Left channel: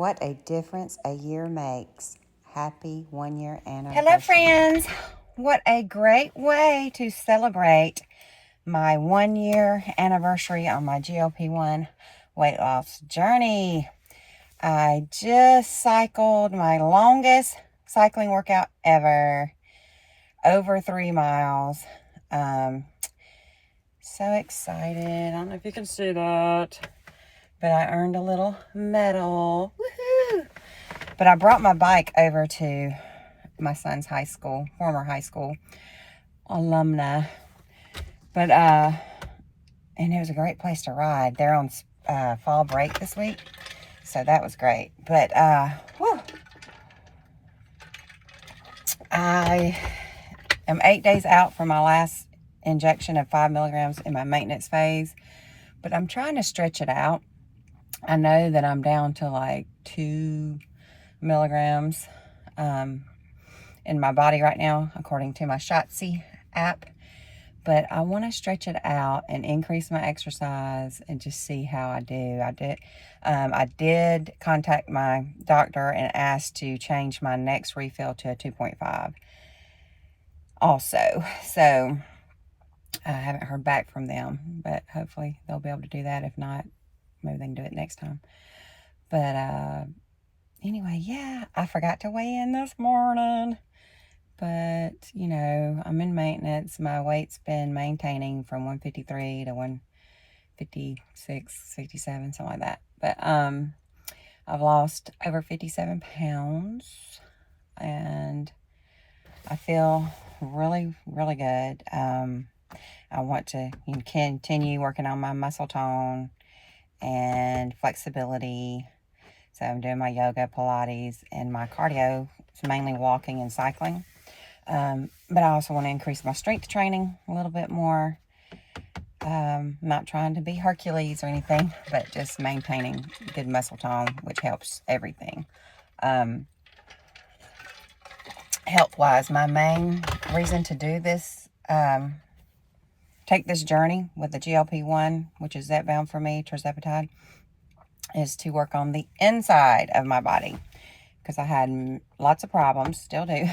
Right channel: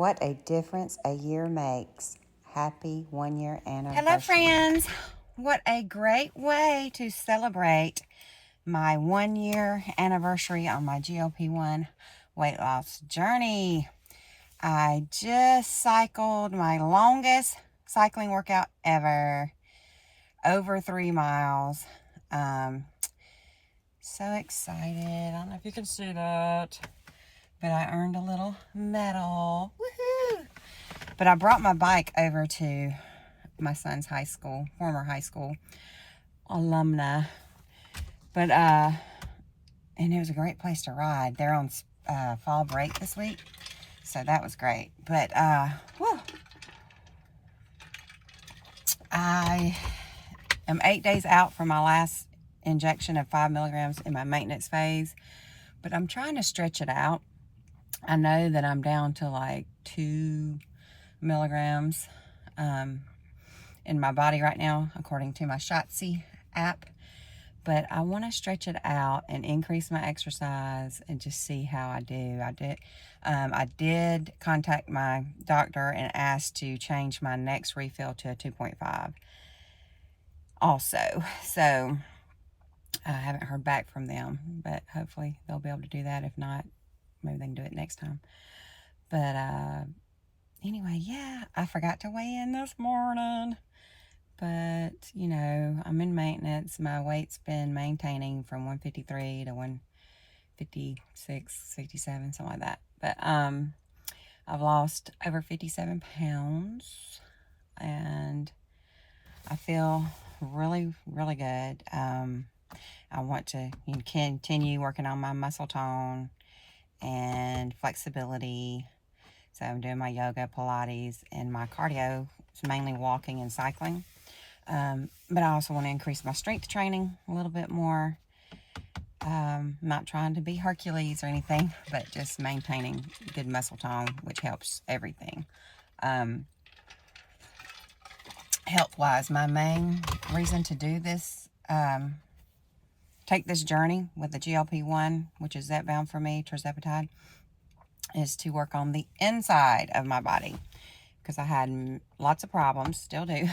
What a difference a year makes. Happy 1 year anniversary. Hello, friends. What a great way to celebrate my 1 year anniversary on my GLP-1 weight loss journey. I just cycled my longest cycling workout ever, over 3 miles. So excited. I don't know if you can see that, but I earned a little medal. Woohoo! But I brought my bike over to my son's high school, former high school alumna. But, and it was a great place to ride. They're on fall break this week, so that was great. But, whew, I am 8 days out from my last injection of 5 milligrams in my maintenance phase, but I'm trying to stretch it out. I know that I'm down to like 2 milligrams in my body right now, according to my Shotzi app. But I want to stretch it out and increase my exercise and just see how I do. I did contact my doctor and asked to change my next refill to a 2.5 also. So I haven't heard back from them, but hopefully they'll be able to do that. If not, maybe they can do it next time. But anyway, yeah, I forgot to weigh in this morning. But, you know, I'm in maintenance. My weight's been maintaining from 153 to 156, 67, something like that. But I've lost over 57 pounds. And I feel really, really good. I want to continue working on my muscle tone and flexibility. So I'm doing my yoga, Pilates, and my cardio is mainly walking and cycling. But I also want to increase my strength training a little bit more. Not trying to be Hercules or anything, but just maintaining good muscle tone, which helps everything. Health-wise, my main reason to do this, take this journey with the GLP-1, which is Zepbound for me, tirzepatide, is to work on the inside of my body. Because I had lots of problems, still do,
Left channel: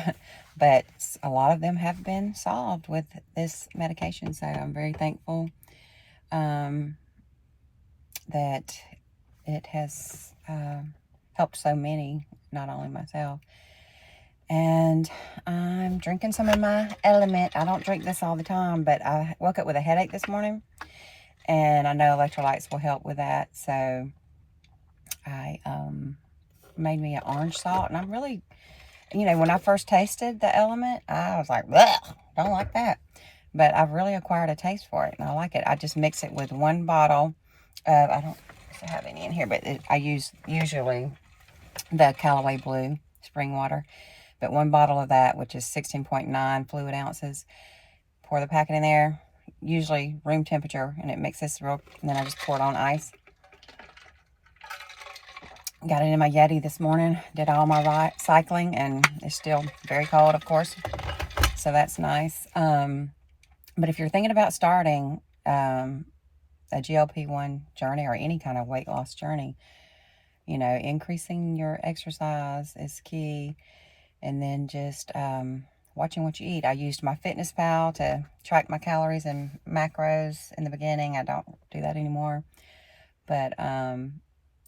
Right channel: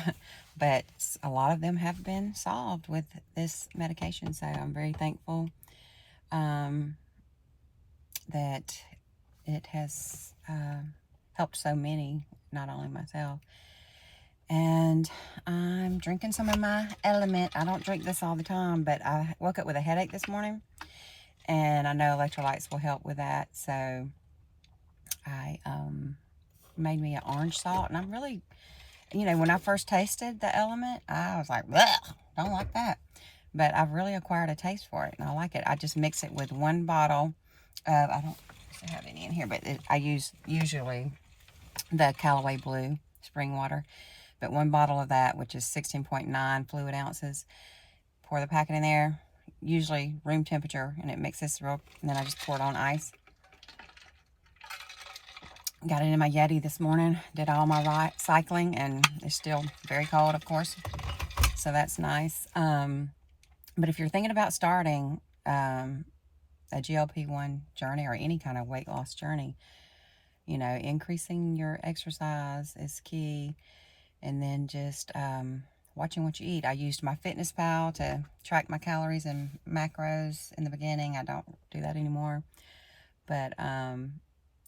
but a lot of them have been solved with this medication. So I'm very thankful that it has helped so many, not only myself. And I'm drinking some of my Element. I don't drink this all the time, but I woke up with a headache this morning, and I know electrolytes will help with that. So I made me an orange salt, and I'm really, you know, when I first tasted the Element, I was like, bleh, don't like that. But I've really acquired a taste for it, and I like it. I just mix it with 1 bottle of, I don't have any in here, but I use usually the Callaway Blue spring water. But 1 bottle of that, which is 16.9 fluid ounces, pour the packet in there, usually room temperature, and it mixes real, and then I just pour it on ice. Got it in my Yeti this morning, did all my cycling, and it's still very cold, of course, so that's nice. But if you're thinking about starting a GLP-1 journey or any kind of weight loss journey, you know, increasing your exercise is key, and then just watching what you eat. I used my FitnessPal to track my calories and macros in the beginning. I don't do that anymore, but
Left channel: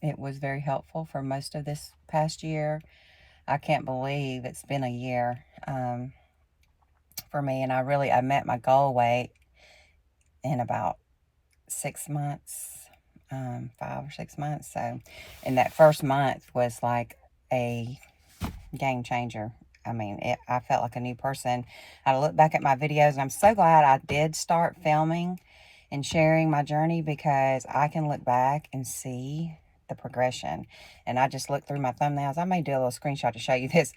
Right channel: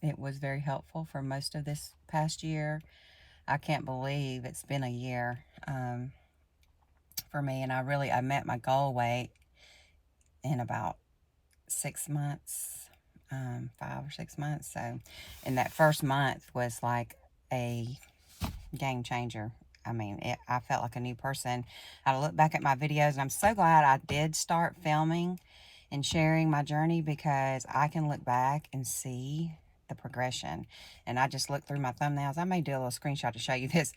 it was very helpful for most of this past year. I can't believe it's been a year for me, and I met my goal weight in about 6 months, 5 or 6 months. So, and that first month was like a game changer. I mean, I felt like a new person. I look back at my videos, and I'm so glad I did start filming and sharing my journey, because I can look back and see the progression. And I just looked through my thumbnails. I may do a little screenshot to show you this.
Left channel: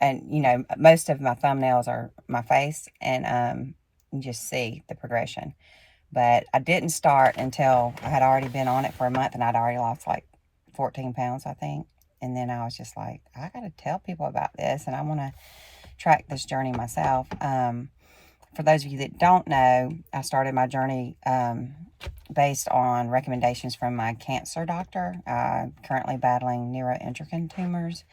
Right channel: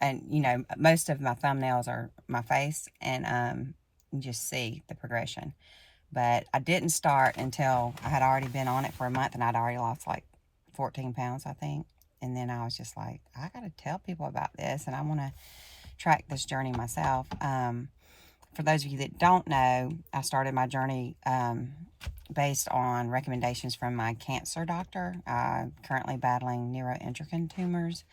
And, you know, most of my thumbnails are my face, and you just see the progression. But I didn't start until I had already been on it for a month, and I'd already lost like 14 pounds, I think. And then I was just like, I got to tell people about this, and I want to track this journey myself. For those of you that don't know, I started my journey based on recommendations from my cancer doctor. I'm currently battling neuroendocrine tumors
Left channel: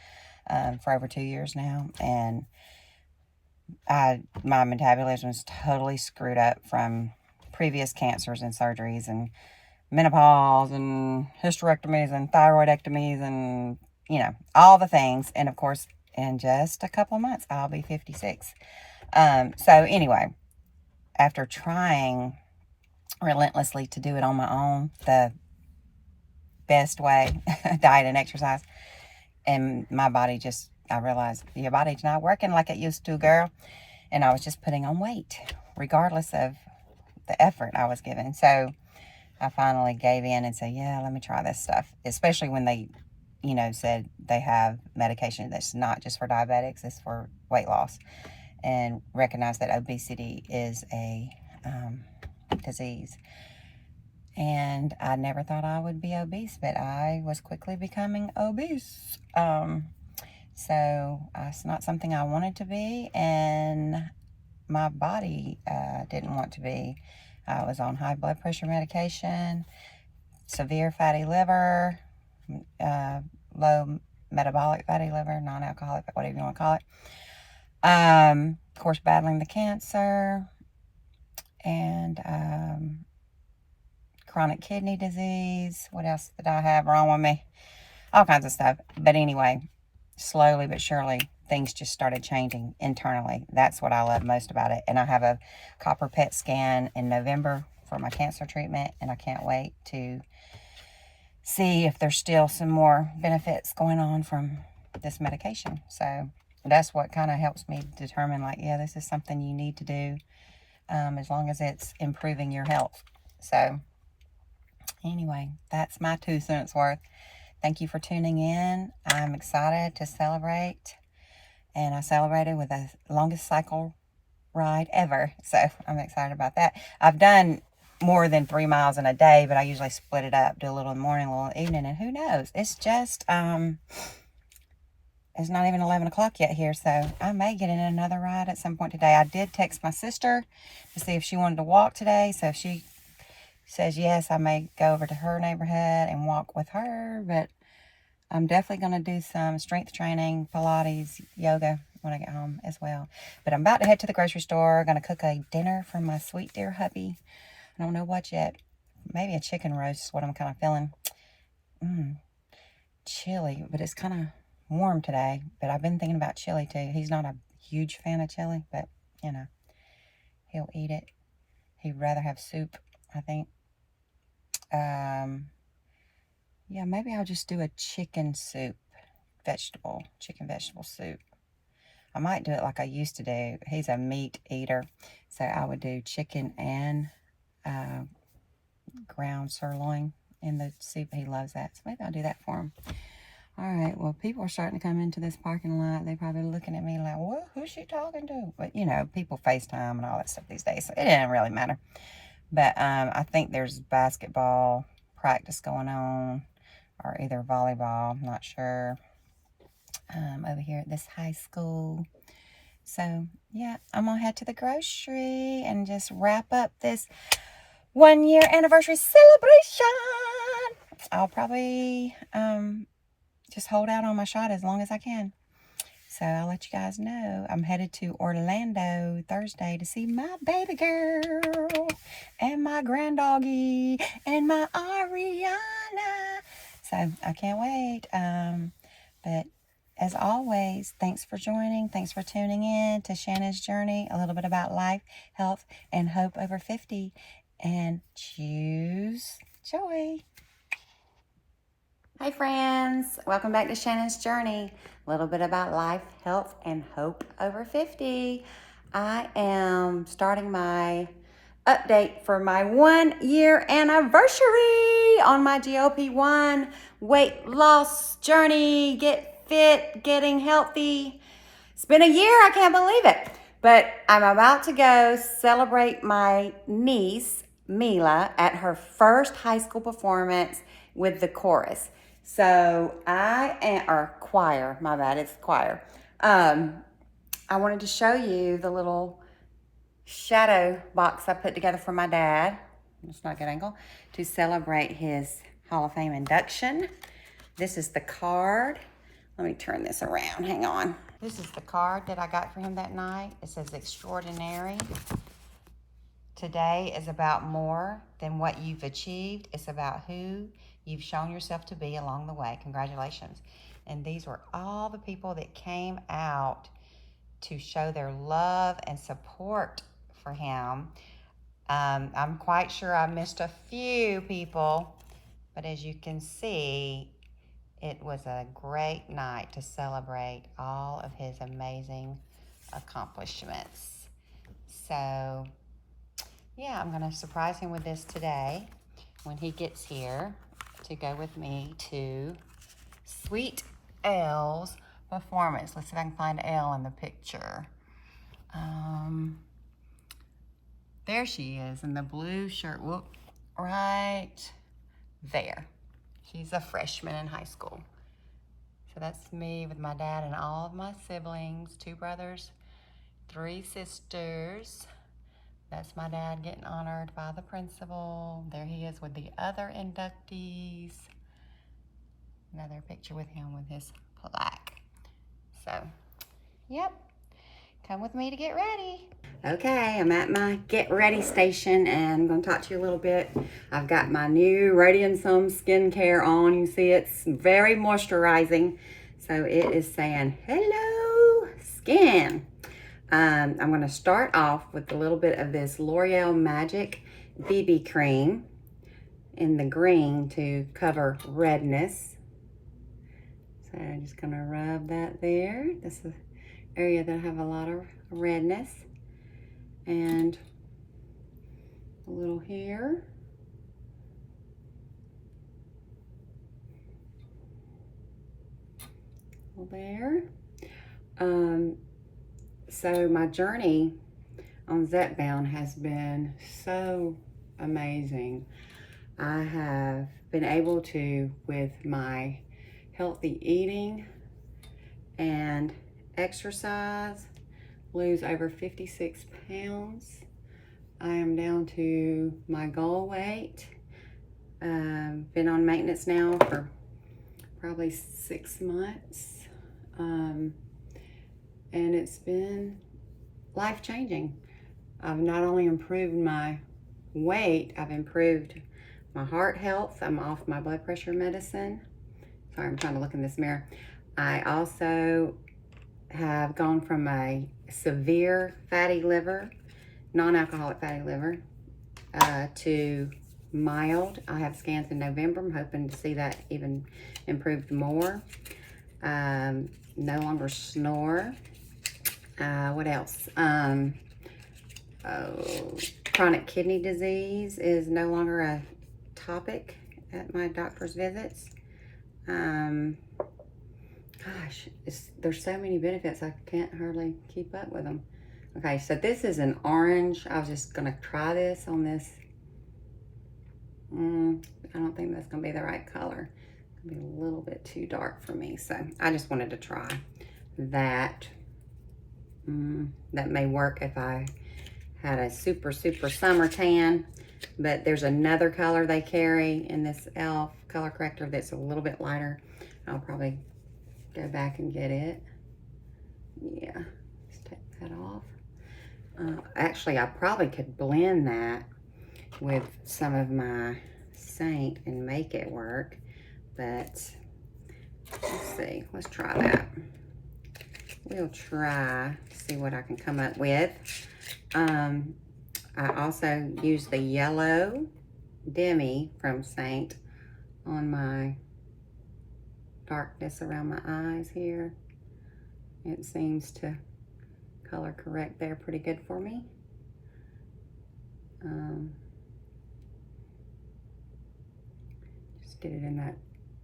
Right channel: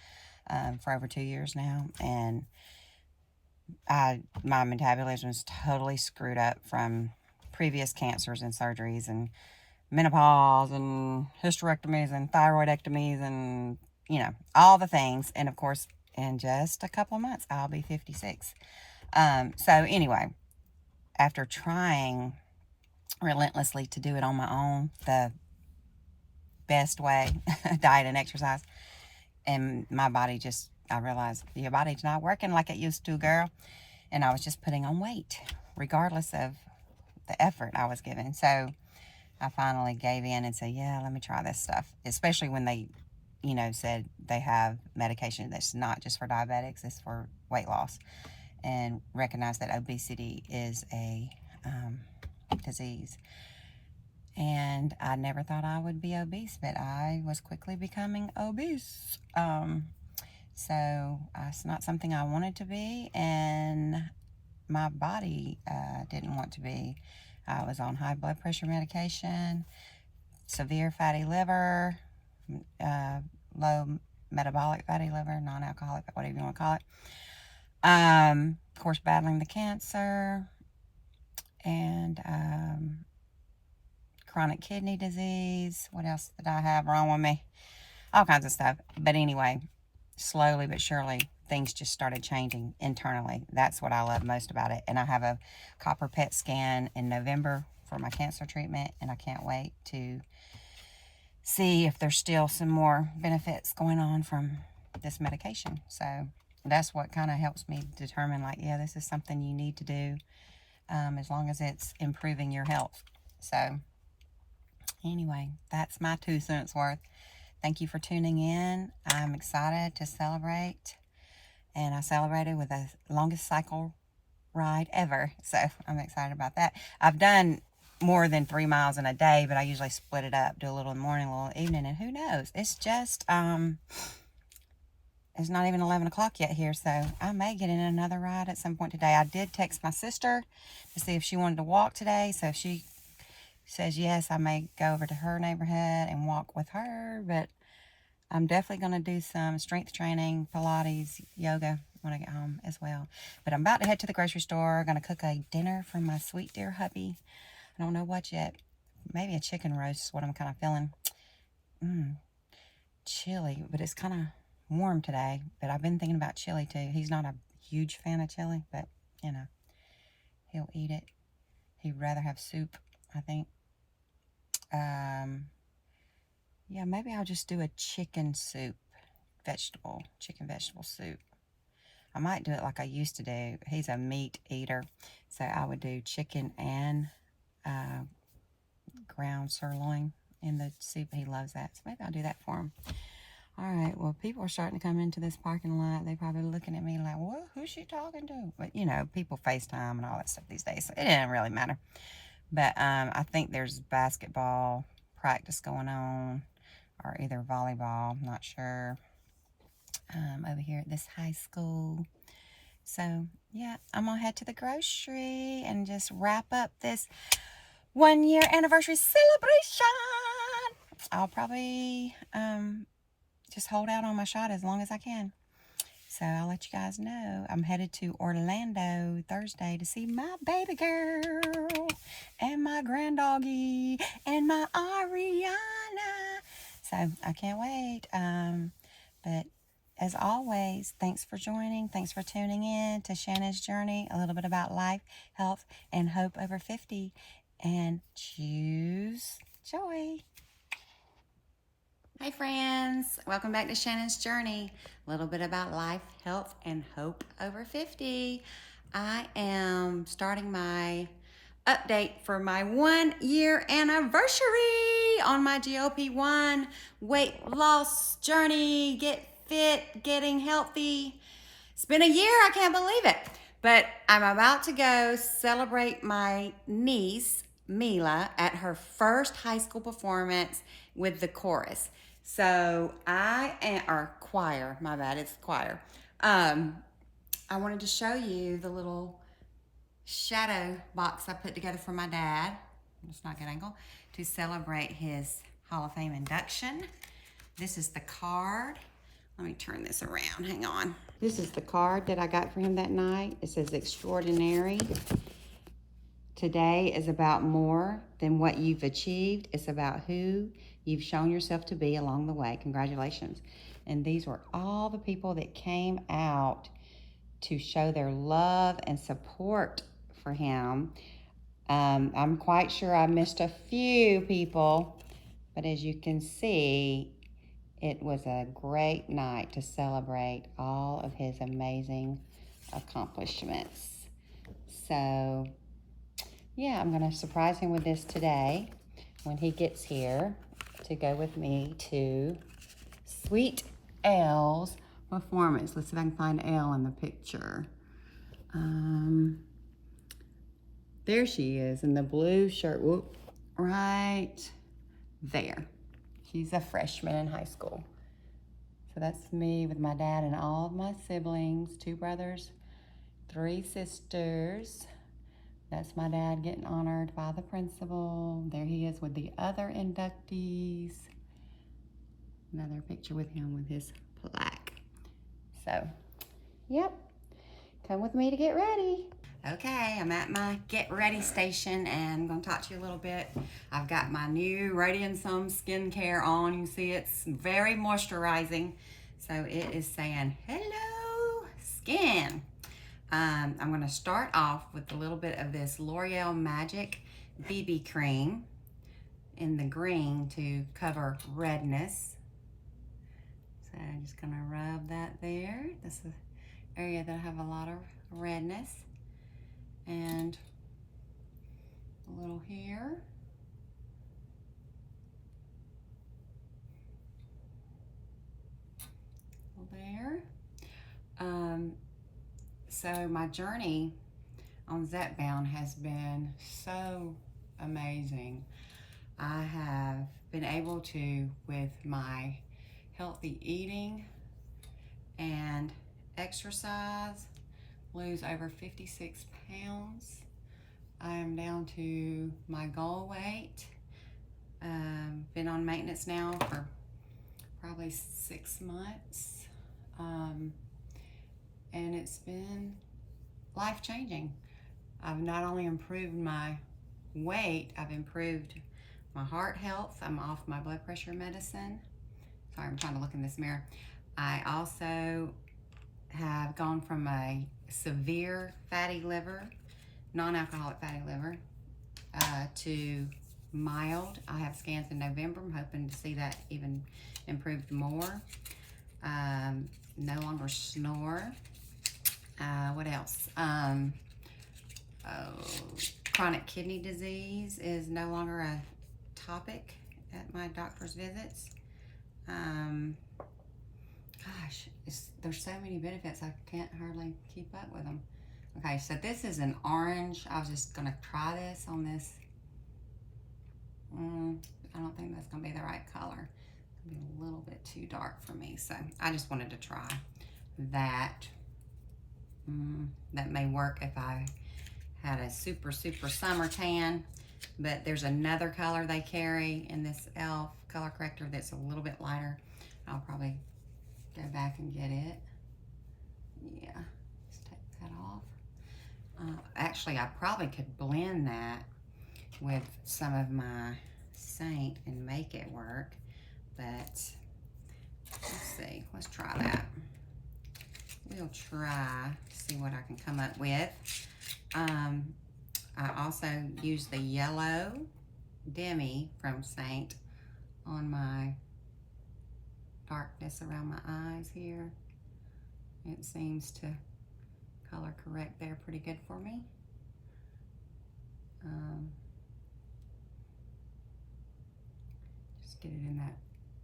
for over 2 years now, and my metabolism was totally screwed up from previous cancers and surgeries and menopause and hysterectomies and thyroidectomies and, you know, all the things. And of course, in just a couple of months, I'll be 56. So anyway, after trying relentlessly to do it on my own, the best way, diet and exercise, and my body just, I realized your body's not working like it used to, girl. And I was just putting on weight, regardless of the effort I was giving. So I finally gave in and said, yeah, let me try this stuff. Especially when they, you know, said they have medication that's not just for diabetics, it's for weight loss. And recognize that obesity is a disease. And I never thought I would be obese, but I was quickly becoming obese. So it's not something I wanted to be, and my body didn't want to be. I was on high blood pressure medication, severe fatty liver, low metabolic fatty liver, non-alcoholic, whatever you want to call it. Of course, battling the cancer and chronic kidney disease. What else did I have wrong with me? All kinds of stuff. But anyway, slowly but surely, things just started changing internally. That's what I love most about it. And I have a copper PET scan in November for my cancer treatment, and I can't wait to see if there's still some more benefits going on from this medication. So that's what kind of helps me determine, like, yeah, this is something you need to do, as long as it's improving your health. So anyway, that's my 2 cents worth. Thank you for tuning in. I'm excited to celebrate, and I celebrated with the longest cycle ride ever. So I'm excited about that. I've done more than 3 miles in a day, but I usually split it up, do a little in the morning, a little in the evening, and who knows? It's just, it's not even 11 o'clock yet here, so I may get in another ride at some point today. I did text my sister to see if she wanted to walk today, so if she says yes, I may go over to her neighborhood and walk with her, but I'm definitely going to do some strength training, Pilates, yoga when I get home as well. But I'm about to head to the grocery store. Going to cook a dinner for my sweet dear hubby. I don't know what yet. Maybe a chicken roast is what I'm kind of feeling. Chili, but it's kind of warm today. But I've been thinking about chili too. He's not a huge fan of chili, but you know, he'll eat it. He'd rather have soup, I think. Yeah, maybe I'll just do a chicken soup, chicken vegetable soup. I might do it like I used to do. He's a meat eater, so I would do chicken and ground sirloin in the soup. He loves that, so maybe I'll do that for him. All right, well, people are starting to come into this parking lot. They're probably looking at me like, what? Who's she talking to? But, you know, people FaceTime and all that stuff these days, so it doesn't really matter. But I think there's basketball practice going on, or either volleyball, I'm not sure, over here at this high school. So, yeah, I'm going to head to the grocery and just wrap up this 1 year anniversary celebration. I'll probably just hold out on my shot as long as I can. So I'll let you guys know. I'm headed to Orlando Thursday to see my baby girl and my granddoggy and my Ariana. So I can't wait. But as always, thanks for joining. Thanks for tuning in to Shannon's Journey. A little bit about life, health, and hope over 50. And choose joy. Hey friends, welcome back to Shannon's Journey. A little bit about life, health, and hope over 50. I am starting my update for my 1 year anniversary on my GLP-1 weight loss journey. Get fit, getting healthy. It's been a year, I can't believe it. But I'm about to go celebrate my niece, Mila, at her first high school performance with the chorus. So choir, my bad, it's choir. I wanted to show you the little shadow box I put together for my dad. it's not a good angle, to celebrate his Hall of Fame induction. This is the card. Let me turn this around, hang on. This is the card that I got for him that night. It says, extraordinary. Today is about more than what you've achieved. It's about who you've shown yourself to be along the way. Congratulations. And these were all the people that came out to show their love and support for him. I'm quite sure I missed a few people, but as you can see, it was a great night to celebrate all of his amazing accomplishments. So, yeah, I'm gonna surprise him with this today when he gets here to go with me to Sweet Elle's performance. Let's see if I can find Elle in the picture. There she is in the blue shirt. Whoop, right there. She's a freshman in high school. So that's me with my dad and all of my siblings, 2 brothers, 3 sisters. That's my dad getting honored by the principal. There he is with the other inductees. Another picture with him with his plaque. So, yep, come with me to get ready. Okay, I'm at my get ready station and I'm gonna talk to you a little bit. I've got my new Radiant Some skincare on. You see it's very moisturizing. So it is saying, hello skin. I'm gonna start off with a little bit of this L'Oreal Magic BB cream in the green to cover redness. So I'm just gonna rub that there. This is the area that I have a lot of redness. And a little here. A little there. So my journey on Zepbound has been so amazing. I have been able to, with my healthy eating and exercise, lose over 56 pounds. I am down to my goal weight. Been on maintenance now for probably 6 months. And it's been life-changing. I've not only improved my weight, I've improved my heart health. I'm off my blood pressure medicine. Sorry, I'm trying to look in this mirror. I also have gone from a severe fatty liver, non-alcoholic fatty liver, to mild. I have scans in November. I'm hoping to see that even improved more. No longer snore. What else? Chronic kidney disease is no longer a topic at my doctor's visits. Gosh, there's so many benefits, I can't hardly keep up with them. Okay, so this is an orange. I was just gonna try this on this. I don't think that's gonna be the right color. It's gonna be a little bit too dark for me, so I just wanted to try that. That may work if I had a super summer tan, but there's another color they carry in this e.l.f. color corrector that's a little bit lighter. I'll probably go back and get it. Yeah, let's take that off. Actually, I probably could blend that with some of my Saint and make it work, but let's see, let's try that. We'll try to see what I can come up with. I also use the yellow demi from Saint on my darkness around my eyes here. It seems to color correct there pretty good for me. Just get it in that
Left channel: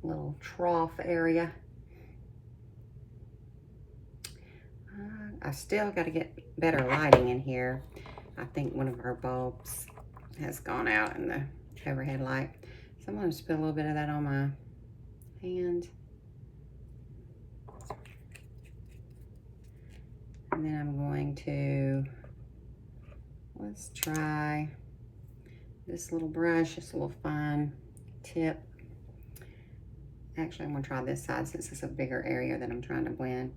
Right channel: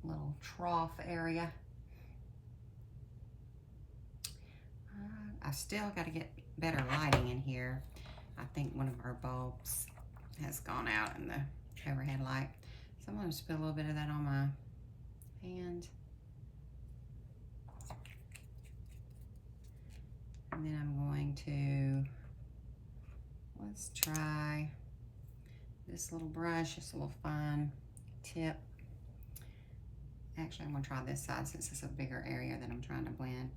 little trough area. I still got to get better lighting in here. I think one of our bulbs has gone out in the overhead light. So I'm going to spill a little bit of that on my hand. And then I'm going to, let's try this little brush, just a little fine tip. Actually, I'm gonna try this side since it's a bigger area that I'm trying to blend.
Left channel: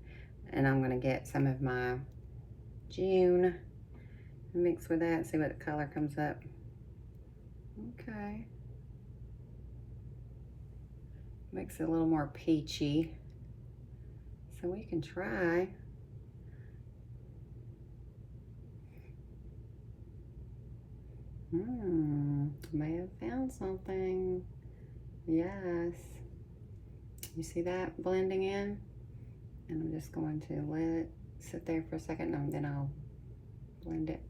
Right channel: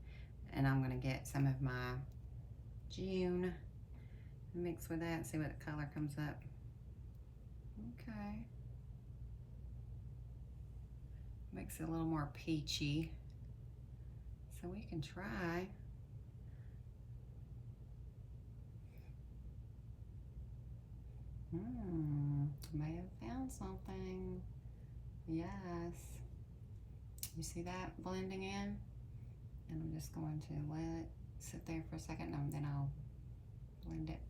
And I'm gonna get some of my June and mix with that and see what the color comes up. Okay. Makes it a little more peachy. So we can try. May have found something. Yes. You see that blending in? And I'm just going to let it sit there for a second and then I'll blend it.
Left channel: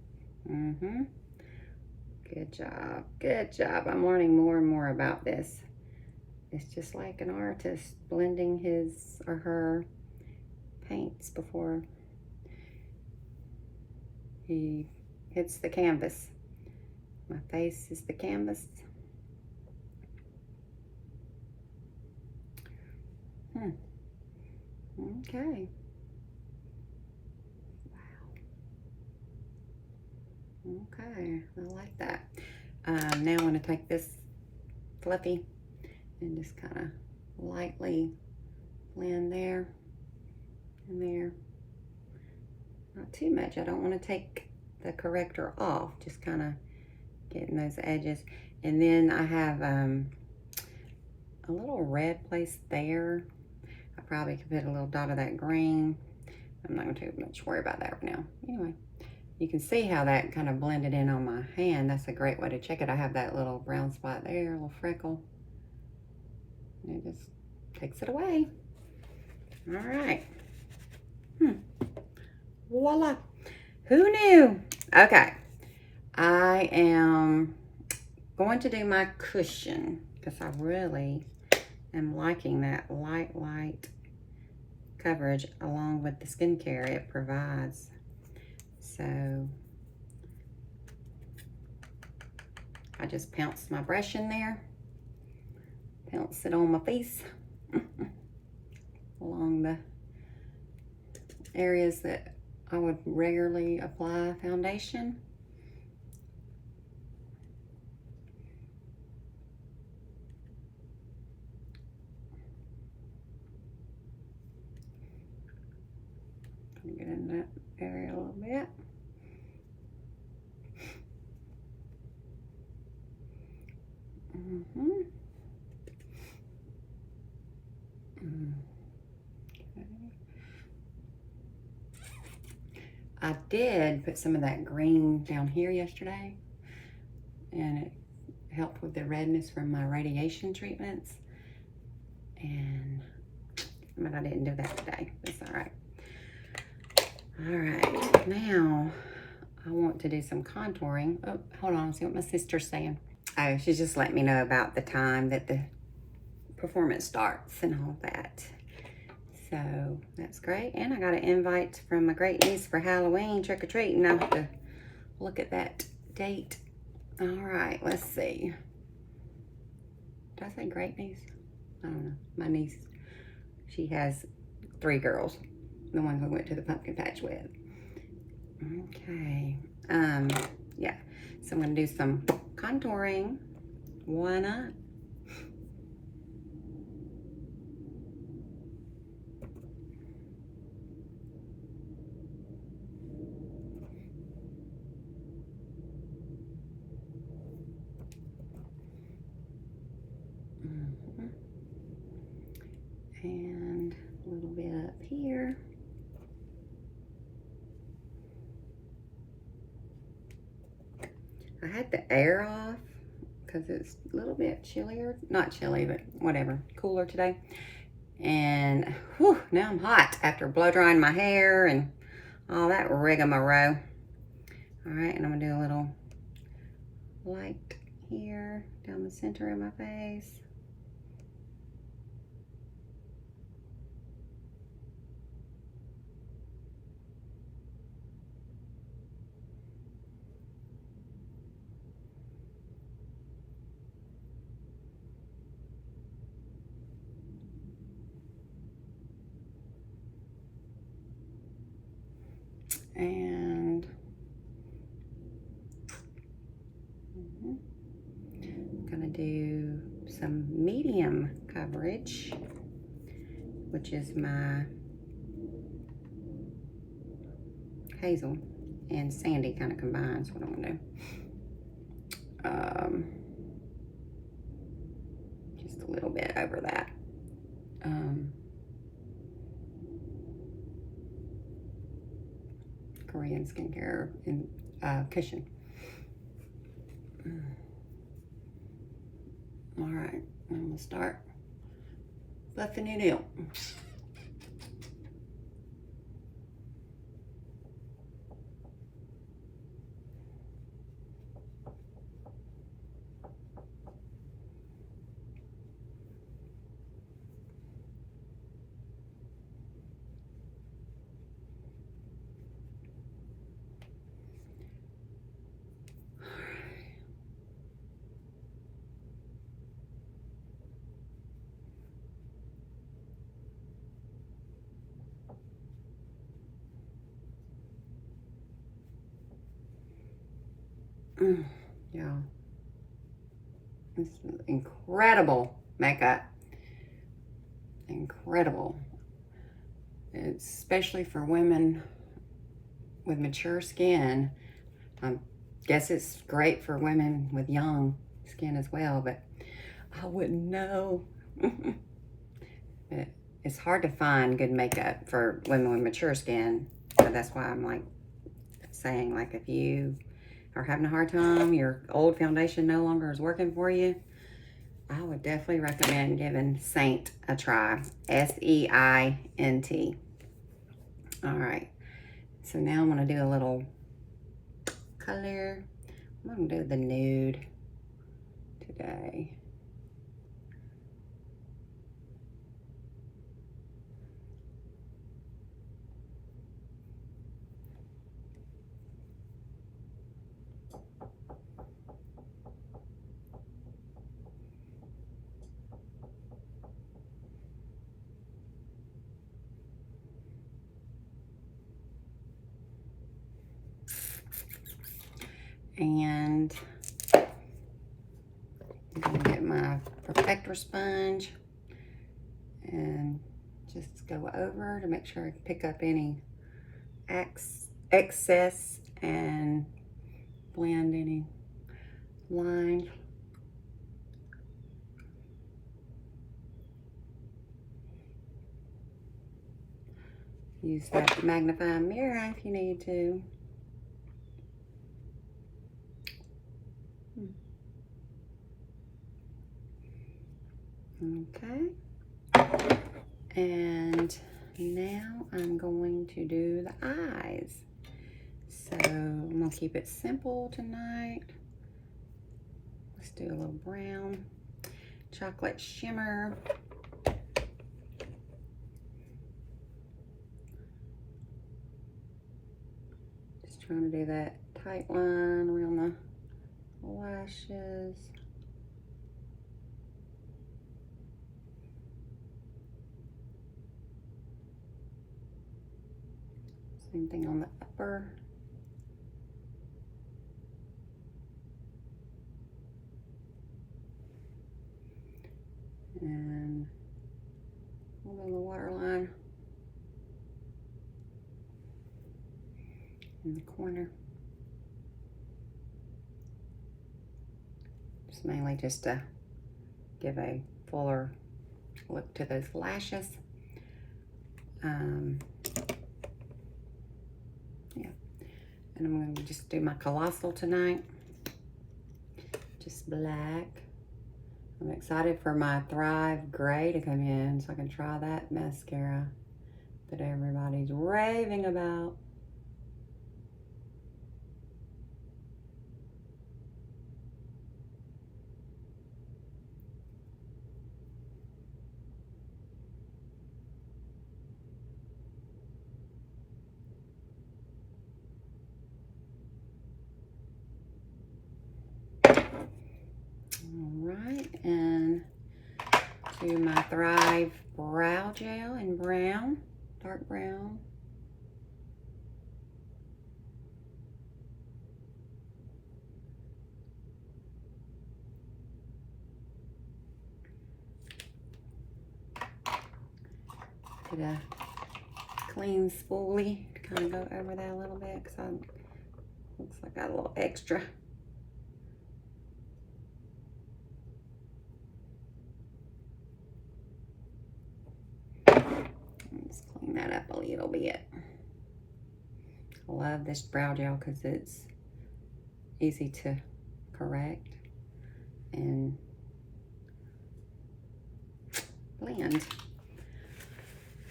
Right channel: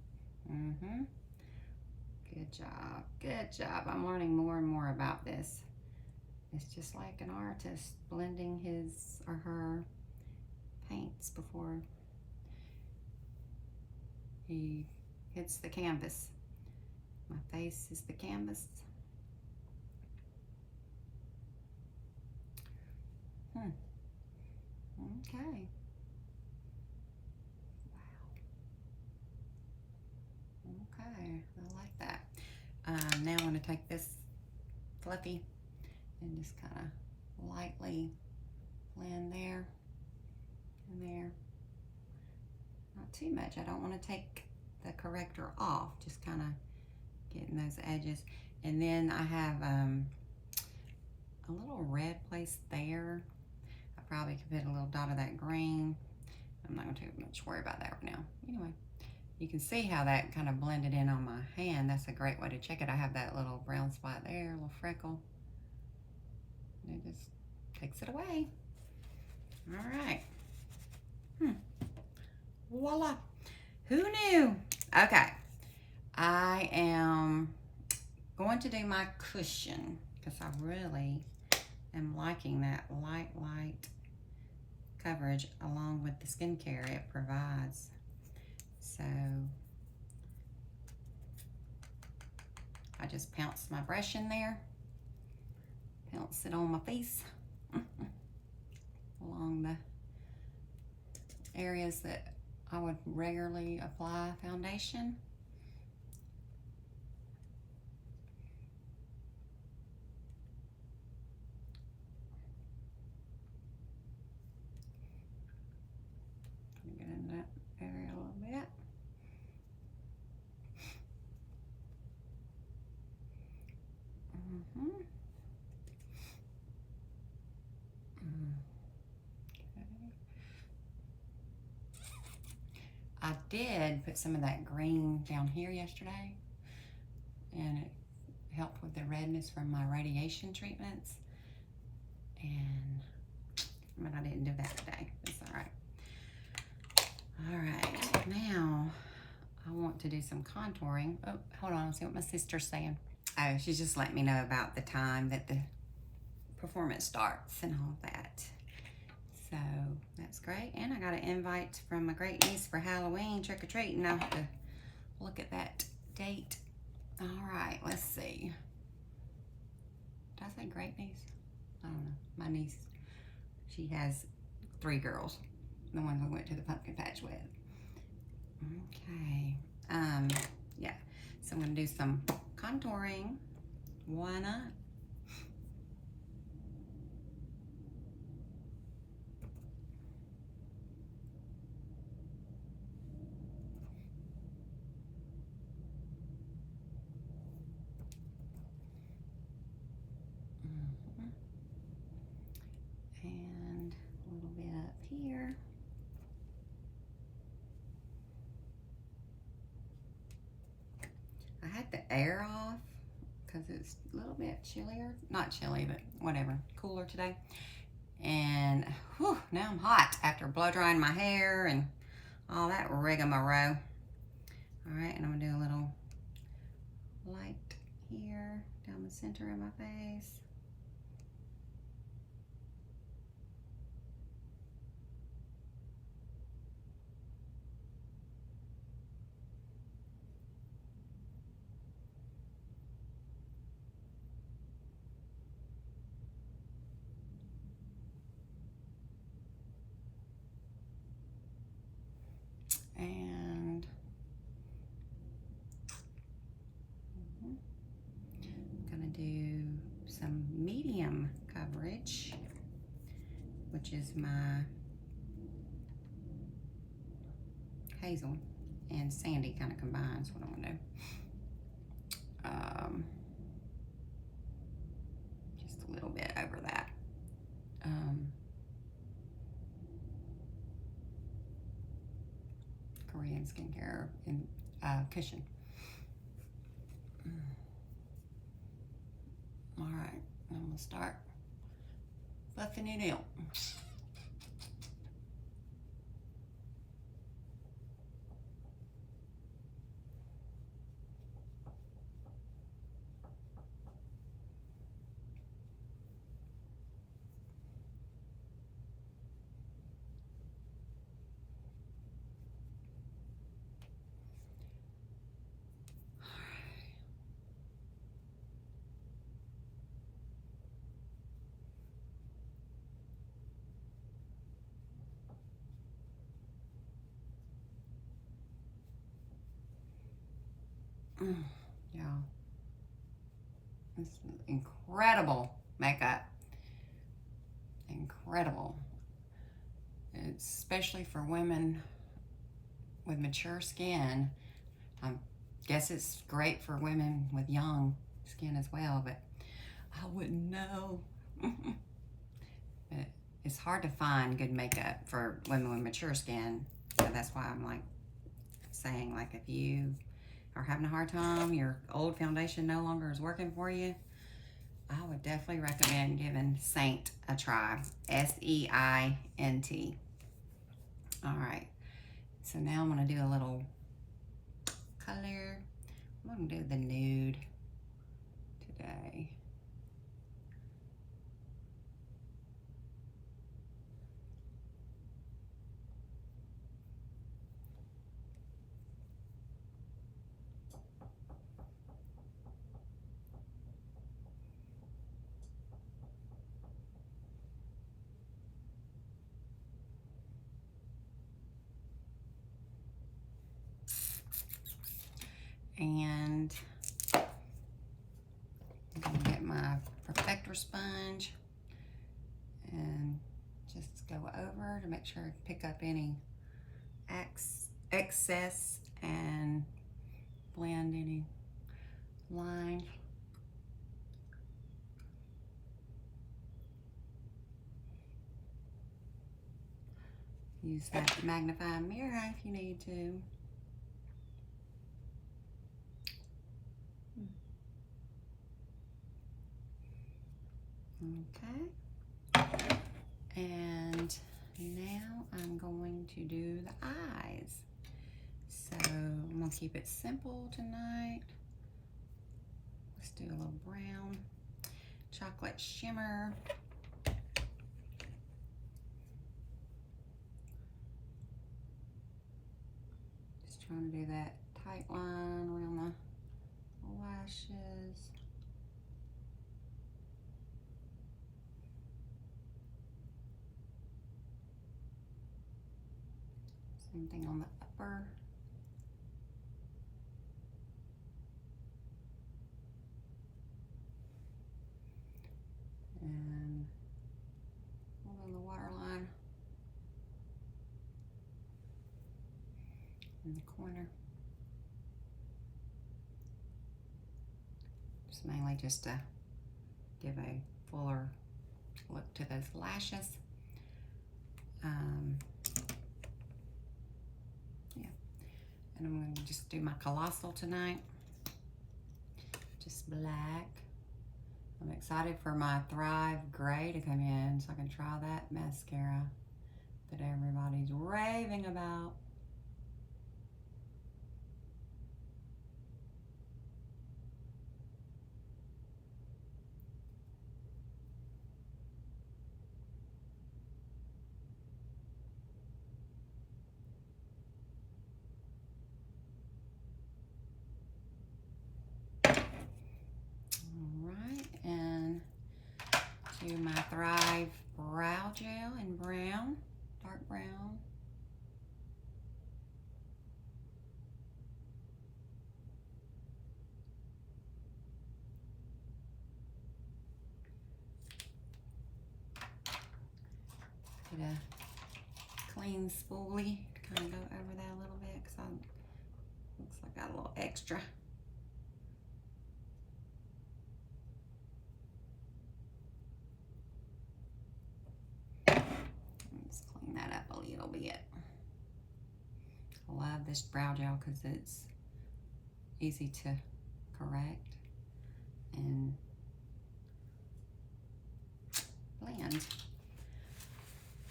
Good job. Good job. I'm learning more and more about this. It's just like an artist blending his or her paints before he hits the canvas. My face is the canvas. Okay. Wow. Okay, I like that. Now I'm going to take this fluffy and just kind of lightly blend there and there. Not too much. I don't want to take the corrector off, just kind of getting those edges. And then I have a little red place there. I probably could put a little dot of that green. I'm not going to too much worry about that right now. Anyway, you can see how that kind of blended in on my hand. That's a great way to check it. I have that little brown spot there, a little freckle. And it just takes it away. All right. Voila. Who knew? Okay. I am going to do my cushion because I really am liking that light coverage along with the skincare it provides. So I just pounce my brush in there, pounce it on my face along the areas that I would regularly apply foundation. Get in that area a little bit. Okay. I did put some of that green down here yesterday, and it helped with the redness from my radiation treatments. But I didn't do that today. It's all right. All right, now I want to do some contouring. Oh, hold on, see what my sister's saying. Oh, she's just letting me know about the time that the performance starts and all that. So that's great. And I got an invite from my great niece for Halloween trick-or-treating. I have to look at that date. All right, let's see. Did I say great niece? I don't know. My niece, she has 3 girls. The ones we went to the pumpkin patch with. Okay. Yeah. So I'm gonna do some contouring. Why not? And a little bit up here. I had the air off because it's a little bit chillier. Not chilly, but whatever. Cooler today. And whew, now I'm hot after blow drying my hair and all that rigmarole. All right, and I'm gonna do a little light here down the center of my face. And do some medium coverage, which is my hazel and sandy kind of combines what I'm gonna do. Just a little bit over that. Korean skincare and cushion. All right, I'm gonna start buffing it in. Yeah, it's incredible makeup. Incredible. Especially for women with mature skin. I guess it's great for women with young skin as well, but I wouldn't know. But it's hard to find good makeup for women with mature skin. So that's why I'm like saying, like, if you are having a hard time, your old foundation no longer is working for you, I would definitely recommend giving Saint a try. S-E-I-N-T. All right, so now I'm gonna do a little color. I'm gonna do the nude today. And I'm gonna get my protector sponge and just go over to make sure I pick up any excess and blend any lines. Use that magnifying mirror if you need to. Okay, and now I'm going to do the eyes. So I'm gonna keep it simple tonight. Let's do a little brown, chocolate shimmer. Just trying to do that tight line around the lashes. Same thing on the upper. And a little bit of the waterline in the corner. Just mainly just to give a fuller look to those lashes. Yeah, and I'm going to just do my colossal tonight, just black. I'm excited for my Thrive Gray to come in so I can try that mascara that everybody's raving about. And do my Thrive Brow Gel in brown, dark brown. Get a clean spoolie to kind of go over that a little bit because looks like I got a little extra. Let's clean that up a little bit. I love this brow gel because it's easy to correct and blend.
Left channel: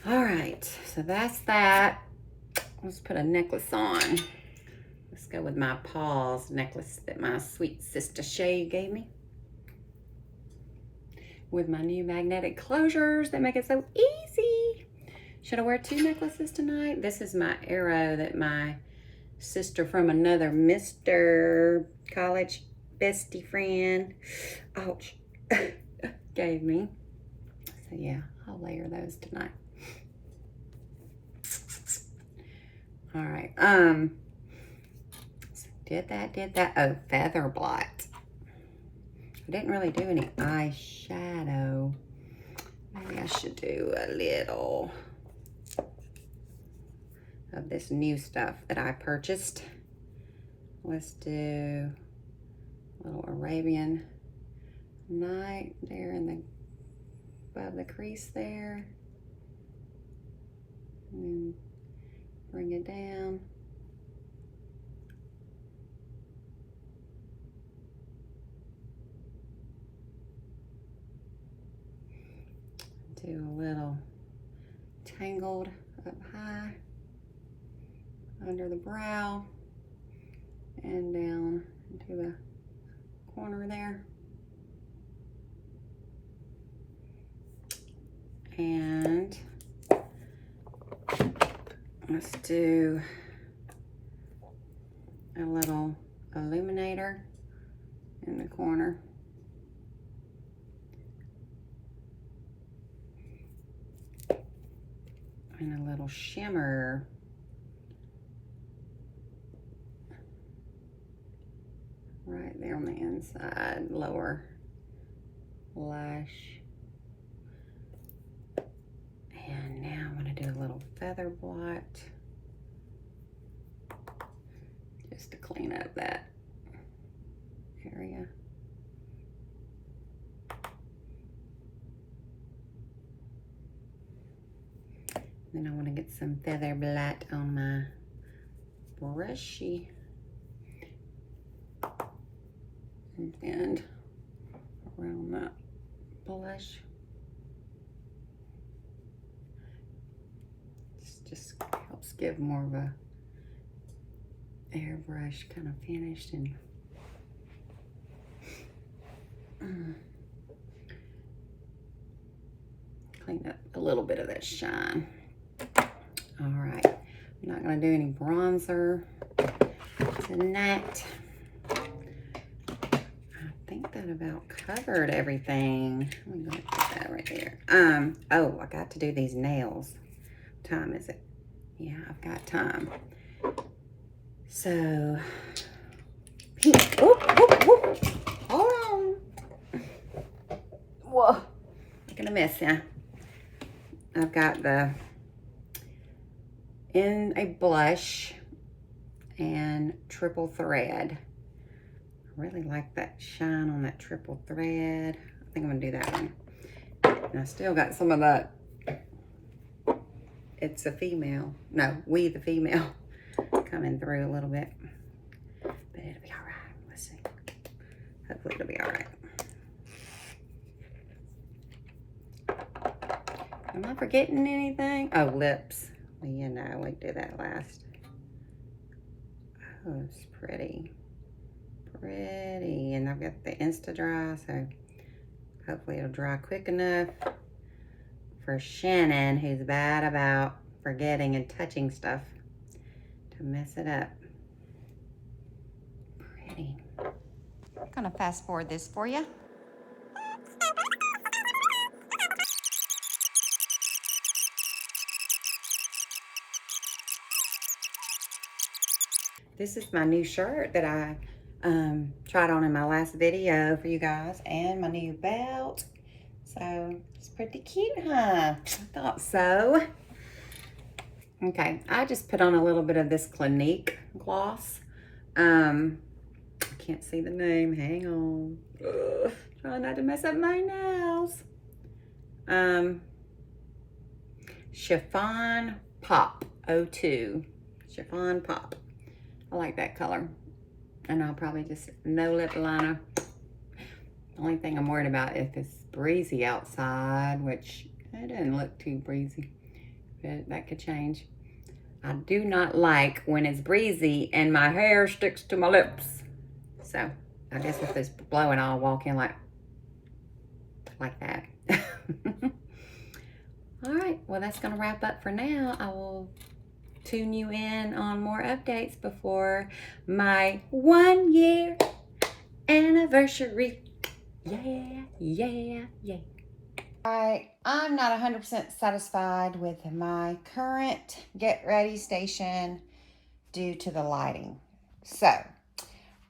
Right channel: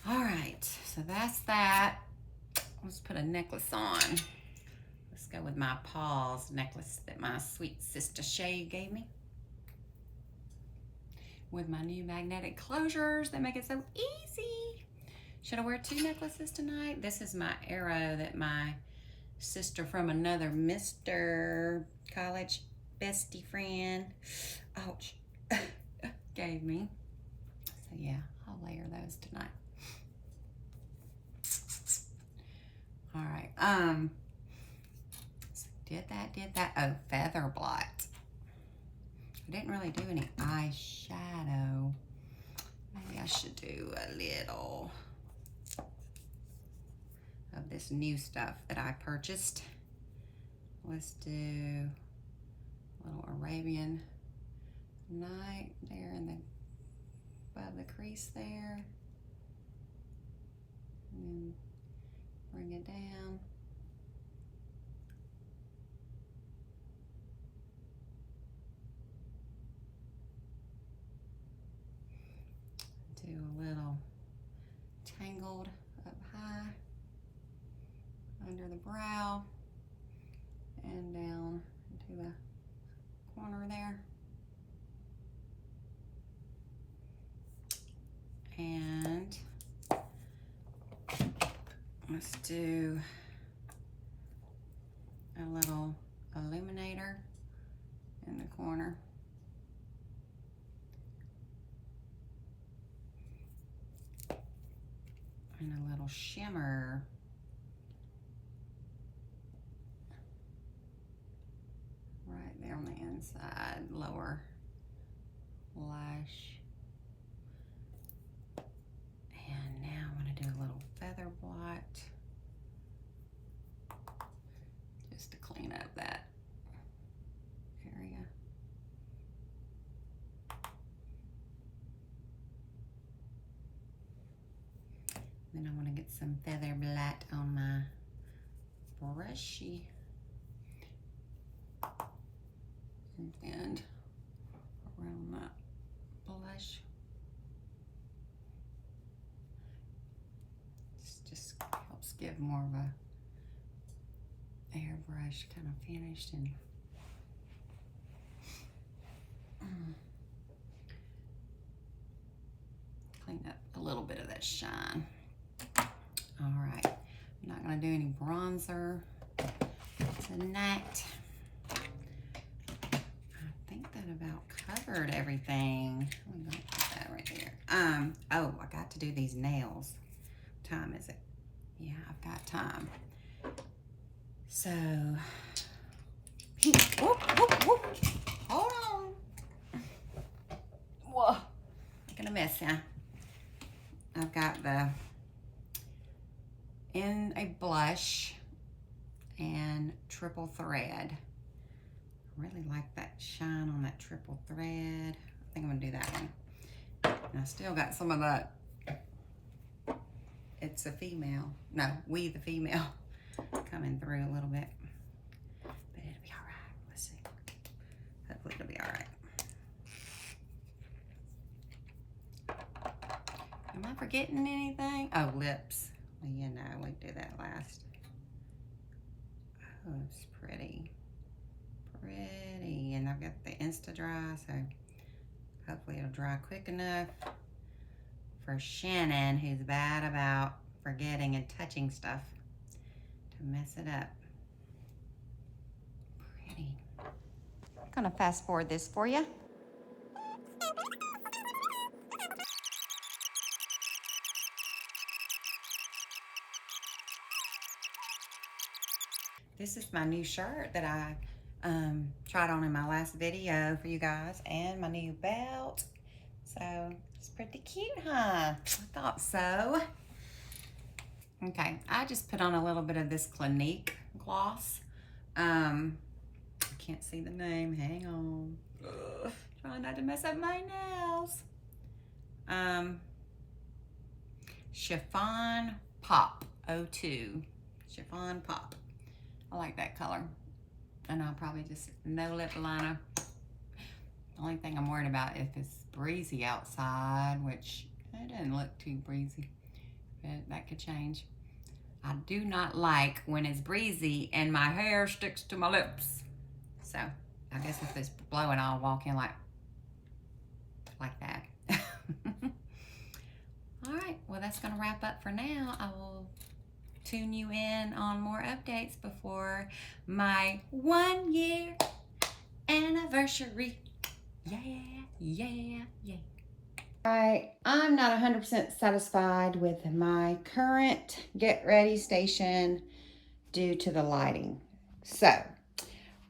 All right, so that's that. Let's put a necklace on. Let's go with my paws necklace that my sweet sister Shay gave me. With my new magnetic closures that make it so easy. Should I wear 2 necklaces tonight? This is my arrow that my sister from another Mr. College bestie friend, ouch, gave me. So yeah, I'll layer those tonight. All right, so did that. Oh, feather blot. I didn't really do any eyeshadow. Maybe I should do a little of this new stuff that I purchased. Let's do a little Arabian Night there above the crease there. And then bring it down. Do a little tangled up high under the brow and down into the corner there. And let's do a little illuminator in the corner. And a little shimmer right there on the inside, lower lash. And now I'm gonna do a little feather blot just to clean up that area. Then I want to get some feather blot on my brushy and around that blush. This just helps give more of a airbrush kind of finish and clean up a little bit of that shine. All right, I'm not gonna do any bronzer tonight. I think that about covered everything. I'm gonna put that right there. Oh, I got to do these nails. What time is it? Yeah, I've got time. So, whoop, whoop, whoop. Hold on. Whoa, making a mess, yeah. I've got in a blush and triple thread. I really like that shine on that triple thread. I think I'm gonna do that one. And I still got some of that It's a Female, no, We the Female coming through a little bit. But it'll be all right, let's see. Hopefully it'll be all right. Am I forgetting anything? Oh, lips. Well, you know, we did that last. Oh, it's pretty. Pretty. And I've got the Insta Dry, so hopefully it'll dry quick enough for Shannon, who's bad about forgetting and touching stuff, to mess it up. Pretty. I'm gonna fast forward this for you. This is my new shirt that I tried on in my last video for you guys, and my new belt. So it's pretty cute, huh? I thought so. Okay, I just put on a little bit of this Clinique gloss. I can't see the name, hang on. Ugh, try not to mess up my nails. Chiffon Pop 02. Chiffon Pop. I like that color. And I'll probably just no lip liner. The only thing I'm worried about if it's breezy outside, which it doesn't look too breezy, but that could change. I do not like when it's breezy and my hair sticks to my lips. So I guess if it's blowing, I'll walk in like that. All right, well, that's gonna wrap up for now. I will tune you in on more updates before my 1 year anniversary. Yeah. I'm not 100% satisfied with my current get ready station due to the lighting. So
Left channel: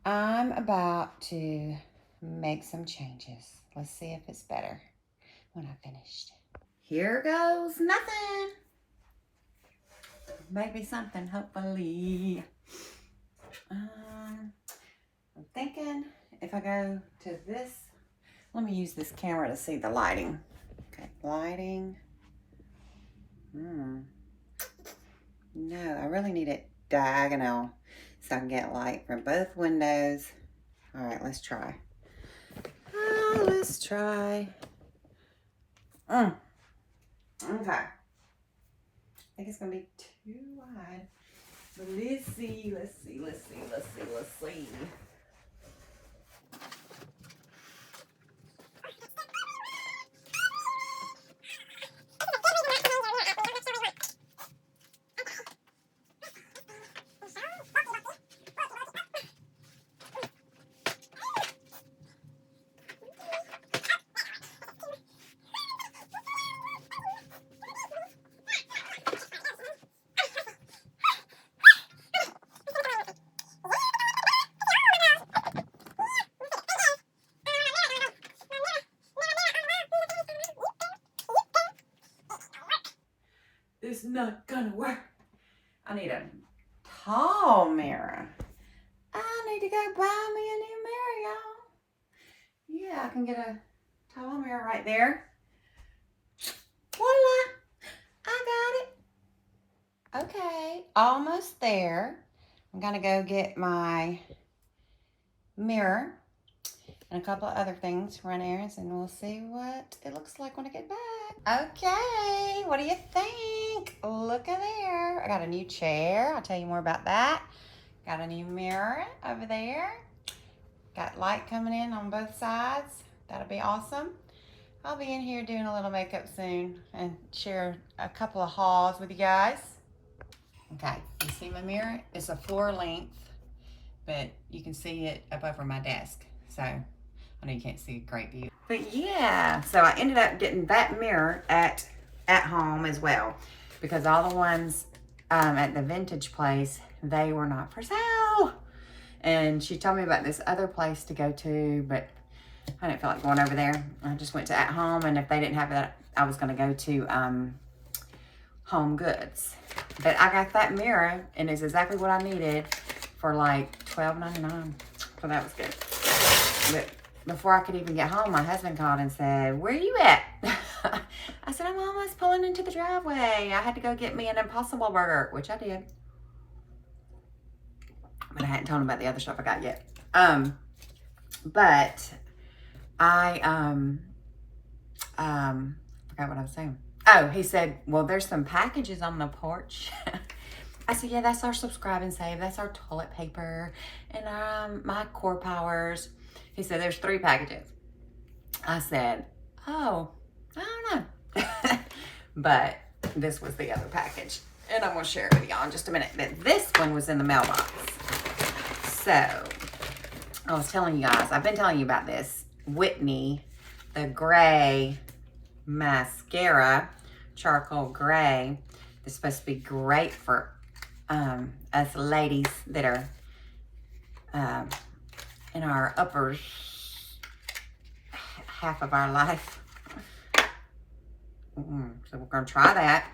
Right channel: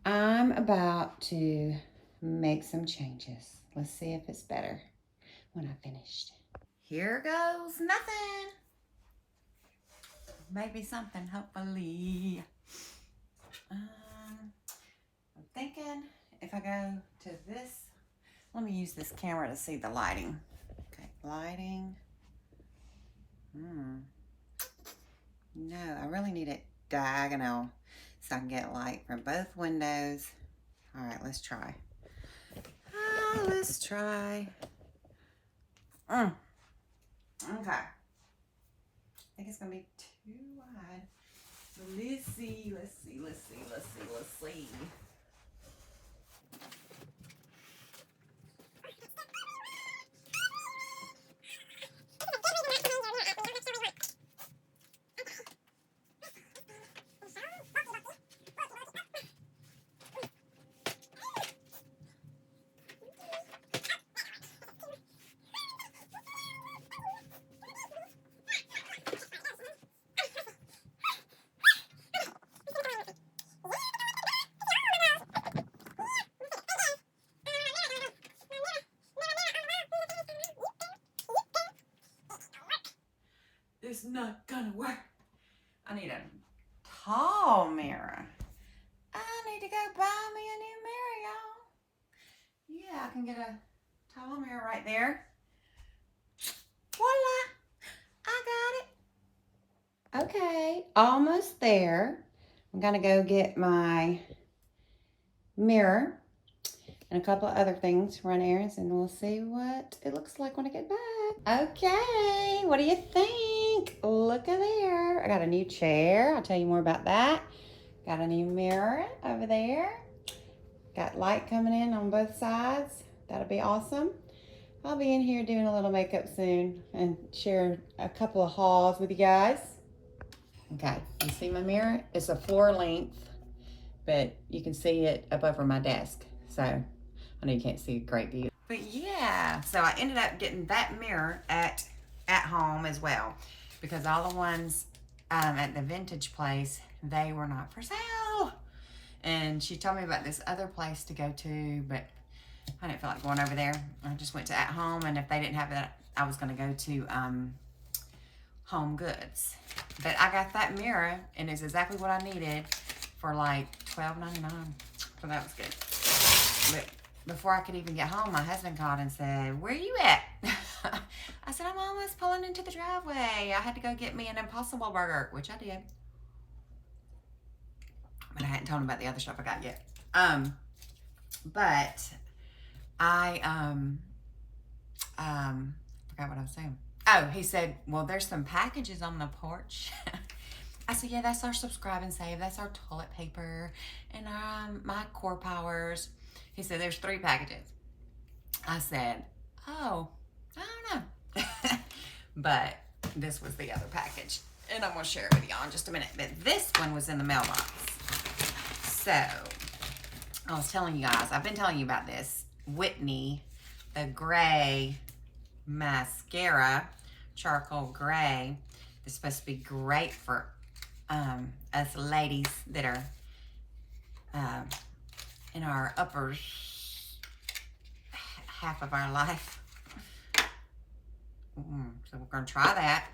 I'm about to make some changes. Let's see if it's better when I finished. Here goes nothing. Maybe something, hopefully. I'm thinking if I go to this, let me use this camera to see the lighting. Okay, lighting. No, I really need it diagonal so I can get light from both windows. All right, let's try. Let's try. Okay. I think it's gonna be too wide. But let's see. It's not gonna work. I need a tall mirror. I need to go buy me a new mirror, y'all. Yeah, I can get a tall mirror right there. Voila! I got it. Okay, almost there. I'm gonna go get my mirror and a couple of other things, run errands, and we'll see what it looks like when I get back. Okay, what do you think? Look at there. I got a new chair. I'll tell you more about that. Got a new mirror over there. Got light coming in on both sides. That'll be awesome. I'll be in here doing a little makeup soon and share a couple of hauls with you guys. Okay, you see my mirror? It's a floor length, but you can see it up over my desk. So I know you can't see a great view. But yeah, so I ended up getting that mirror at home as well, because all the ones at the vintage place, they were not for sale. And she told me about this other place to go to, but I didn't feel like going over there. I just went to At Home, and if they didn't have that, I was gonna go to Home Goods. But I got that mirror, and it's exactly what I needed for like $12.99. So that was good. But before I could even get home, my husband called and said, "Where are you at?" I said, "I'm almost pulling into the driveway. I had to go get me an Impossible Burger," which I did. But I hadn't told him about the other stuff I got yet. But I forgot what I was saying. Oh, he said, "Well, there's some packages on the porch." I said, "Yeah, that's our subscribe and save. That's our toilet paper and my core powers." He said, "There's 3 packages." I said, "Oh, I don't know." But this was the other package, and I'm gonna share it with y'all in just a minute. But this one was in the mailbox. So I was telling you guys, I've been telling you about this Whitney, the gray mascara, charcoal gray. It's supposed to be great for us ladies that are in our upper half of our life. So we're gonna try that.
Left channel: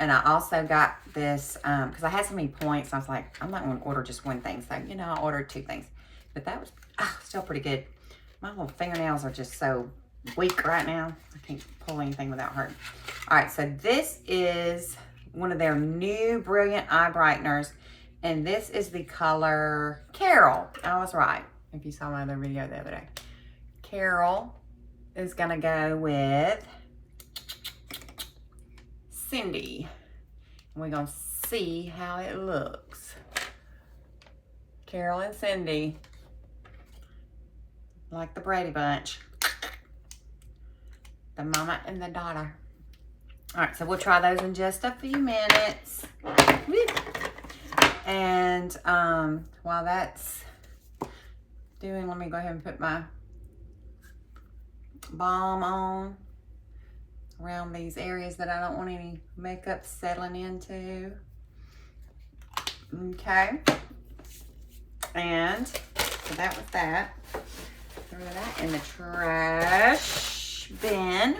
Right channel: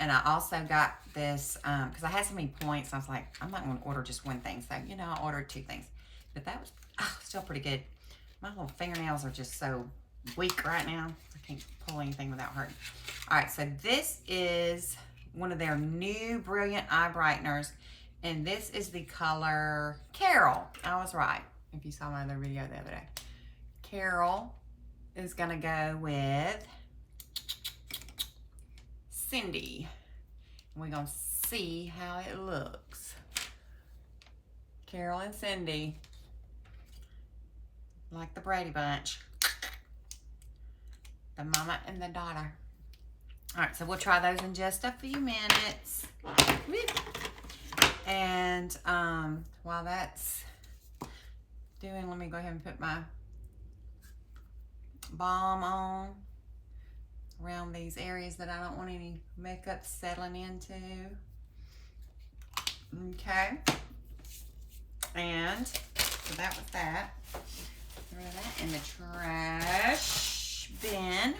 And I also got this, because I had so many points, I was like, I'm not gonna order just one thing. So, you know, I ordered 2 things. But that was still pretty good. My little fingernails are just so weak right now. I can't pull anything without hurting. All right, so this is one of their new Brilliant Eye Brighteners. And this is the color Carol. I was right, if you saw my other video the other day. Carol is gonna go with Cindy. And we're gonna see how it looks. Carol and Cindy. Like the Brady Bunch. The mama and the daughter. All right, so we'll try those in just a few minutes. Woo. And while that's doing, let me go ahead and put my balm on around these areas that I don't want any makeup settling into. Okay. And so that was that. Throw that in the trash bin.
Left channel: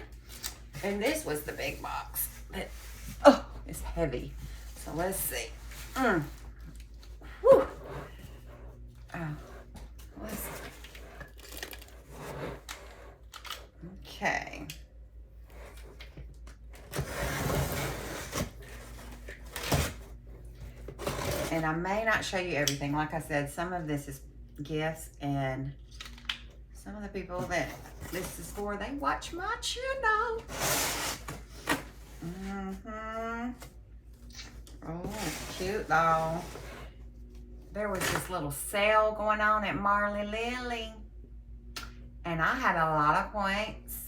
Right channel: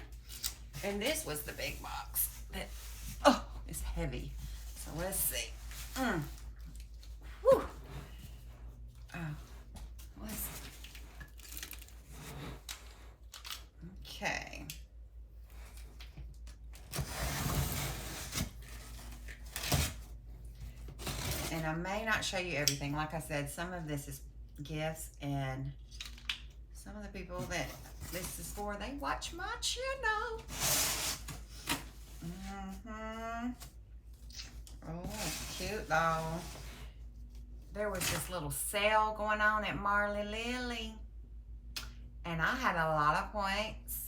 And this was the big box. That, oh, it's heavy. So let's see. Whew. Oh, let's see. Okay. And I may not show you everything. Like I said, some of this is gifts, and some of the people that this is for, they watch my channel. Oh, cute though. There was this little sale going on at Marley Lily, and I had a lot of points,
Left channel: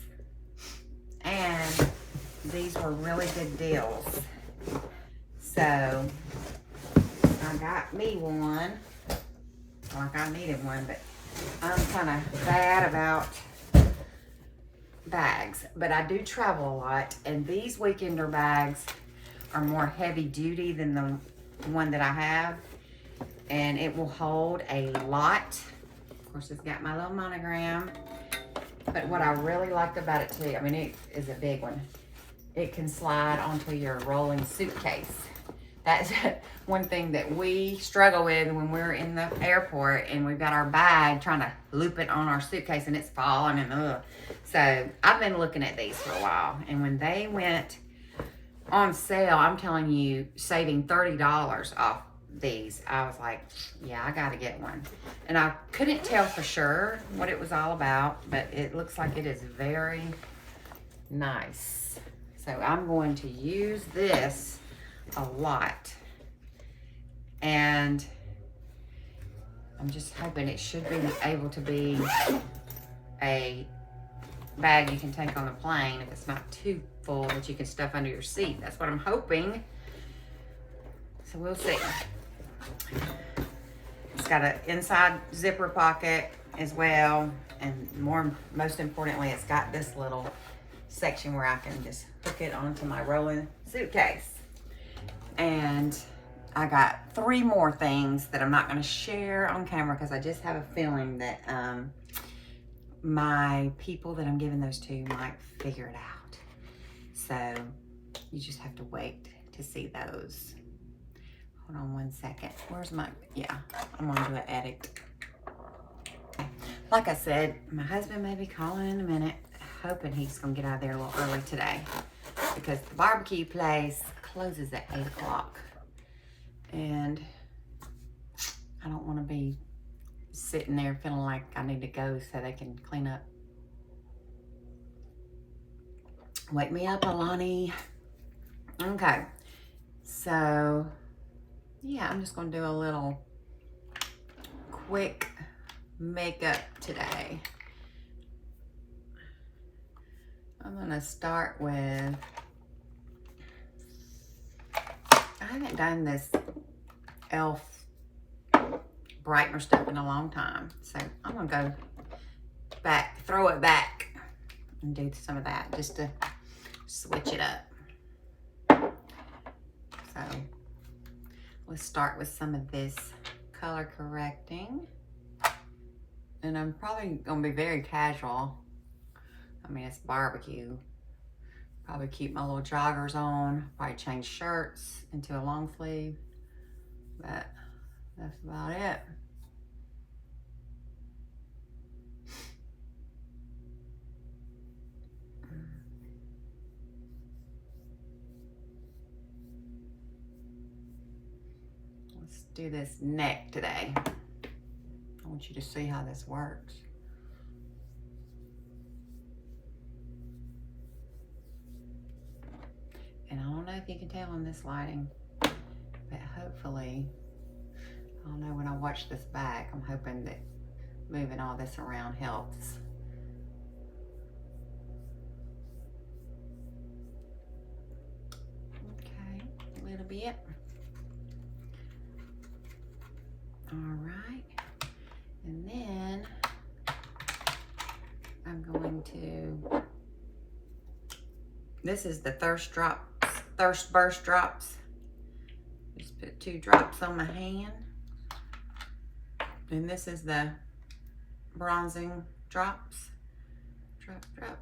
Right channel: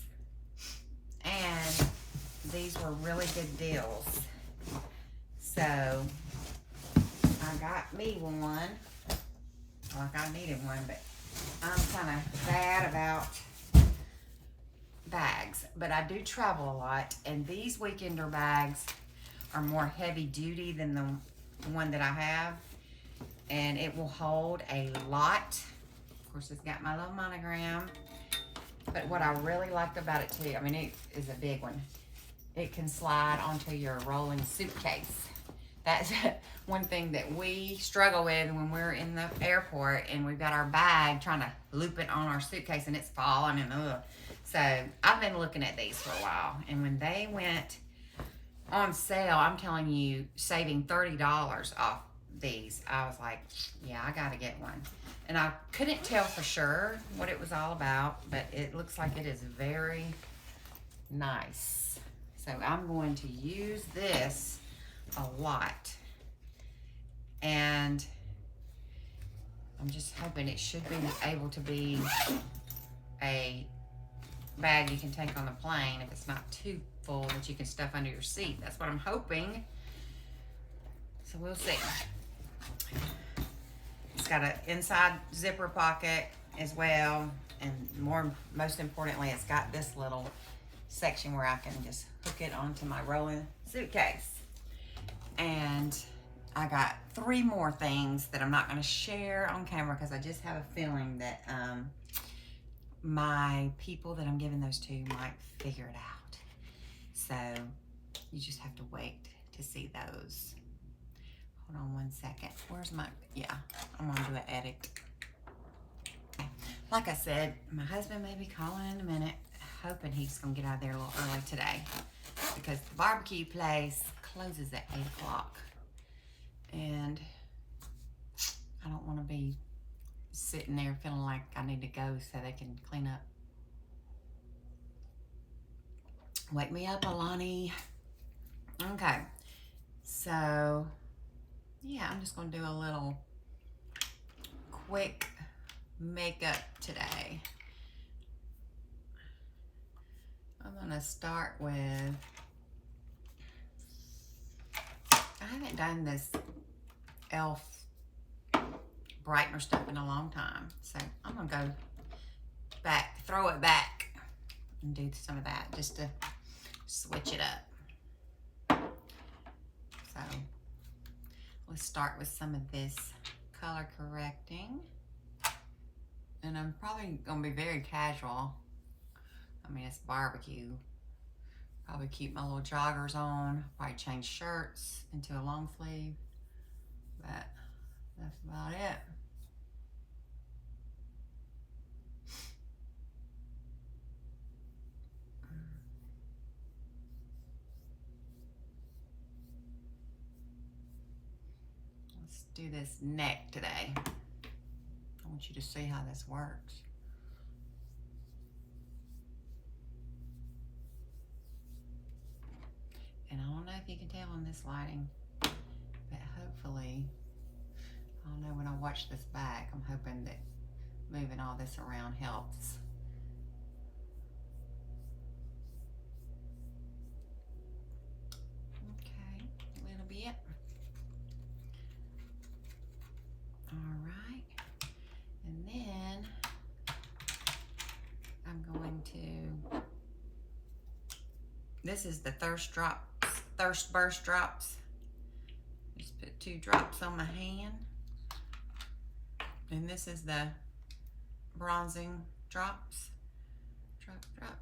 and these were really good deals. So I got me one. Like I needed one, but I'm kind of bad about bags. But I do travel a lot, and these weekender bags are more heavy duty than the one that I have, and it will hold a lot. Of course, it's got my little monogram. But what I really like about it too, I mean, it is a big one. It can slide onto your rolling suitcase. That's one thing that we struggle with when we're in the airport and we've got our bag trying to loop it on our suitcase and it's falling and ugh. So I've been looking at these for a while, and when they went on sale, I'm telling you, saving $30 off these, I was like, yeah, I gotta get one. And I couldn't tell for sure what it was all about, but it looks like it is very nice. So I'm going to use this a lot, and I'm just hoping it should be able to be a bag you can take on the plane if it's not too full that you can stuff under your seat. That's what I'm hoping. So we'll see. It's got an inside zipper pocket as well, and most importantly, it's got this little section where I can just hook it onto my rolling suitcase. And I got 3 more things that I'm not going to share on camera because I just have a feeling that my people that I'm giving those to might figure it out. So you just have to wait to see those. Hold on one second. Where's my, yeah, I'm going to do an edit. Like I said, my husband may be calling in a minute, hoping he's going to get out of there a little early today because the barbecue place closes at 8 o'clock. And I don't want to be sitting there feeling like I need to go so they can clean up. Wake me up, Alani. Okay. So, yeah, I'm just going to do a little quick makeup today. I'm going to start with, I haven't done this e.l.f. brightener stuff in a long time. So I'm going to go back, throw it back and do some of that just to switch it up. So let's start with some of this color correcting. And I'm probably going to be very casual. I mean, it's barbecue, Probably keep my little joggers on. Probably change shirts into a long sleeve. But that's about it. Let's do this neck today. I want you to see how this works. And I don't know if you can tell in this lighting, but hopefully, I don't know, when I watch this back, I'm hoping that moving all this around helps. Okay, a little bit. All right, and then I'm going to, this is the Thirst Burst drops. Just put 2 drops on my hand. And this is the bronzing drops. Drop, drop.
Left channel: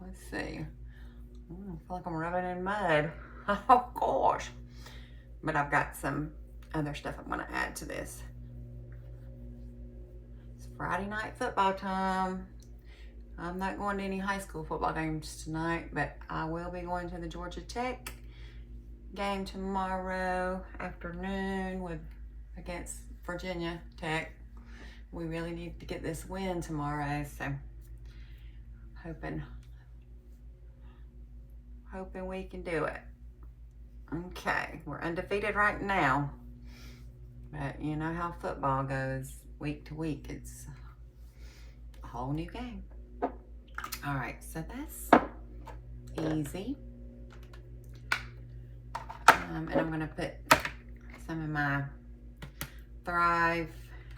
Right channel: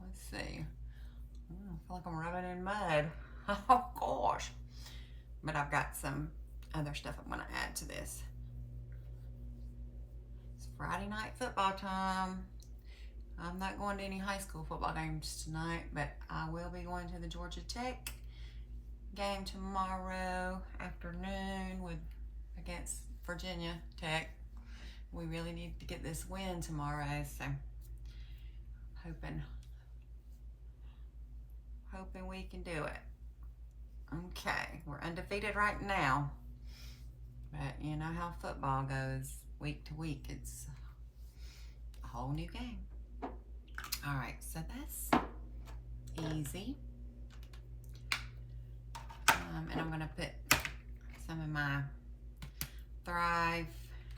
Let's see. I feel like I'm rubbing in mud. Oh gosh. But I've got some other stuff I'm gonna add to this. It's Friday night football time. I'm not going to any high school football games tonight, but I will be going to the Georgia Tech game tomorrow afternoon against Virginia Tech. We really need to get this win tomorrow, so hoping we can do it. Okay, we're undefeated right now, but you know how football goes week to week. It's a whole new game. All right, so that's easy. And I'm gonna put some of my Thrive,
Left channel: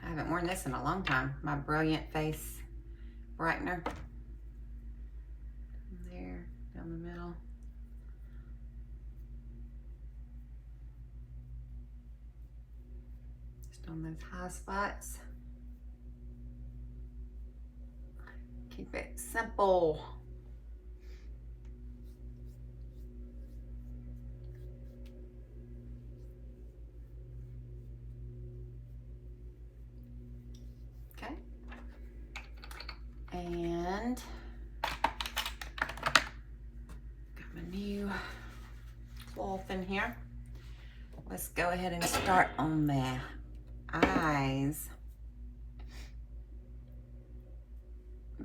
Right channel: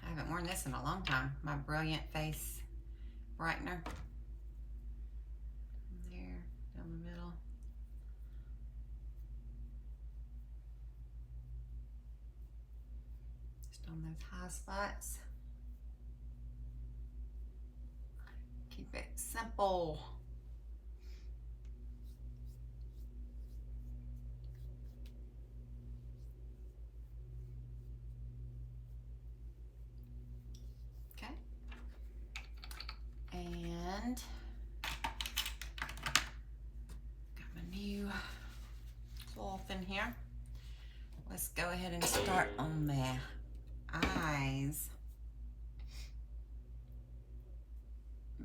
I haven't worn this in a long time, my Brilliant Face Brightener. There, down the middle. Just on those high spots. Keep it simple. Okay. And got my new cloth in here. Let's go ahead and start on the eyes.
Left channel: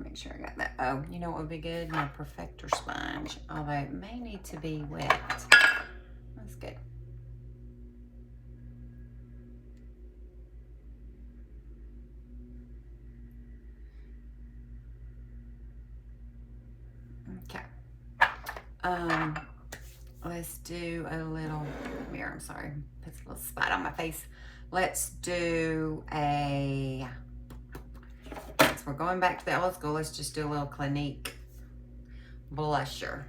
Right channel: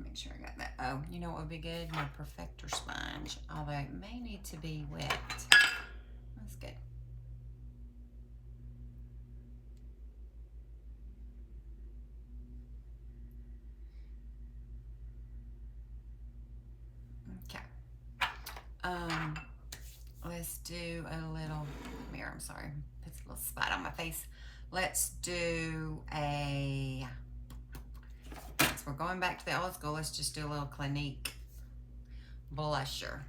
Make sure I got that. Oh, you know what would be good? My Perfector sponge, although it may need to be wet. That's good. Okay. Let's do a little mirror. I'm sorry, puts a little spot on my face. Let's do a. We're going back to the old school. Let's just do a little Clinique blusher.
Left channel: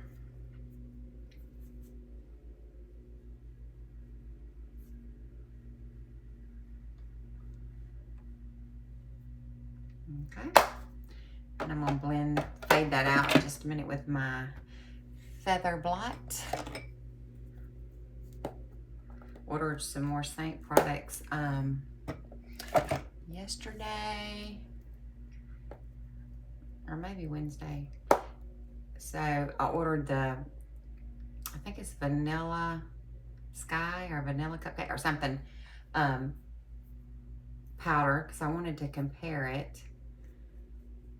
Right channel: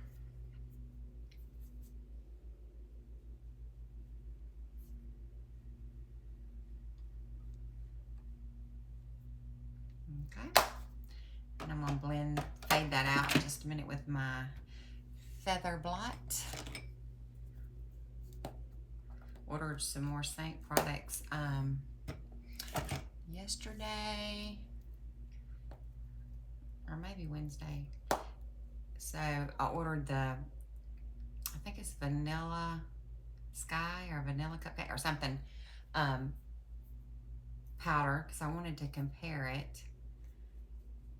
Okay. And I'm gonna fade that out in just a minute with my Feather Blot. Ordered some more Saint products yesterday. Or maybe Wednesday. So I ordered I think it's Vanilla Sky or Vanilla Cupcake or something, powder, because I wanted to compare it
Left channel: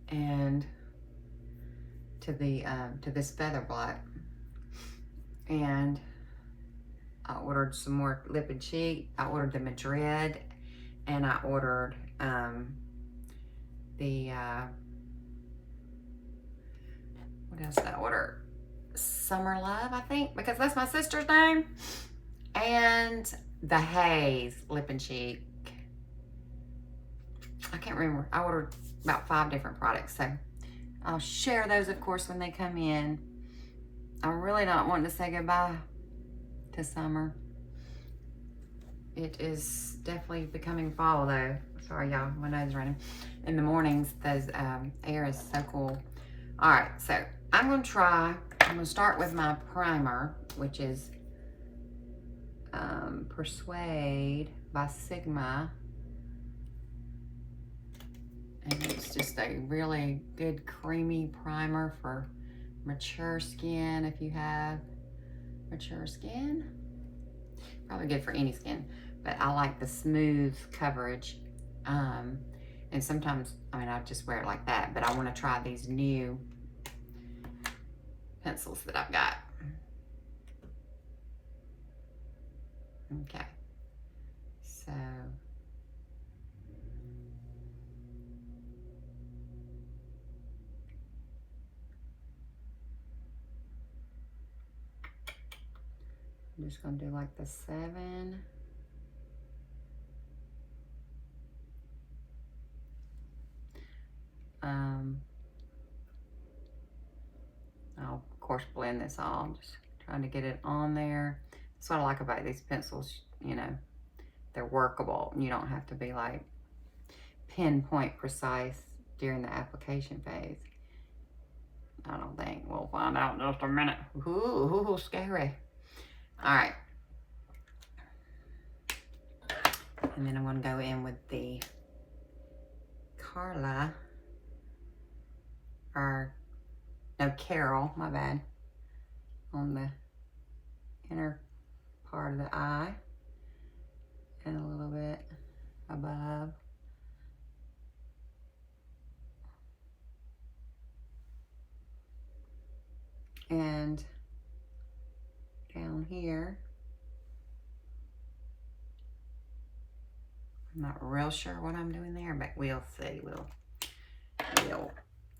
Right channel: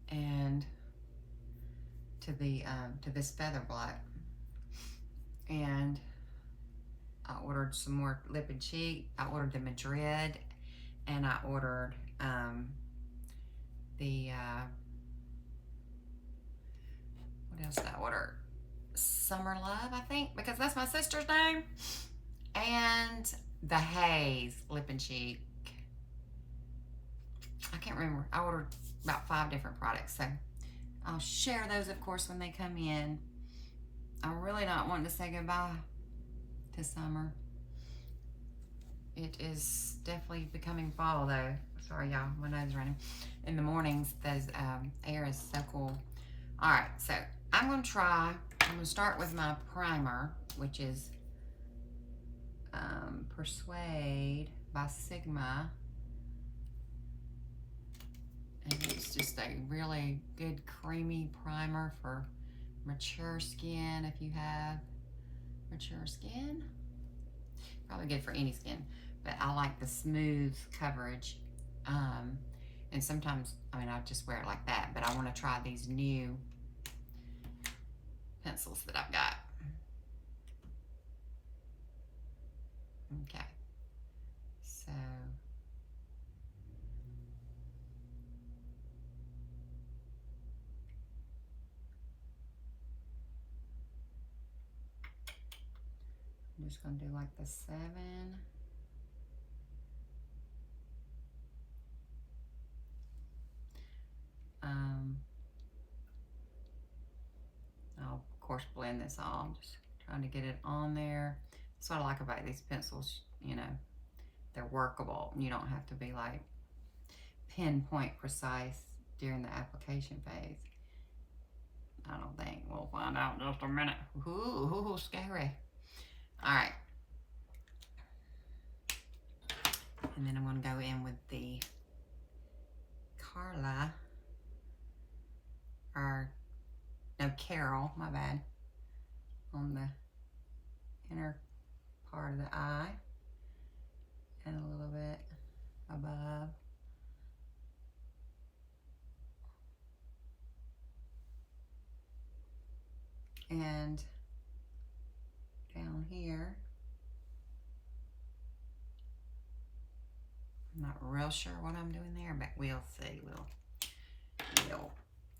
and to this Feather Blot. And I ordered some more lip and cheek. I ordered the Madrid, and I ordered what else did I order? Summer Love, I think, because that's my sister's name. And the Haze lip and cheek. I can't remember. I ordered about 5 different products, so I'll share those, of course, when they come in. I'm really not wanting to say goodbye to summer. It is definitely becoming fall though. Sorry y'all, my nose is running. In the mornings, those air is so cool. All right, so I'm gonna start with my primer, which is Persuade by Sigma. And it's just a really good creamy primer for mature skin. If you have mature skin, probably good for any skin, but I like the smooth coverage. And sometimes, I mean, I just wear it like that, but I want to try these new pencils that I've got. Okay, so I'm just gonna do like the 7. I'll of course blend this all. I'm just trying to get it on there. That's what I like about these pencils, you know, they're workable. You don't have to be like pinpoint precise during the application phase. I don't think. We'll find out in just a minute. Ooh, scary. All right. And then I'm going to go in with the Carla, or no, Carol, my bad, on the inner part of the eye and a little bit above. And down here, I'm not real sure what I'm doing there, but we'll see.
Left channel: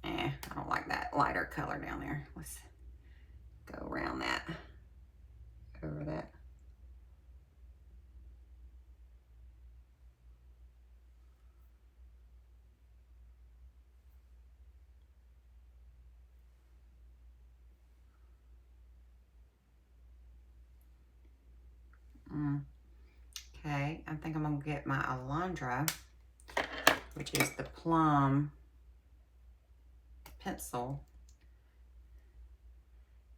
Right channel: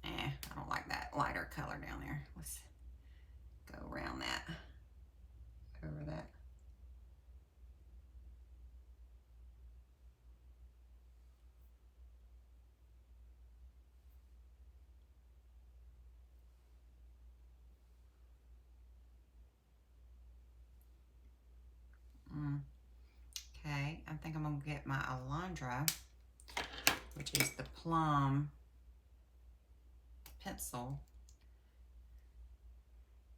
I don't like that lighter color down there. Let's go around that, over that. Okay, I think I'm gonna get my Alondra, which is the plum pencil,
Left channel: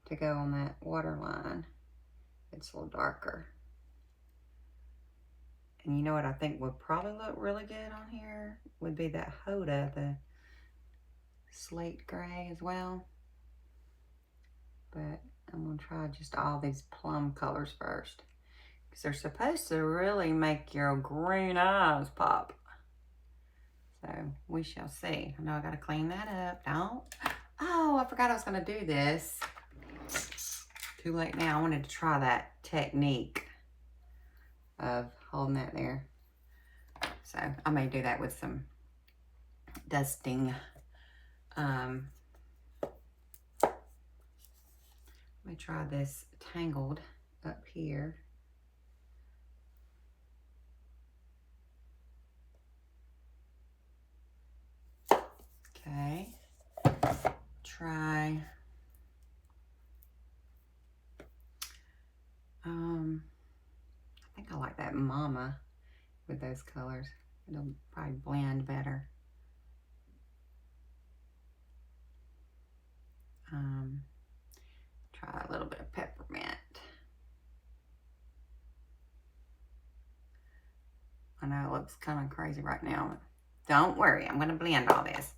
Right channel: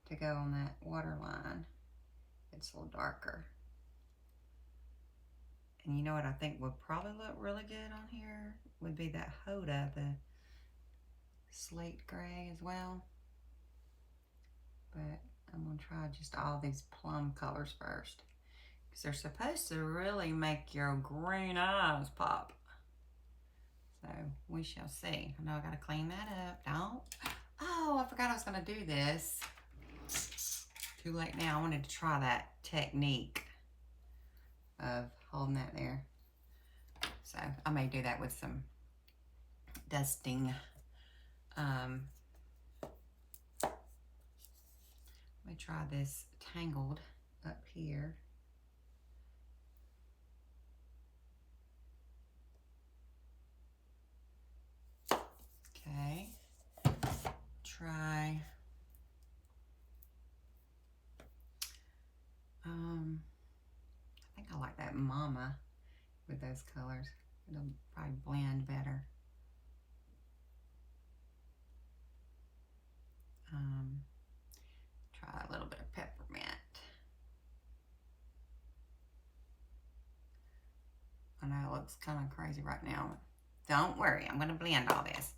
to go on that waterline. It's a little darker. And you know what I think would probably look really good on here would be that Hoda, the slate gray as well. But I'm gonna try just all these plum colors first, because they're supposed to really make your green eyes pop. So we shall see. I know I gotta clean that up. Don't. Oh, I forgot I was gonna do this. Too late now. I wanted to try that technique of holding that there. So I may do that with some dusting. Let me try this Tangled up here. Okay. Try I think I like that Mama with those colors. It'll probably blend better. Try a little bit of peppermint. I know it looks kind of crazy right now. Don't worry, I'm gonna blend all this.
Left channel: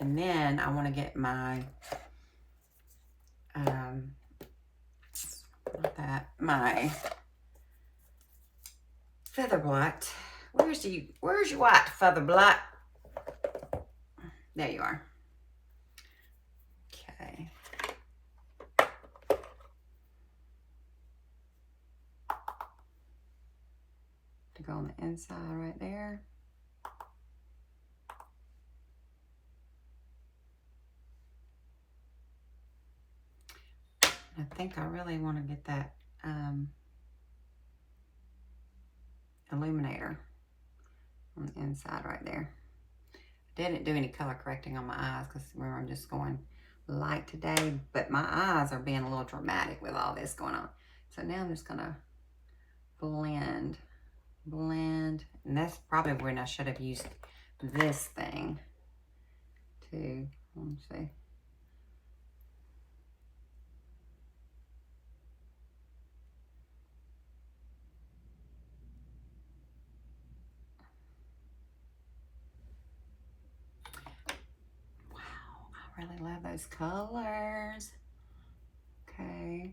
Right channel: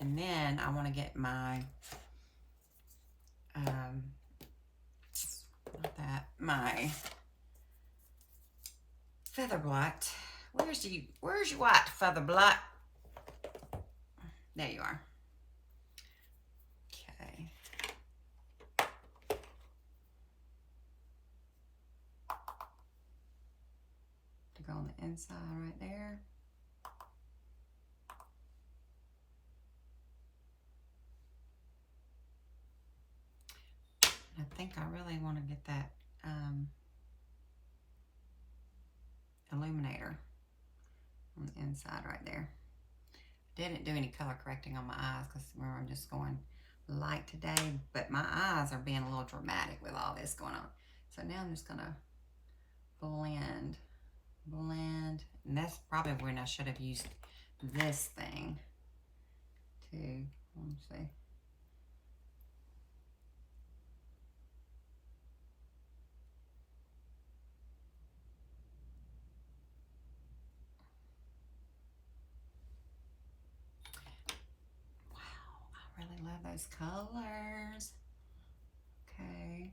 And then I wanna get my, my feather blot. Where's your white feather blot? There you are. Okay. To go on the inside right there. I think I really want to get that illuminator on the inside right there. Didn't do any color correcting on my eyes because remember I'm just going light today, but my eyes are being a little dramatic with all this going on. So now I'm just gonna blend blend. And that's probably when I should have used this thing to, let's see. I really love those colors. Okay,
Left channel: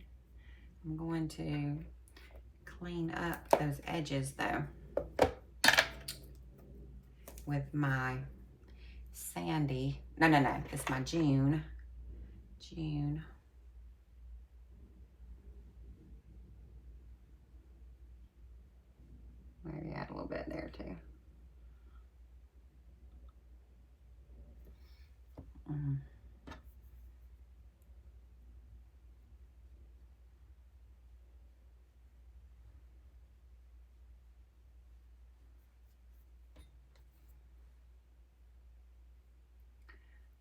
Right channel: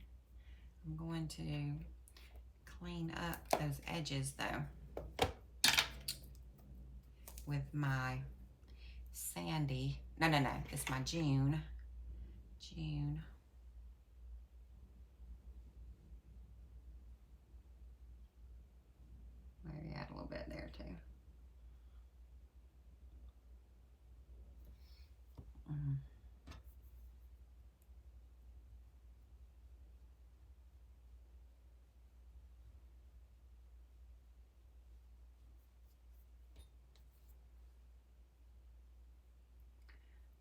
I'm going to clean up those edges though with my Sandy. No, it's my June. Maybe add a little bit there too. I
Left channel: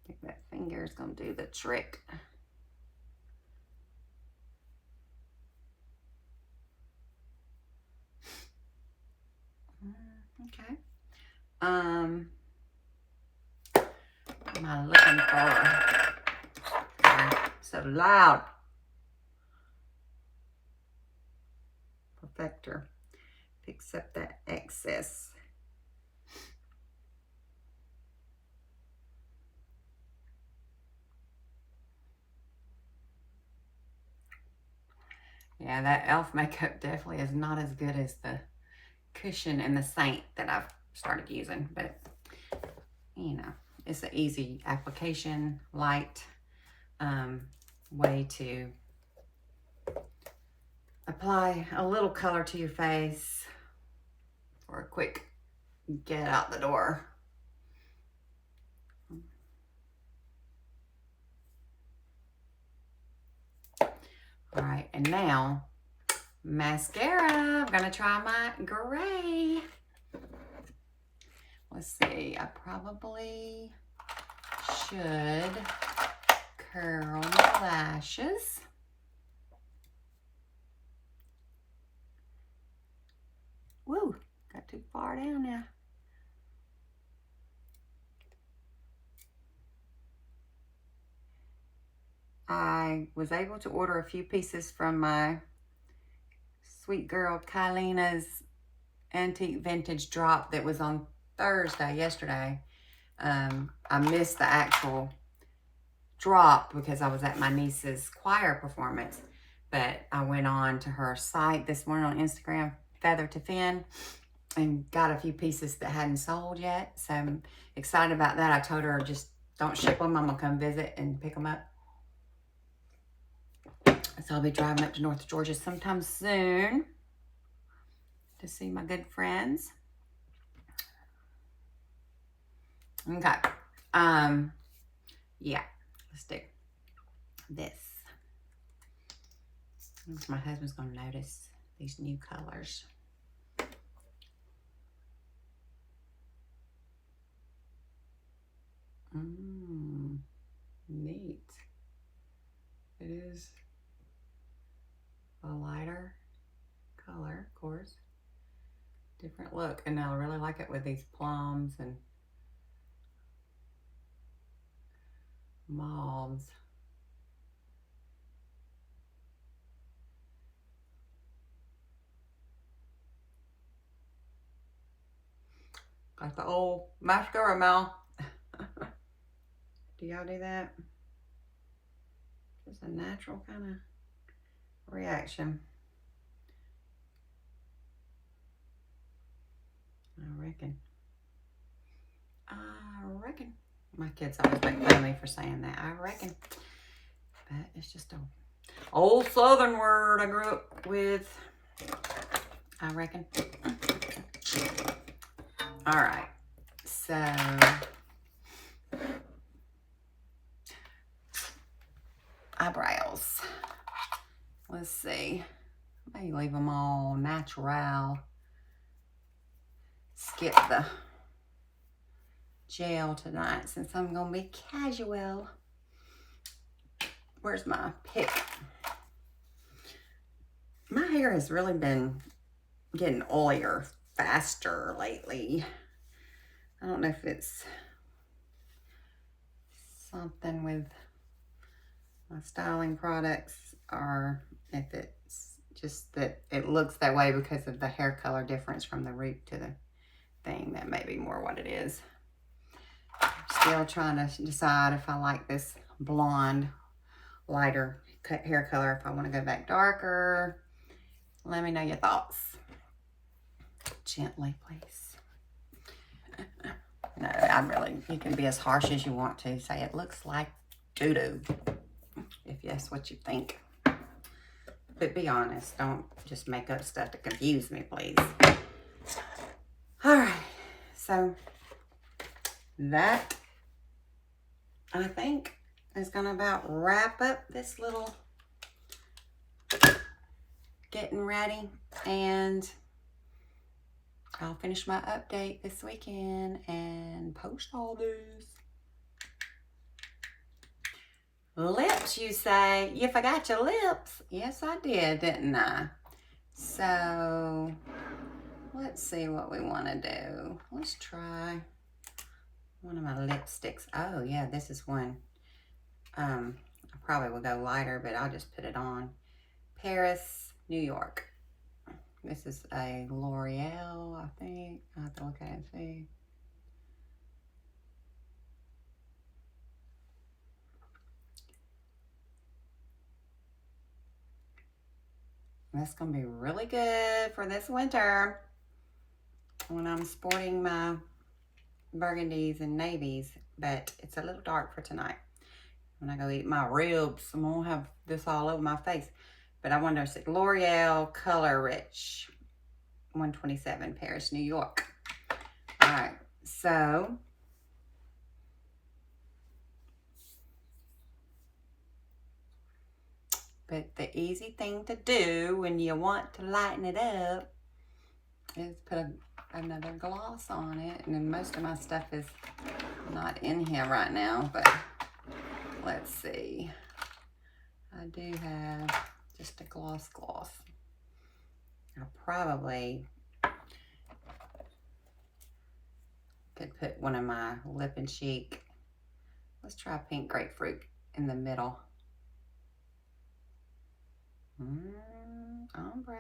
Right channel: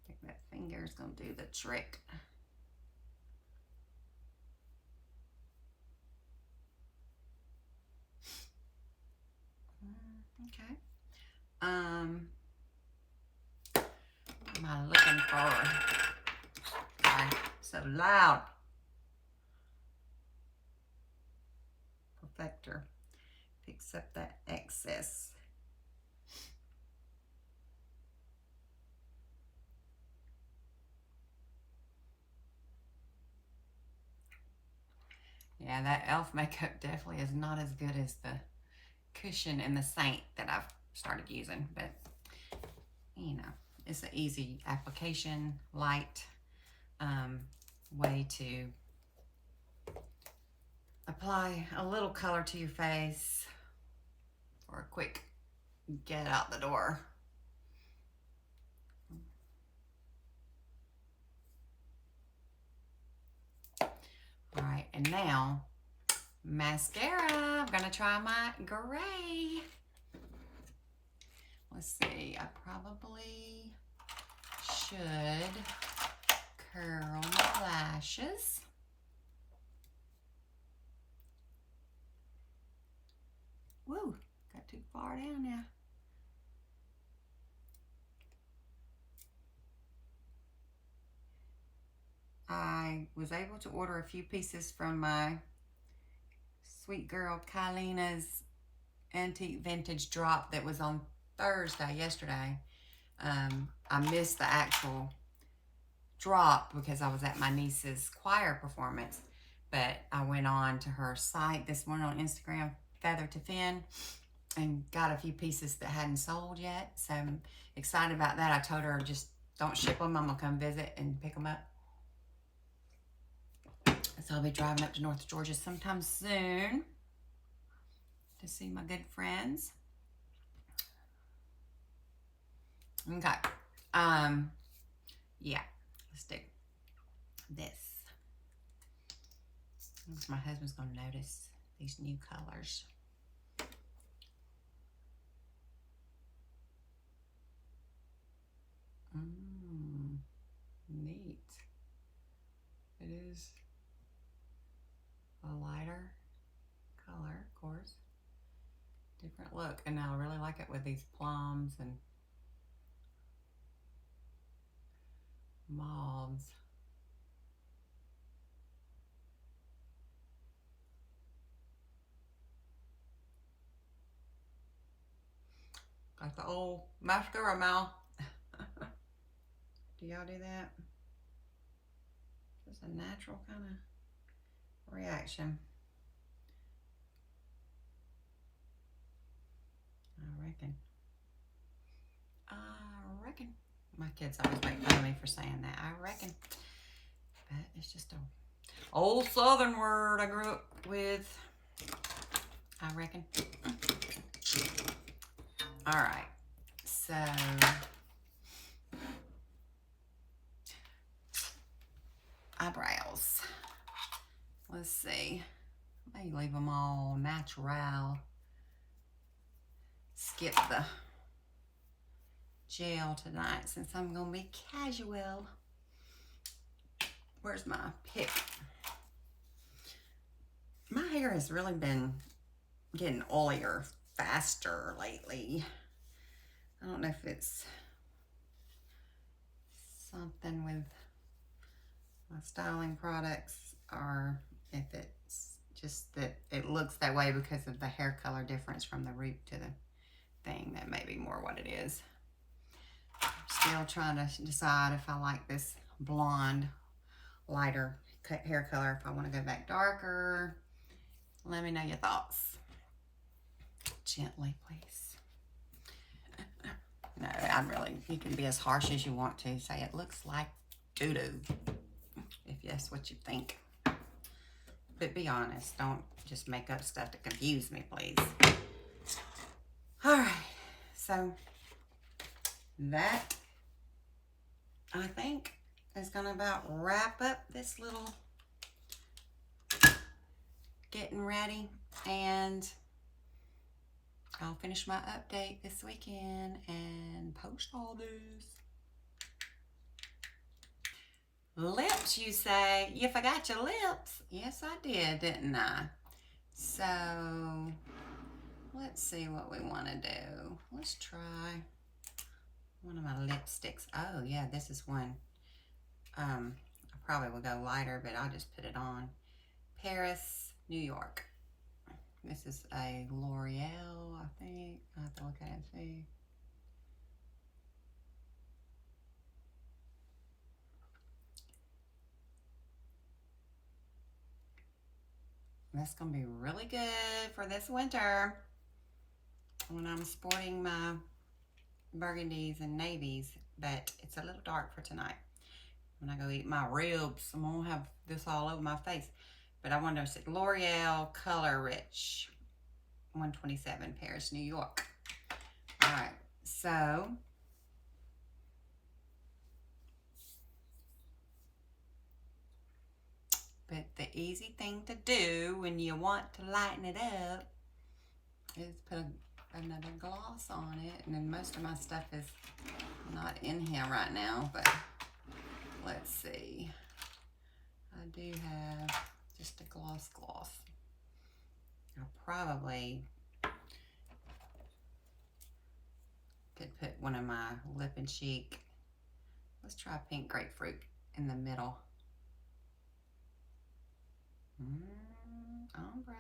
think that finger is going to do the trick. Okay. Am I looking for? Sorry, so loud. Perfector. Fix up that excess. Yeah, that e.l.f. makeup definitely is not as good as the cushion and the Saint that I've started using, but you know, it's an easy application, light way to apply a little color to your face for a quick get out the door. All right, and now mascara. I'm gonna try my gray. Let's see, I probably should curl my lashes. Woo, got too far down now. I was able to order a few pieces from my sweet girl Kylina's antique vintage drop that was on Thursday, yesterday. I missed the actual drop because I was at my niece's choir performance, but I went on to her site this morning on Instagram, Feather to Fin, and got a few pieces that hadn't sold yet. So I'm excited about that. I told her just don't ship them. I'm gonna come visit and pick them up. So I'll be driving up to North Georgia sometime soon to see my good friends. Okay. Yeah, let's do this. My husband's gonna notice these new colors. Neat. It is a lighter color, of course. Different look, and I really like it with these plums and mauves. Got the old mascara mouth. Do y'all do that? Just a natural kind of reaction. I reckon. My kids always make fun of me for saying that. I reckon. But it's just an old Southern word I grew up with. I reckon. All right. So eyebrows. Let's see. Maybe leave them all natural. Skip the gel tonight since I'm gonna be casual. Where's my pick? My hair has really been getting oilier faster lately. I don't know if it's something with my styling products or if it's just that it looks that way because of the hair color difference from the root to the thing. That may be more what it is. Still trying to decide if I like this blonde, lighter hair color, if I want to go back darker. Let me know your thoughts. Gently, please. No, you can be as harsh as you want to. Say it looks like doo-doo, if that's what you think. But be honest. Don't just make up stuff to confuse me, please. All right. So that, I think, is going to about wrap up this little getting ready. And I'll finish my update this weekend and post all these. Lips, you say? You forgot your lips. Yes, I did, didn't I? So, let's see what we want to do. Let's try one of my lipsticks. Oh, yeah, this is one. I probably will go lighter, but I'll just put it on. Paris, New York. This is a L'Oreal, I think. I have to look at it and see. That's going to be really good for this winter when I'm sporting my burgundies and navies, but it's a little dark for tonight. When I go eat my ribs, I'm going to have this all over my face. But I wonder if it's L'Oreal Color Rich 127, Paris, New York. All right, so but the easy thing to do when you want to lighten it up is put another gloss on it. And then most of my stuff is not in here right now, but let's see. I do have just a gloss. I probably could put one of my Lip and Cheek. Let's try pink grapefruit in the middle. Ombre.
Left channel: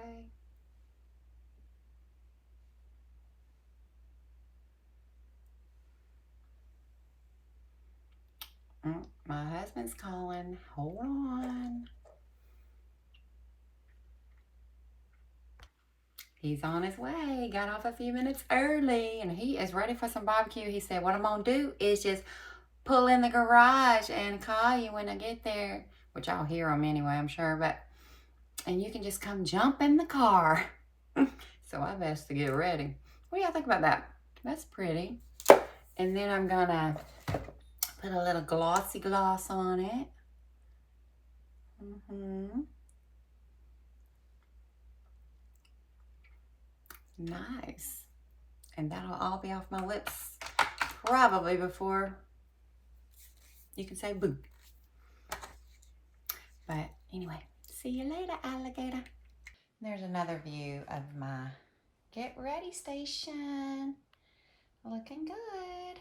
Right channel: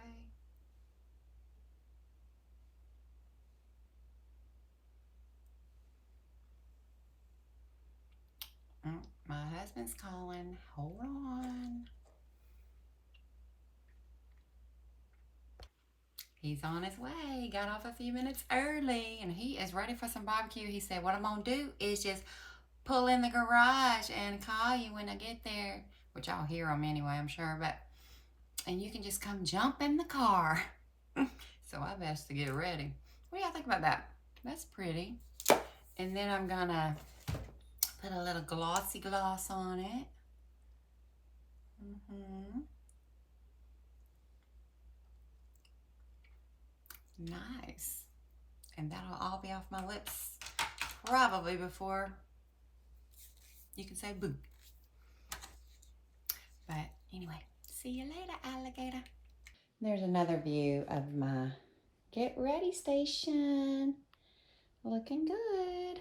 My husband's calling. Hold on. He's on his way. Got off a few minutes early, and he is ready for some barbecue. He said, what I'm going to do is just pull in the garage and call you when I get there, which I'll hear him anyway, I'm sure, and you can just come jump in the car. So I best to get ready. What do y'all think about that? That's pretty. And then I'm going to put a little glossy gloss on it. Nice. And that'll all be off my lips probably before you can say boo. But anyway, see you later, alligator. There's another view of my get ready station. Looking good.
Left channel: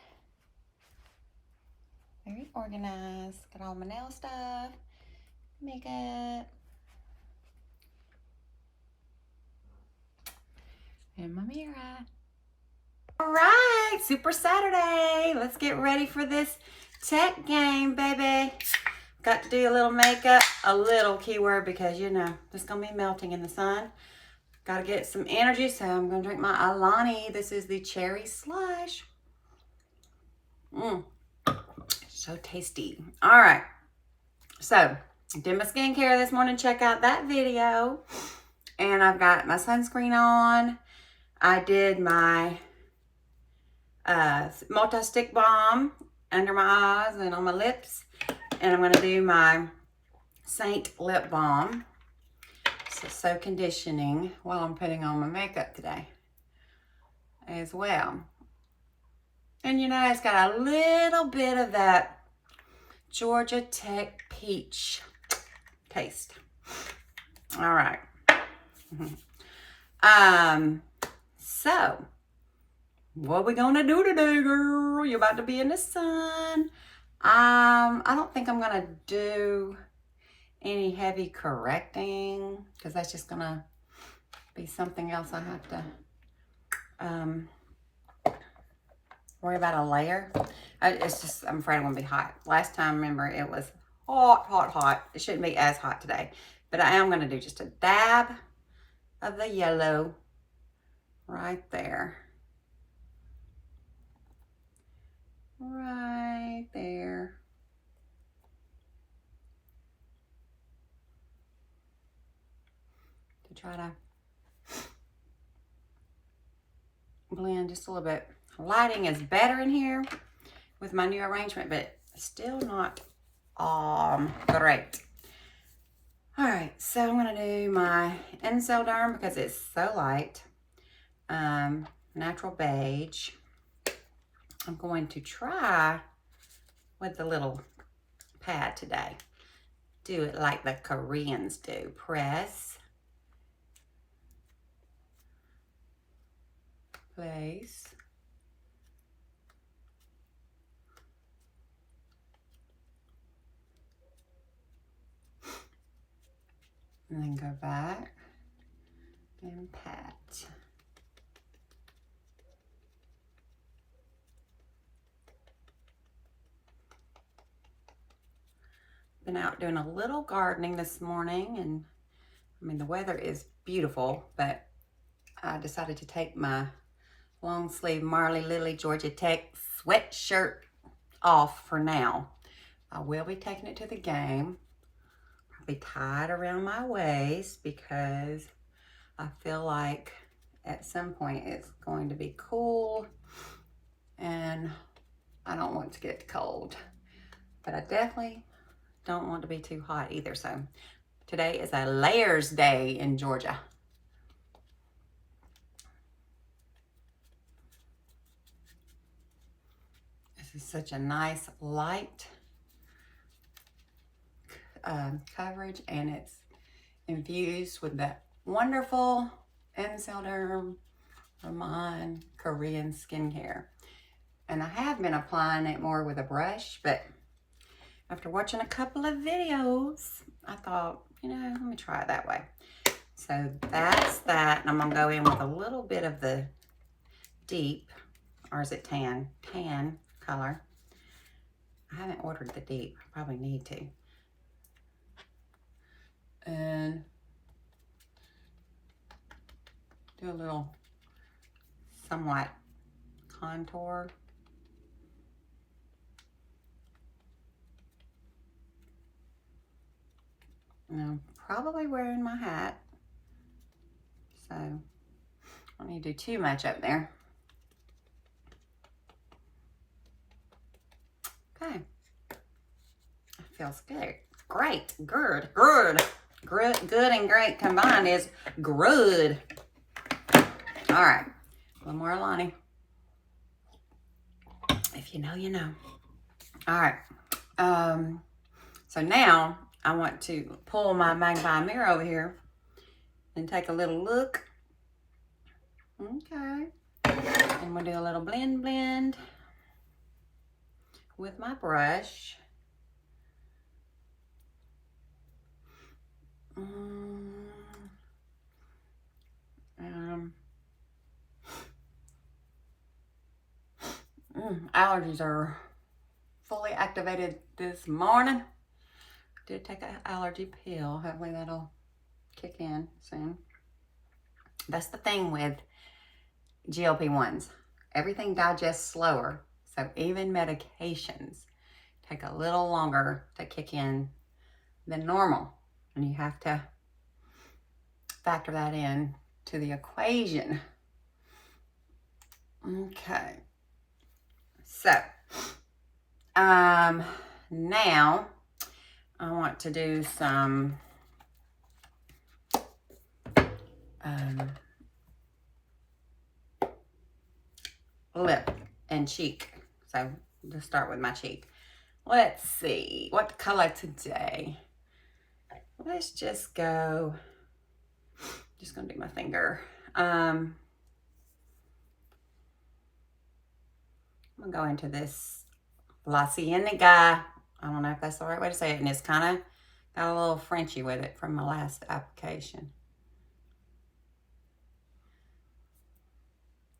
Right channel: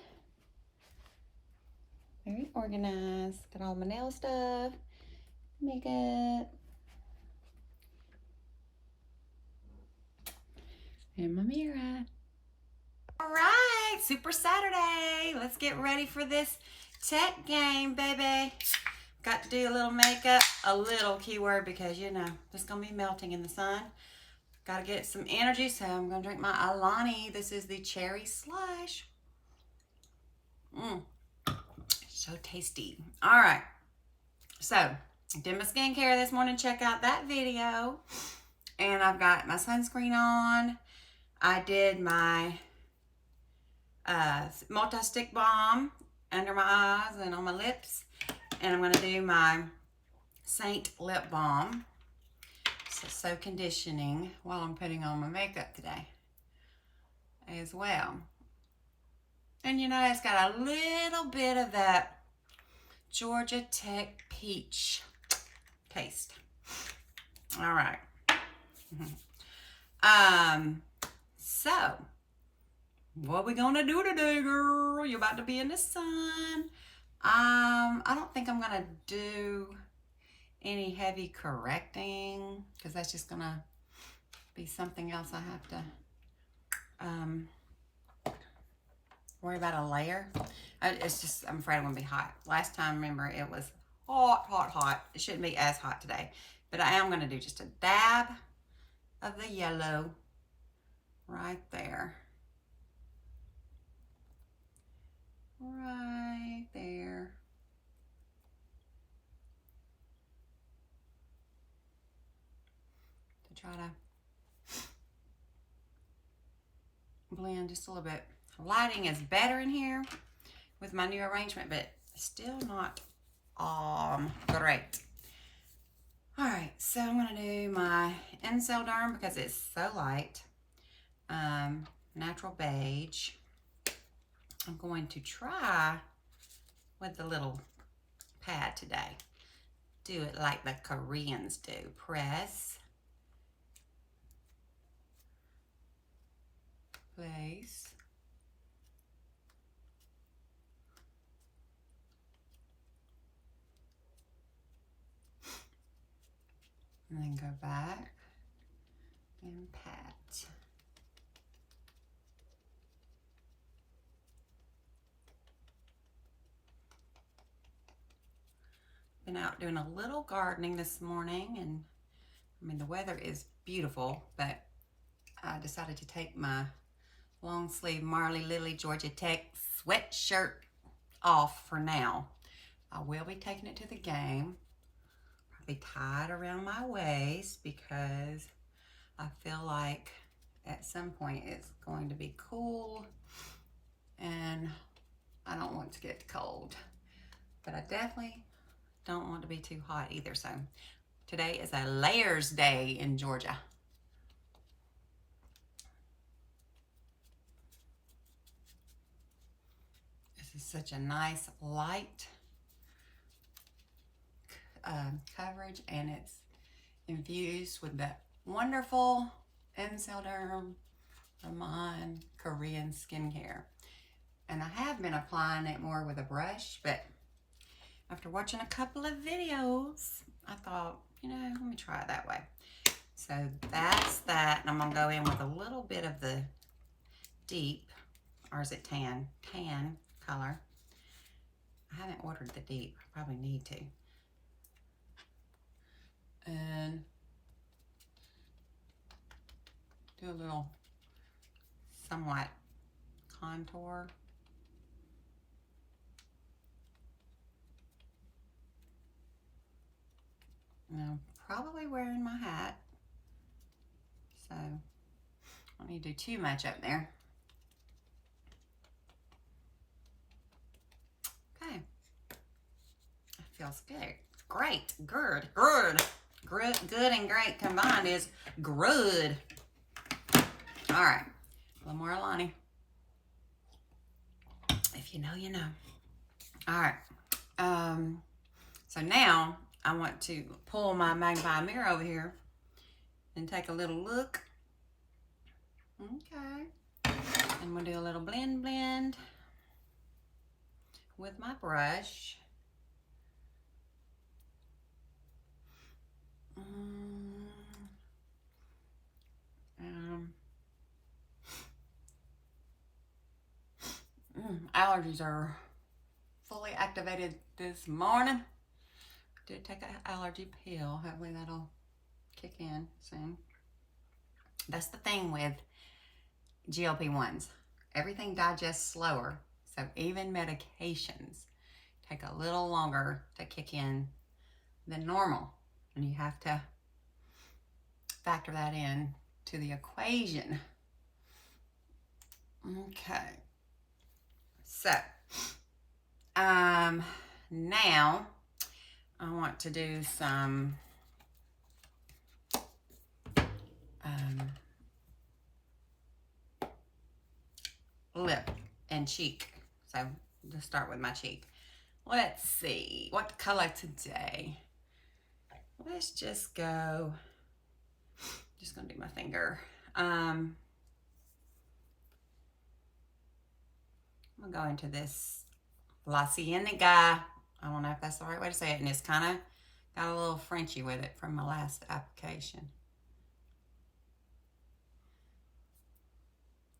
Very organized. Got all my nail stuff, makeup, and my mirror. All right, Super Saturday. Let's get ready for this tech game, baby. Got to do a little makeup, a little keyword, because you know, it's gonna be melting in the sun. Got to get some energy, so I'm gonna drink my Alani. This is the cherry slush. So tasty. All right, so did my skincare this morning. Check out that video. And I've got my sunscreen on. I did my multi-stick balm under my eyes and on my lips. And I'm going to do my Saint lip balm. So conditioning while I'm putting on my makeup today as well. And you know, it's got a little bit of that Georgia Tech peach taste. All right. So So, what we gonna do today, girl? You're about to be in the sun. I don't think I'm gonna do any heavy correcting because that's just gonna be something else I have to worry about a layer. It's just, I'm afraid I'm gonna be hot. Last time, remember, it was hot. It shouldn't be as hot today, but I am gonna do just a dab of the yellow right there. Right there. To try to blend just a little bit. Lighting is better in here with my new arrangement, but still not great. All right, so I'm gonna do my Incel Derm because it's so light. Natural beige. I'm going to try with the little pad today. Do it like the Koreans do. Press, place, and then go back and pat. Been out doing a little gardening this morning, and I mean the weather is beautiful, but I decided to take my long sleeve Marley Lily Georgia Tech sweatshirt off for now. I will be taking it to the game, probably tied around my waist because I feel like at some point it's going to be cool and I don't want to get cold, but I definitely don't want to be too hot either. So today is a layers day in Georgia. This is such a nice light coverage, and it's infused with that wonderful Incel Derm Vermont Korean skincare. And I have been applying it more with a brush, but after watching a couple of videos, I thought, you know, let me try it that way. So that's that. And I'm gonna go in with a little bit of the deep, or is it tan? Tan color. I haven't ordered the deep. I probably need to. And do a little somewhat contour. And I'm probably wearing my hat, so I don't need to do too much up there. Okay, feels good. Great, good and great combined is good. All right, a little more Alani. If you know, you know. All right, so now I want to pull my magnifying mirror over here and take a little look. Okay, and we'll do a little blend with my brush. Allergies are fully activated this morning. Did take an allergy pill. Hopefully that'll kick in soon. That's the thing with GLP-1s. Everything digests slower. So even medications take a little longer to kick in than normal. And you have to factor that in to the equation. Okay. So, now I want to do some lip and cheek. So let's start with my cheek. Let's see, what color today? Let's just go, just gonna do my finger. I'm gonna go into this La Cienega. I don't know if that's the right way to say it, and it's kind of got a little Frenchy with it from my last application.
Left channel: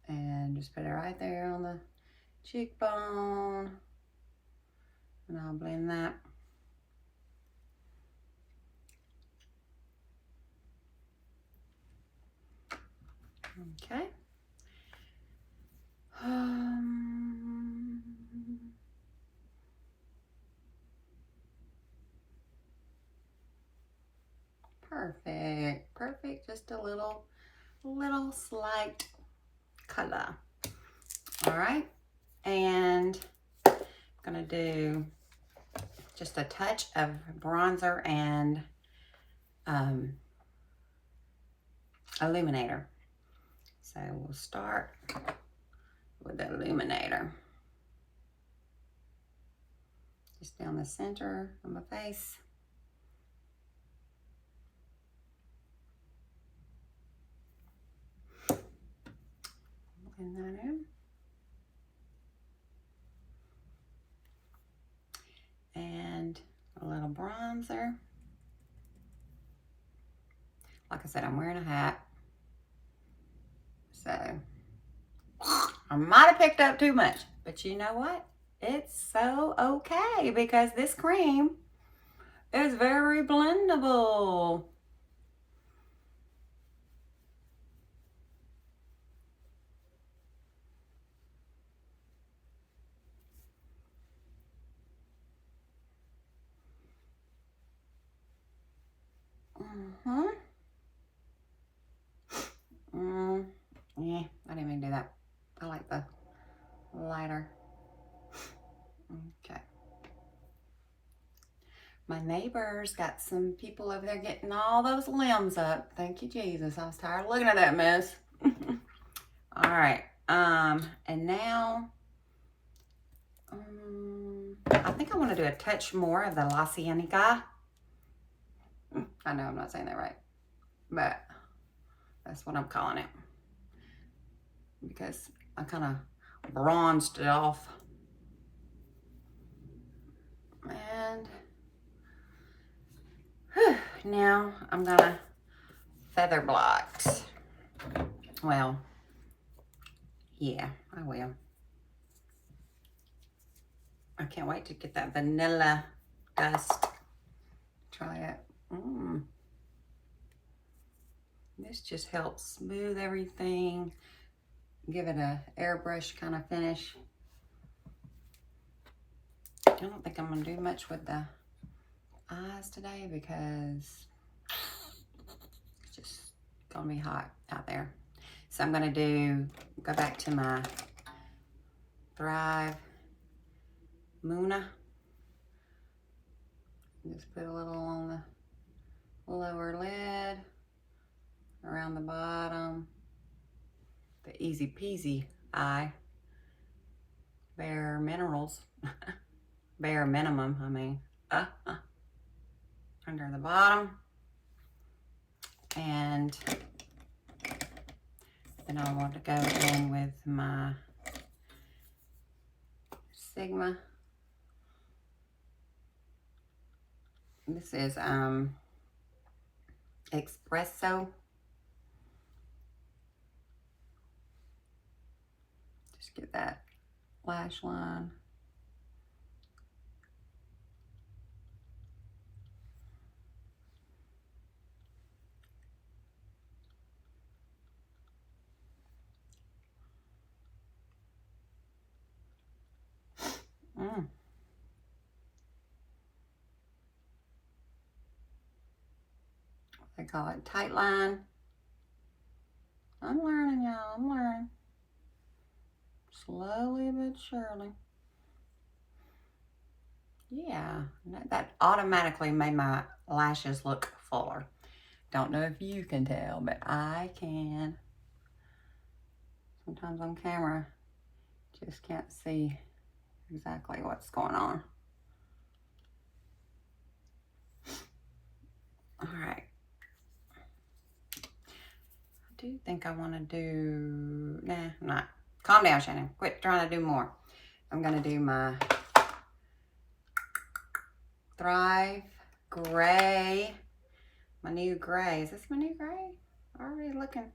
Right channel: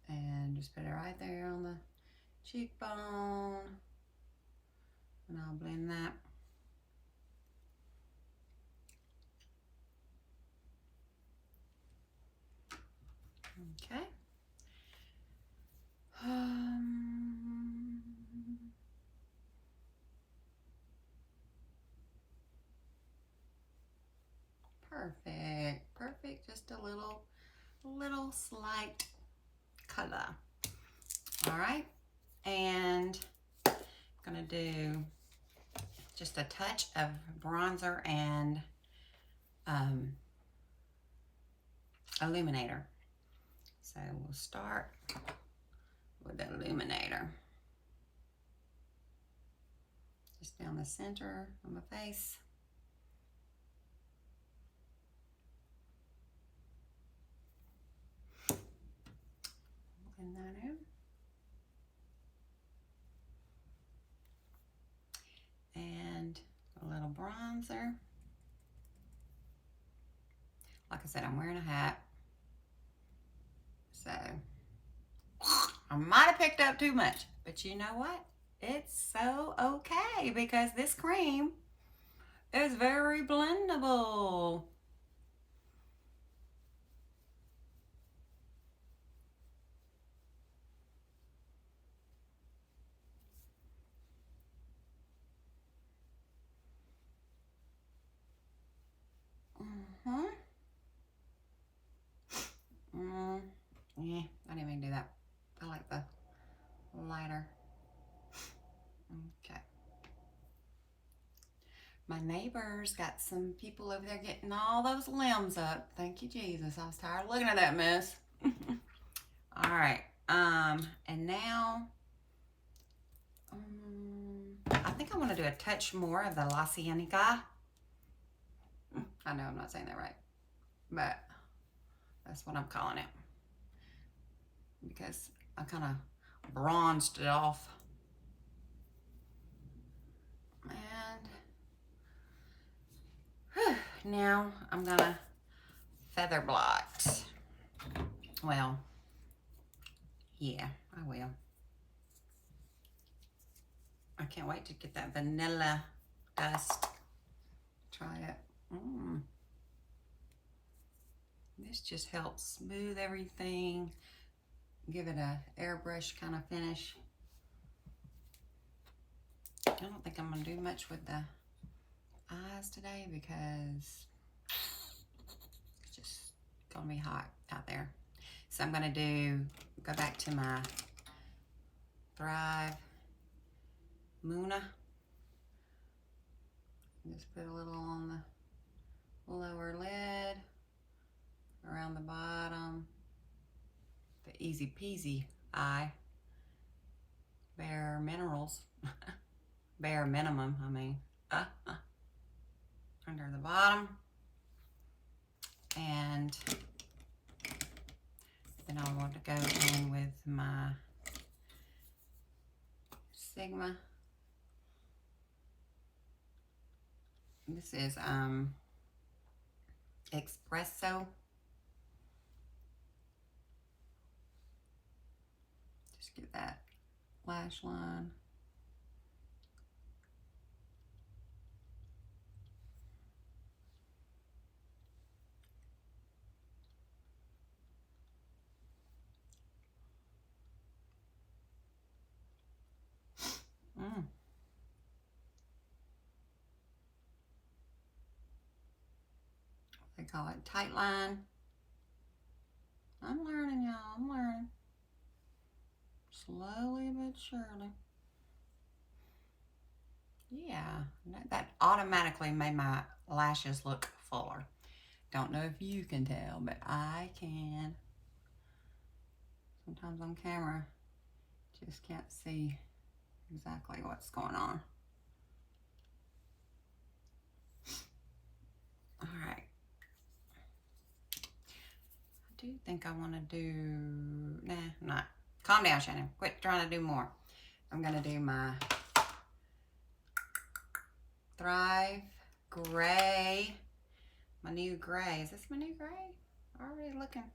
And just put it right there on the cheekbone, and I'll blend that. Okay. Perfect, perfect. Just a little slight color. All right, and I'm gonna do just a touch of bronzer and illuminator. So we'll start with the illuminator. Just down the center of my face. Blend that in. And a little bronzer. Like I said, I'm wearing a hat. So I might have picked up too much, but you know what? It's so okay because this cream is very blendable. Yeah, I didn't even do that. I like the lighter. Okay. My neighbors got some people over there getting all those limbs up. Thank you, Jesus. I was tired of looking at that mess. All right. And now, I think I want to do a touch more of the La Cienega. I know I'm not saying that right, but that's what I'm calling it because I kind of bronzed it off. And now I'm gonna feather block. Well, yeah, I will. I can't wait to get that vanilla dust. Try it. This just helps smooth everything, give it a airbrush kind of finish. I don't think I'm gonna do much with the eyes today because it's just gonna be hot out there. So I'm gonna go back to my Thrive Muna. Just put a little on the lower lid, around the bottom, the easy peasy eye, bare minerals, bare minimum, I mean, under the bottom. And then I want to go in with my Sigma. This is Espresso. Just get that lash line. They call it tight line. I'm learning, y'all. I'm learning. Slowly but surely. Yeah, that automatically made my lashes look fuller. Don't know if you can tell, but I can. Sometimes on camera, just can't see exactly what's going on. All right. I do think I want to do, nah, I'm not. Calm down, Shannon. Quit trying to do more. I'm going to do my Thrive Gray. My new gray. Is this my new gray? Already looking.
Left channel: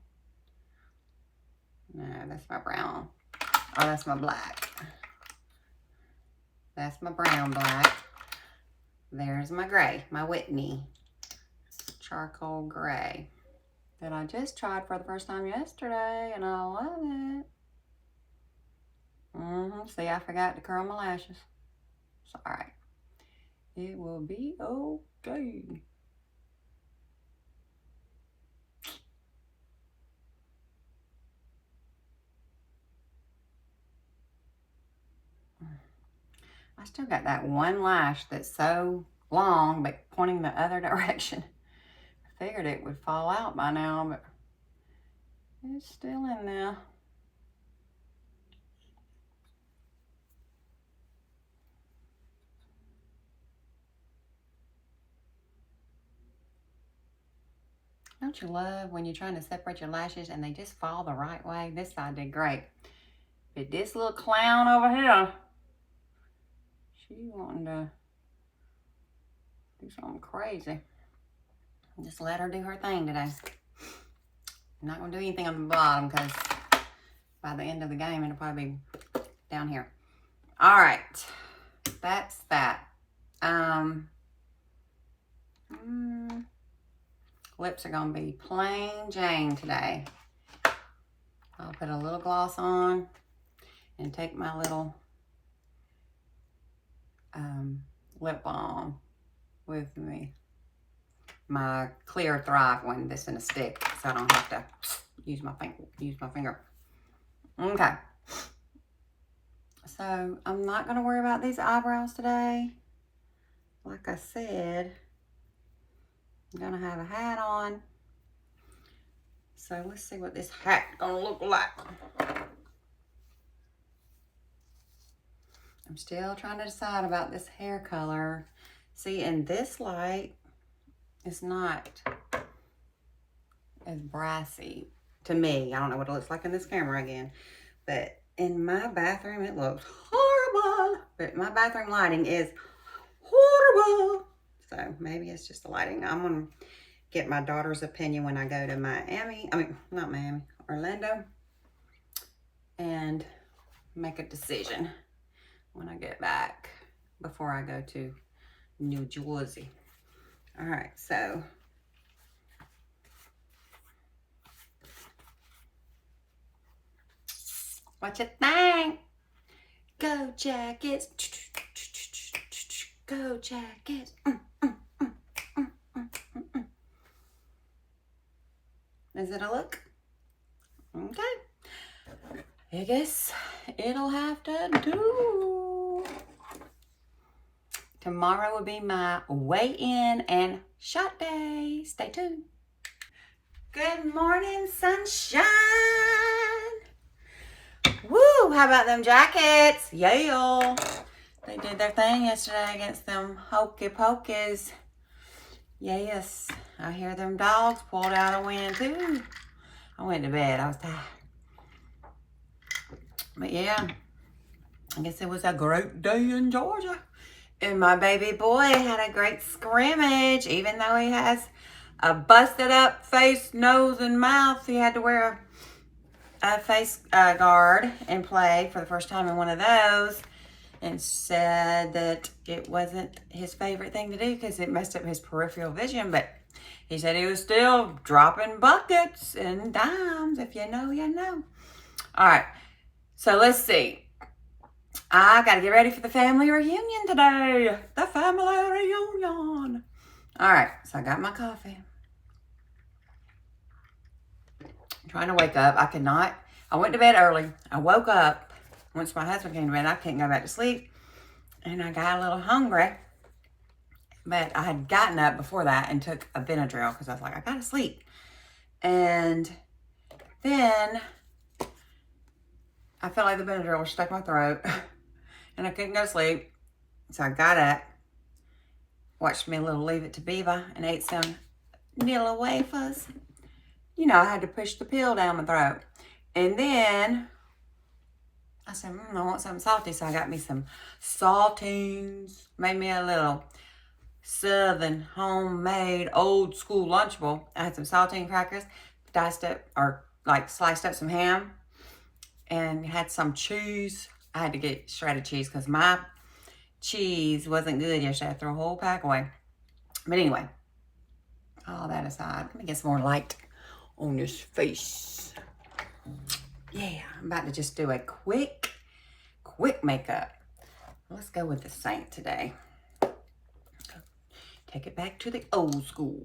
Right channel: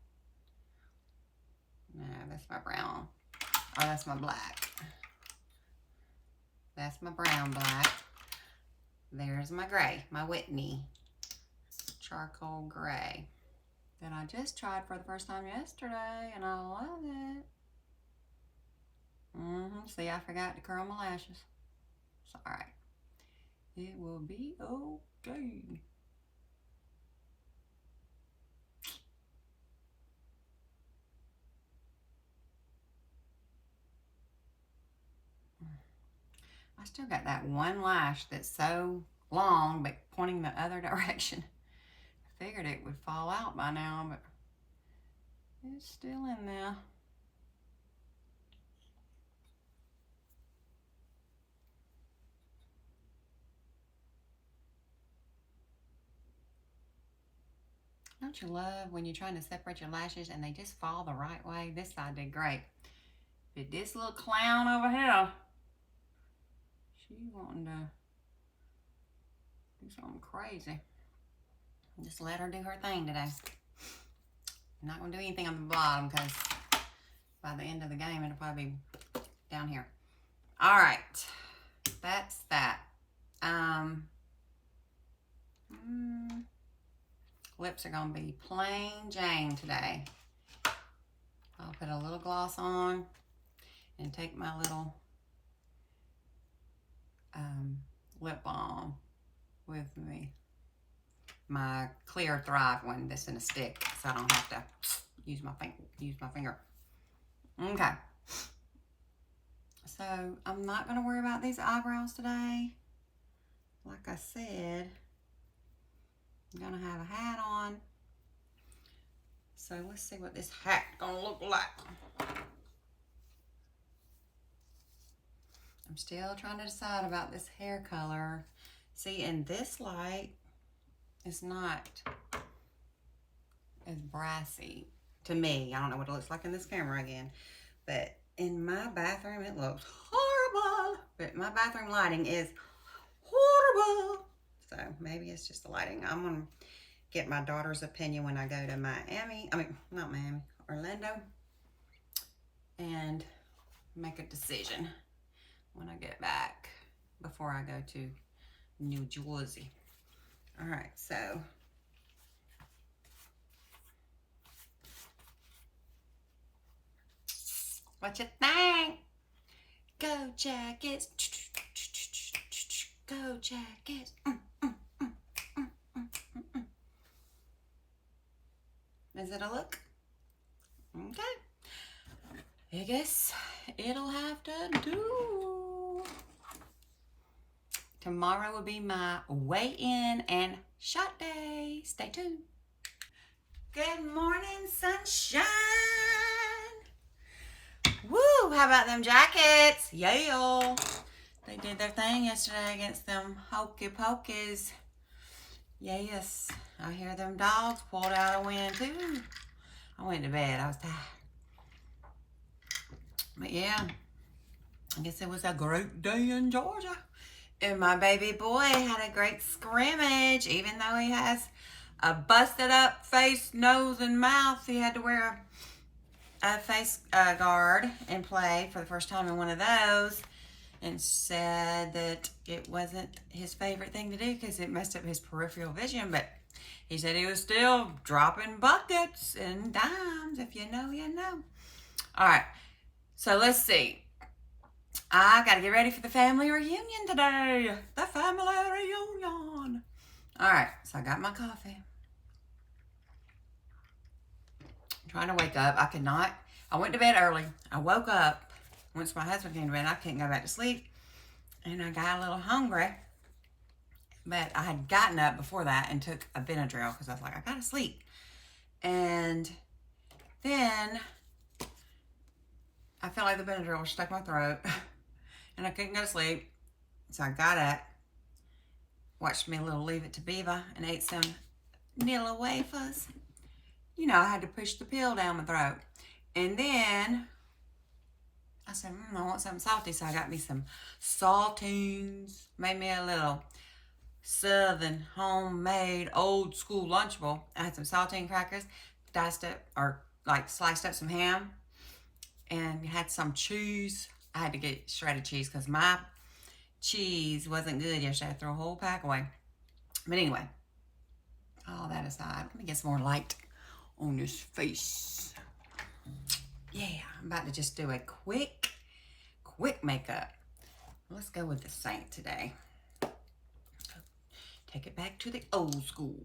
No, that's my brown. Oh, that's my black. That's my brown black. There's my gray, my Whitney charcoal gray that I just tried for the first time yesterday, and I love it. See, I forgot to curl my lashes. It's all right. It will be okay. I still got that one lash that's so long, but pointing the other direction. I figured it would fall out by now, but it's still in there. Don't you love when you're trying to separate your lashes and they just fall the right way? This side did great. But this little clown over here, she wanting to do something crazy. Just let her do her thing today. I'm not going to do anything on the bottom because by the end of the game, it'll probably be down here. All right. That's that. Lips are going to be plain Jane today. I'll put a little gloss on and take my little lip balm with me. My clear Thrive one that's in a stick, so I don't have to use my finger. Okay. So I'm not going to worry about these eyebrows today. Like I said, I'm going to have a hat on. So let's see what this hat going to look like. I'm still trying to decide about this hair color. See, in this light, it's not as brassy to me. I don't know what it looks like in this camera again, but in my bathroom, it looks horrible. But my bathroom lighting is horrible. So maybe it's just the lighting. I'm going to get my daughter's opinion when I go to Orlando, and make a decision when I get back before I go to New Jersey. All right, so what you think? Go Jackets. Go Jackets. Is it a look? Okay. I guess it'll have to do. Tomorrow will be my weigh-in and shot day. Stay tuned. Good morning, sunshine. Woo, how about them Jackets? Yeah. They did their thing yesterday against them hokey pokeys. Yes, I hear them dogs pulled out a win too. I went to bed, I was tired. But yeah, I guess it was a great day in Georgia. And my baby boy had a great scrimmage. Even though he has a busted up face, nose, and mouth, he had to wear a face guard and play for the first time in one of those, and said that it wasn't his favorite thing to do because it messed up his peripheral vision. But he said he was still dropping buckets and dimes. If you know, you know. All right, so let's see. I got to get ready for the family reunion today. The family reunion. All right, so I got my coffee. I'm trying to wake up. I could not. I went to bed early. I woke up. Once my husband came to bed, I couldn't go back to sleep. And I got a little hungry. But I had gotten up before that and took a Benadryl because I was like, I got to sleep. And then I felt like the Benadryl was stuck in my throat. And I couldn't go to sleep. So I got up, watched me a little Leave It to Beaver, and ate some Nilla wafers. You know, I had to push the pill down my throat. And then I said, I want something salty. So I got me some saltines. Made me a little Southern homemade old school Lunchable. I had some saltine crackers, diced up or like sliced up some ham, and had some cheese. I had to get shredded cheese because my cheese wasn't good yesterday. I threw a whole pack away. But anyway, all that aside, let me get some more light on this face. Yeah, I'm about to just do a quick makeup. Let's go with the Saint today. Take it back to the old school.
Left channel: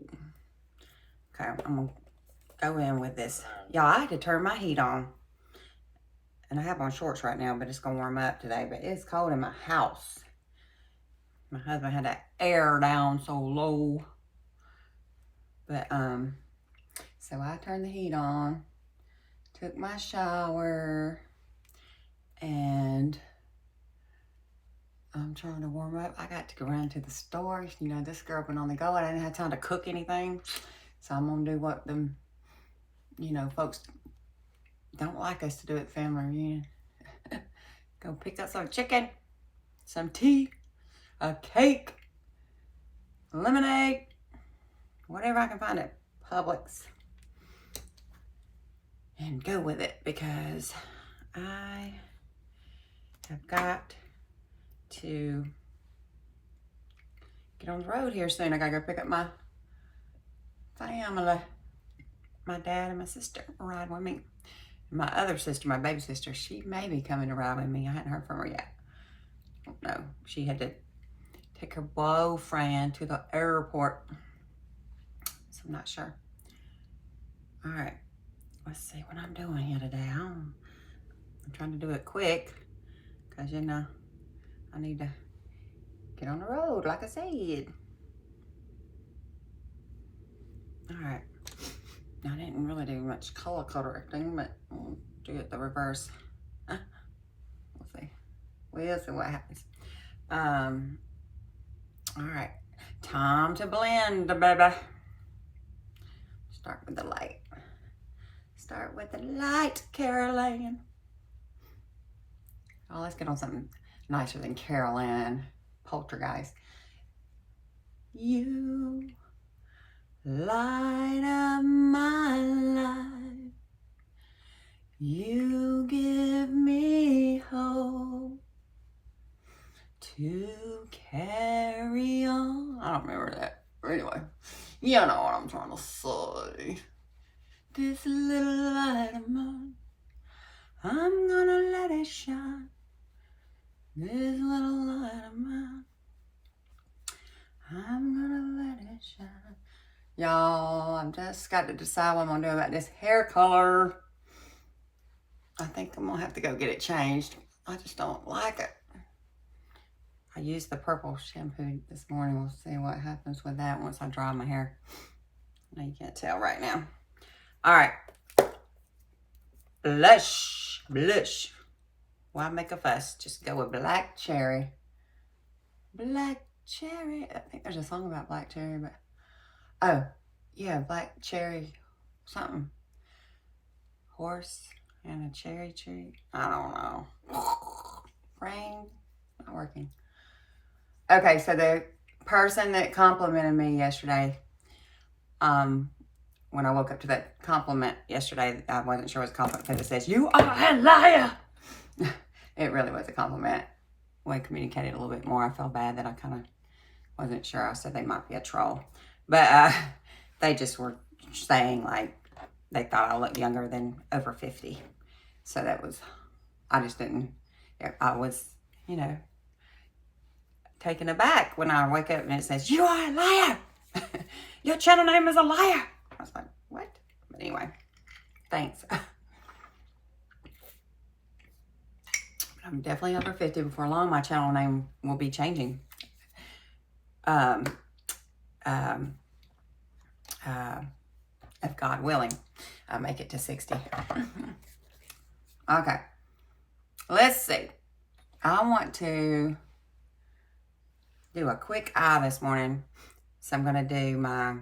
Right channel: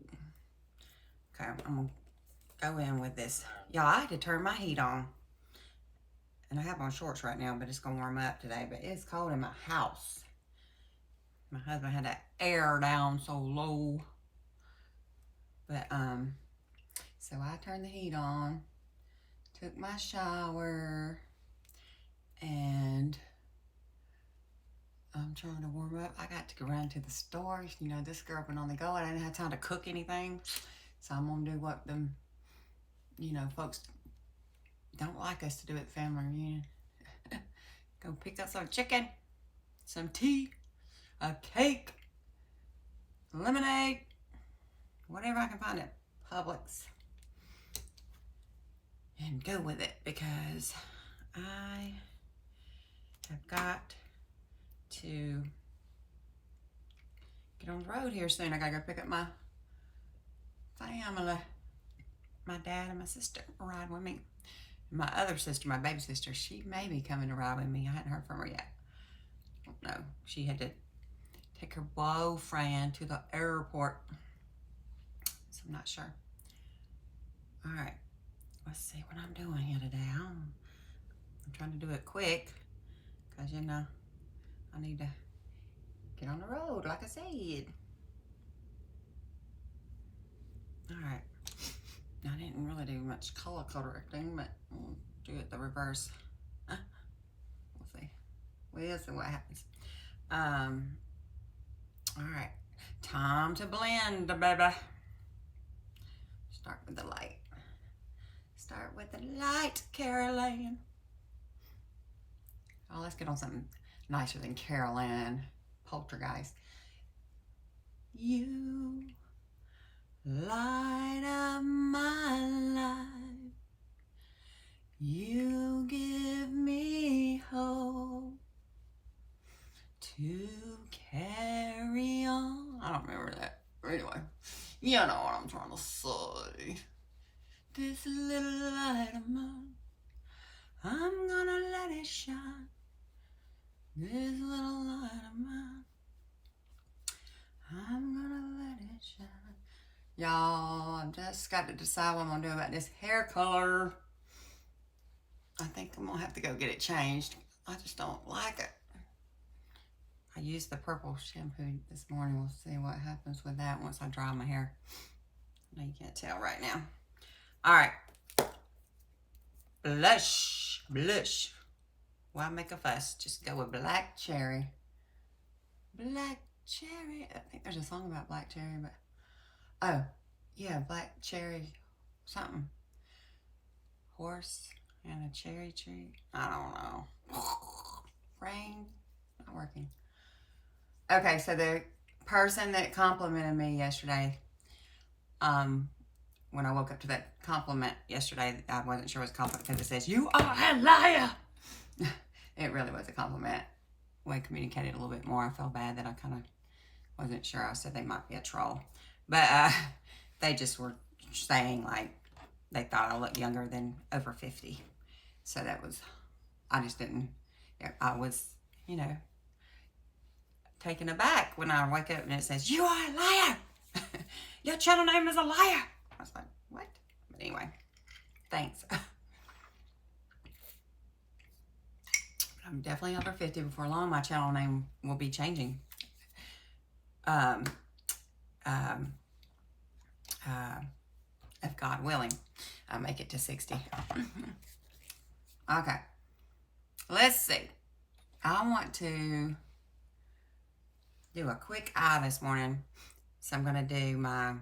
Okay, I'm gonna go in with this. Y'all, I had to turn my heat on. And I have on shorts right now, but it's gonna warm up today. But it's cold in my house. My husband had that air down so low. But, so I turned the heat on, took my shower, and I'm trying to warm up. I got to go around to the store. You know, this girl been on the go. I didn't have time to cook anything. So I'm gonna do what them, you know, folks don't like us to do at the family reunion. Go pick up some chicken, some tea, a cake, lemonade, whatever I can find at Publix, and go with it because I have got to get on the road here soon. I gotta go pick up my family. My dad and my sister ride with me. My other sister, my baby sister, she may be coming to ride with me. I hadn't heard from her yet. No, she had to take her boyfriend to the airport. So I'm not sure. All right, let's see what I'm doing here today. I'm trying to do it quick because, you know, I need to get on the road, like I said. All right. I didn't really do much color correcting, but we'll do it the reverse. We'll see. We'll see what happens. All right. Time to blend, baby. Start with the light. Start with the light, Caroline. Oh, let's get on something nicer than Caroline. Poltergeist. You light up my life. You give me hope to carry on. I don't remember that. Anyway, you know what I'm trying to say. This little light of mine, I'm gonna let it shine. This little light of mine, I'm gonna let it shine. Y'all, I've just got to decide what I'm gonna do about this hair color. I think I'm gonna have to go get it changed. I just don't like it. I used the purple shampoo this morning. We'll see what happens with that once I dry my hair. Now you can't tell right now. All right. Blush. Blush. Why make a fuss? Just go with black cherry. Black cherry. I think there's a song about black cherry, but oh, yeah, black cherry something. Horse and a cherry tree. I don't know. Brain not working. Okay, so the person that complimented me yesterday, when I woke up to that compliment yesterday, I wasn't sure it was a compliment because it says, "You are a liar." It really was a compliment. We communicated a little bit more. I felt bad that I kind of wasn't sure. I said they might be a troll. But they just were saying, like, they thought I looked younger than over 50. So that was, I just didn't, I was, you know, taken aback when I wake up and it says, "You are a liar. Your channel name is a liar." I was like, what? But anyway, thanks. I'm definitely over 50. Before long, my channel name will be changing. If God willing, I make it to 60. Okay. Let's see. I want to do a quick eye this morning. So I'm going to do my,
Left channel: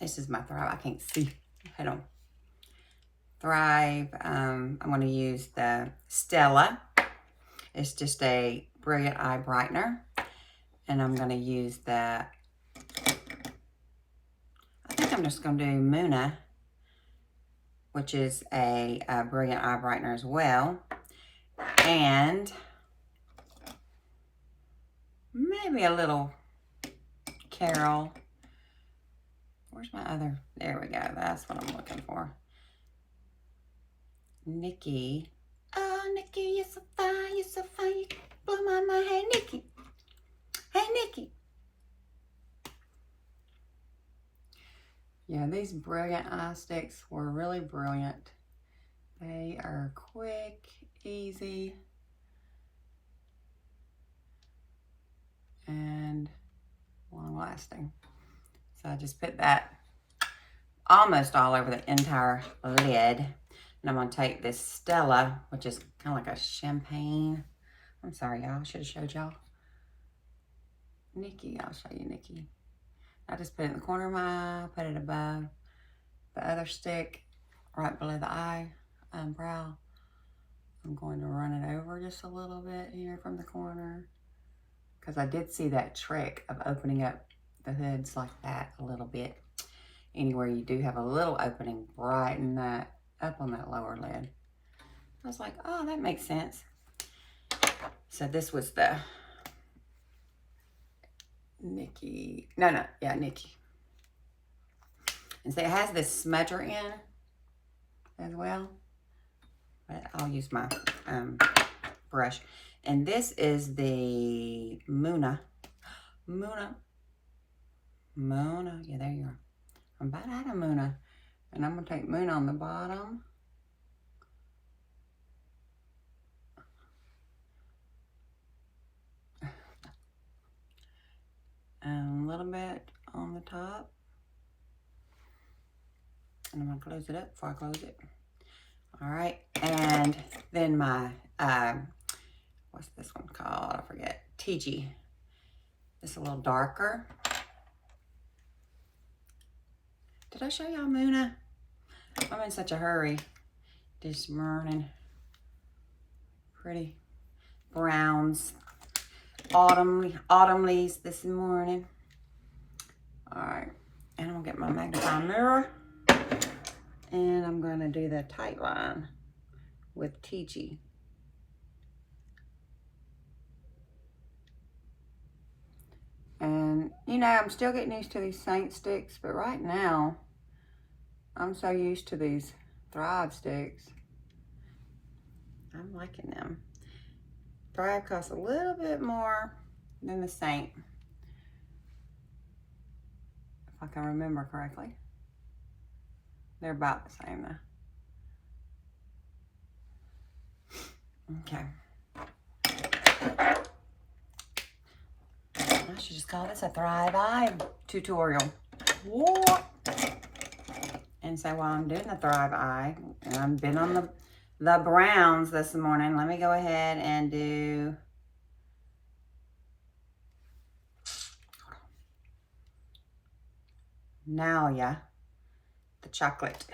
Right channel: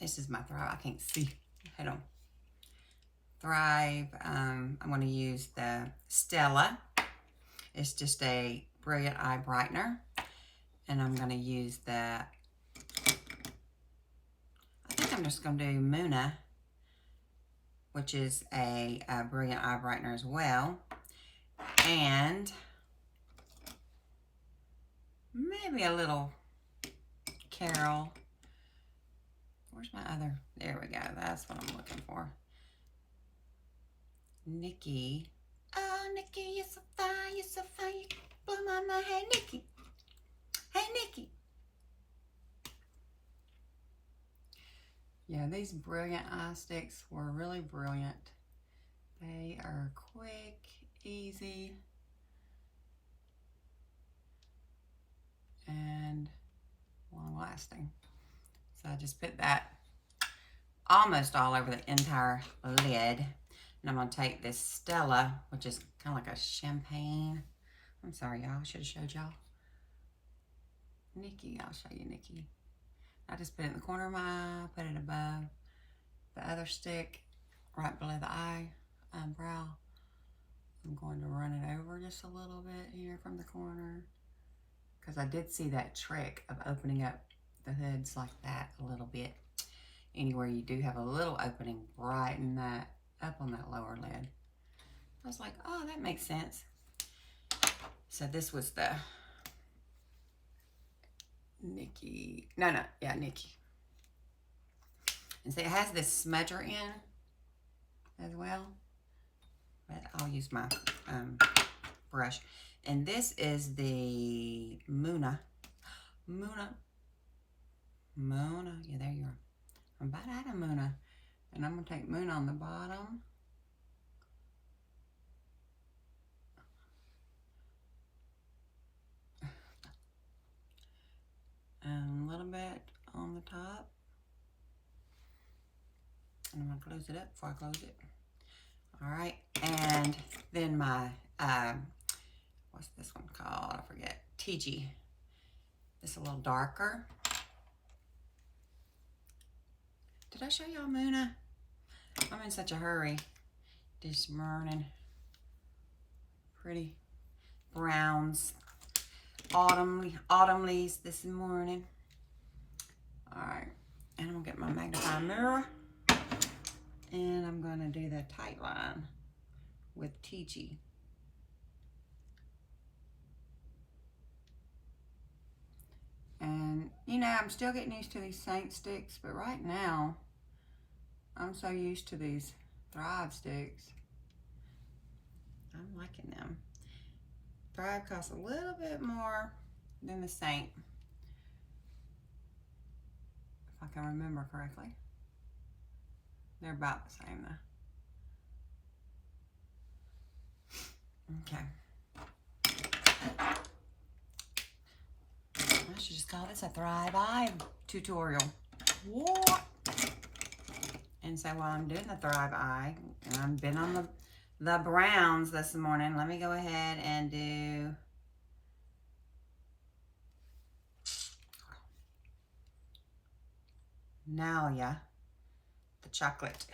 this is my throat. I can't see. Hold on. Thrive. I'm going to use the Stella. It's just a Brilliant Eye Brightener. And I'm going to use the, I think I'm just going to do Muna, which is a Brilliant Eye Brightener as well. And maybe a little Carol. Where's my other? There we go. That's what I'm looking for. Nikki. Oh, Nikki, you're so fine. You're so fine. You blow my mind. Hey, Nikki. Hey, Nikki. Yeah, these Brilliant Eye Sticks were really brilliant. They are quick, easy, and long-lasting. So I just put that almost all over the entire lid. And I'm going to take this Stella, which is kind of like a champagne. I'm sorry, y'all. I should have showed y'all. Nikki, I'll show you Nikki. I just put it in the corner of my eye, put it above the other stick, right below the eye, brow. I'm going to run it over just a little bit here from the corner, because I did see that trick of opening up the hoods like that a little bit. Anywhere you do have a little opening, brighten that up on that lower lid. I was like, oh, that makes sense. So this was the Nikki. Yeah, Nikki. And so it has this smudger in as well. But I'll use my brush. And this is the Muna. Yeah, there you are. I'm about out of Muna. And I'm going to take Muna on the bottom. And a little bit on the top. And I'm going to close it up before I close it. All right. And then my, what's this one called? I forget. TG. It's a little darker. Did I show y'all Muna? I'm in such a hurry this morning. Pretty browns. Autumn leaves this morning. All right. And I'm going to get my magnifying mirror. And I'm going to do the tight line with TG. And, you know, I'm still getting used to these Saint sticks, but right now, I'm so used to these Thrive sticks. I'm liking them. Thrive costs a little bit more than the Saint, if I can remember correctly. They're about the same though. Okay. I should just call this a Thrive Eye tutorial. What? And so while I'm doing the Thrive Eye, and I've been on the browns this morning, let me go ahead and do Nalia, the chocolate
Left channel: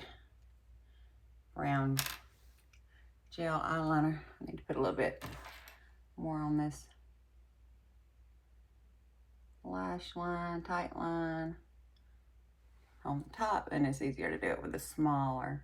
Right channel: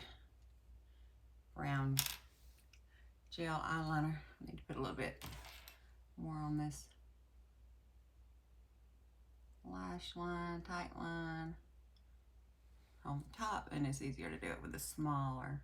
brown gel eyeliner. I need to put a little bit more on this lash line, tight line on the top, and it's easier to do it with a smaller.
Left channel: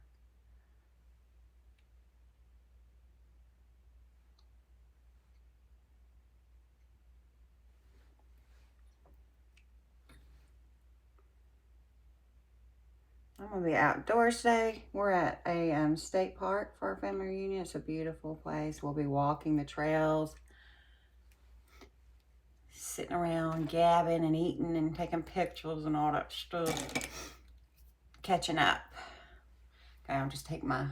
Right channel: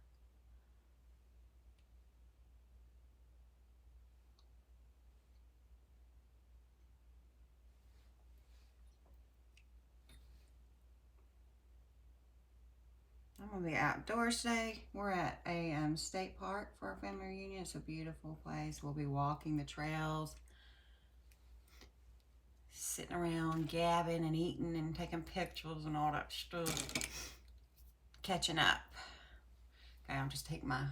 I'm gonna be outdoors today. We're at a state park for our family reunion. It's a beautiful place. We'll be walking the trails, sitting around gabbing and eating and taking pictures and all that stuff, catching up. Okay, I'll just take my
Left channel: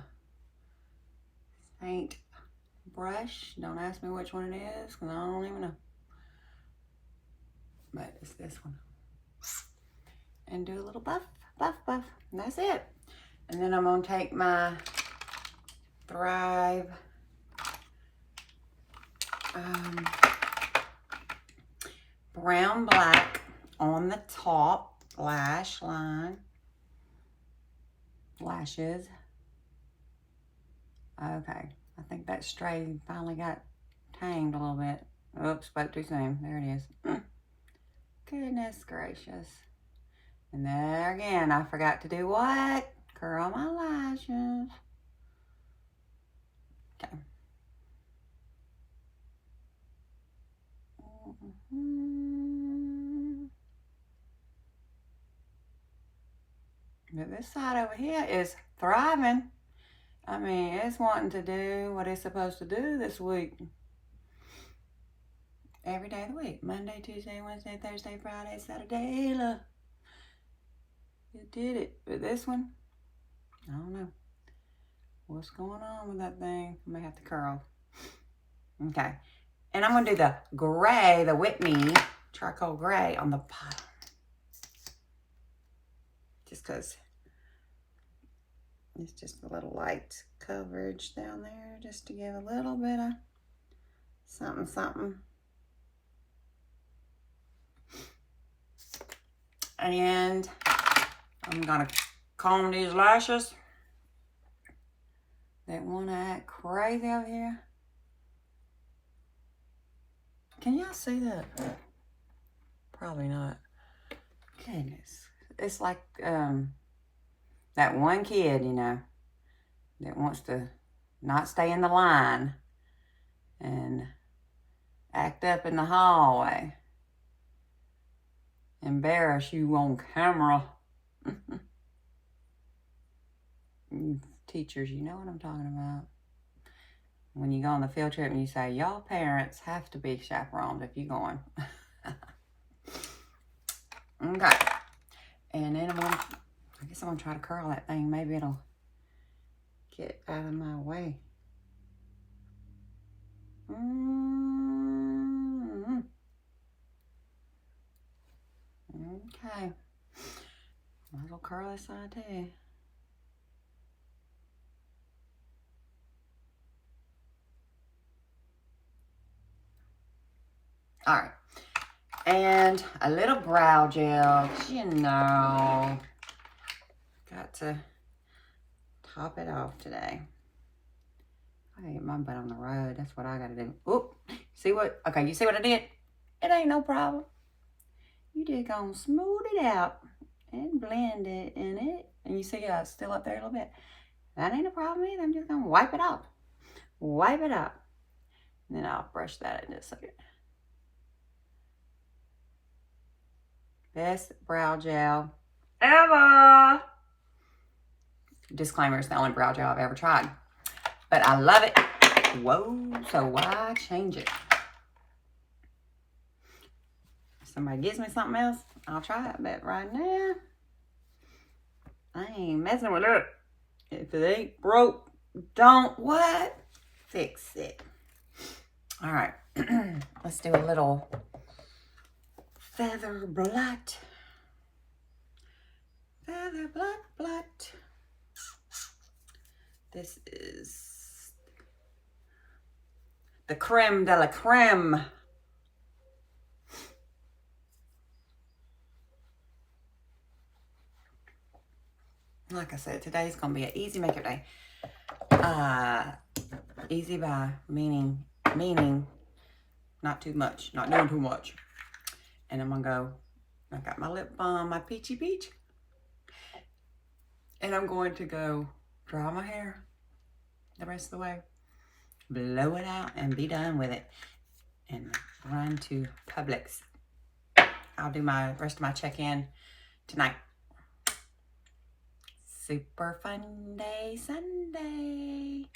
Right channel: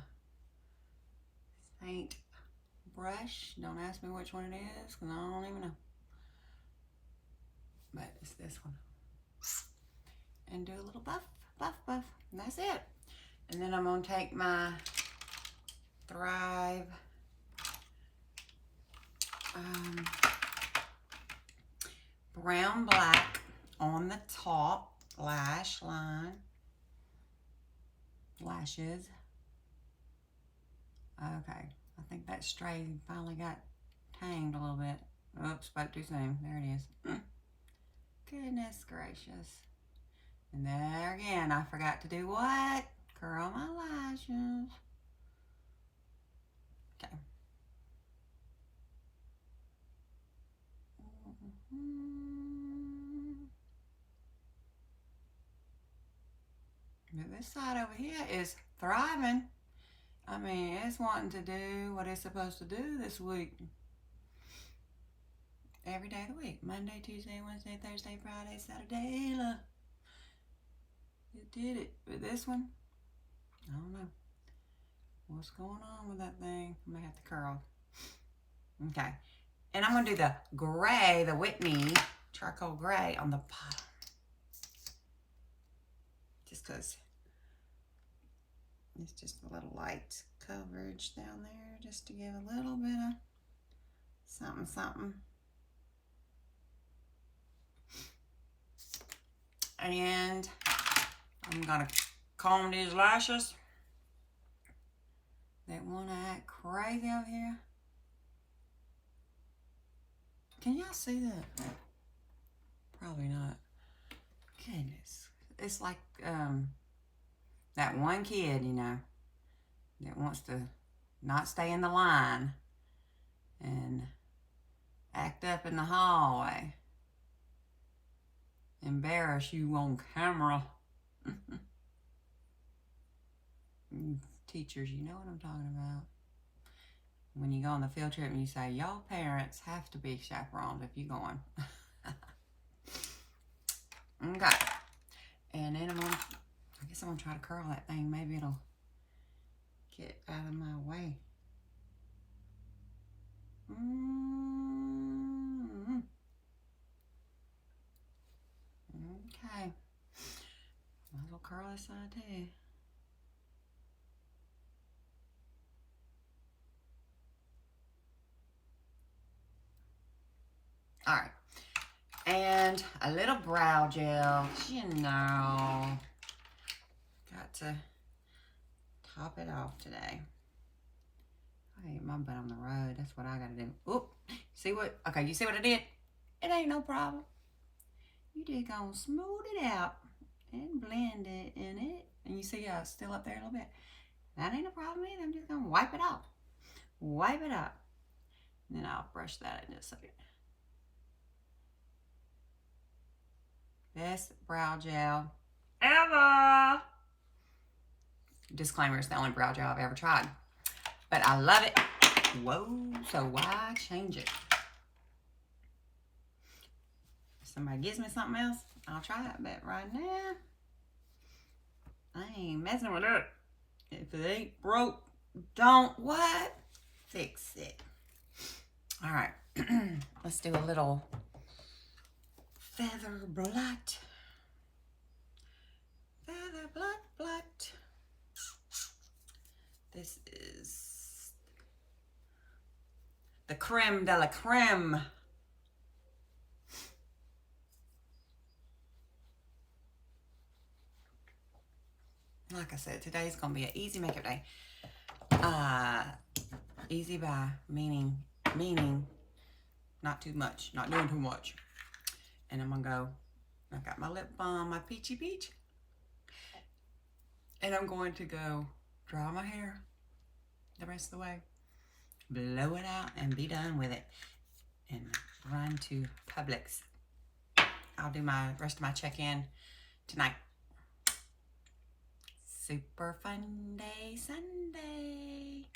paint brush. Don't ask me which one it is, because I don't even know. But it's this one. And do a little buff, buff, buff. And that's it. And then I'm going to take my Thrive brown black on the top lash line, lashes, Okay, I think that stray finally got tamed a little bit. Oops, spoke too soon. There it is. Goodness gracious. And there again, I forgot to do what? Curl my lashes. Okay. But this side over here is thriving. I mean, it's wanting to do what it's supposed to do this week. Every day of the week. Monday, Tuesday, Wednesday, Thursday, Friday, Saturday. Look. It did it. But this one, I don't know. What's going on with that thing? I may have to curl. Okay. And I'm going to do the gray, the Whitney charcoal gray on the bottom. Just because it's just a little light coverage down there, just to give a little bit of something, something. And I'm gonna comb these lashes. They wanna act crazy over here. Can y'all see that? Probably not. Goodness. It's like that one kid, you know, that wants to not stay in the line and act up in the hallway. Embarrass you on camera. You teachers, you know what I'm talking about. When you go on the field trip and you say, y'all parents have to be chaperones if you're going. Okay. And then I guess I'm going to try to curl that thing. Maybe it'll get out of my way. Okay. Might as well curl this side too. All right. And a little brow gel, you know. Got to top it off today. I gotta get my butt on the road. That's what I gotta do. Oop. See what? Okay, you see what I did? It ain't no problem. You just gonna smooth it out and blend it in it. And you see how it's still up there a little bit. That ain't a problem either. I'm just gonna wipe it off. Wipe it up. And then I'll brush that in just a second. Best brow gel ever. Disclaimer, it's the only brow gel I've ever tried. But I love it. Whoa, so why change it? If somebody gives me something else, I'll try it. But right now, I ain't messing with it. If it ain't broke, don't what? Fix it. All right, let's do a little feather blot. Feather blot. This is the creme de la creme. Like I said, today's gonna be an easy makeup day. Easy by meaning not too much, not doing too much. And I'm gonna go, I got my lip balm, my peachy peach. And I'm going to go dry my hair the rest of the way, blow it out, and be done with it. And run to Publix. I'll do my rest of my check-in tonight. Super fun day Sunday.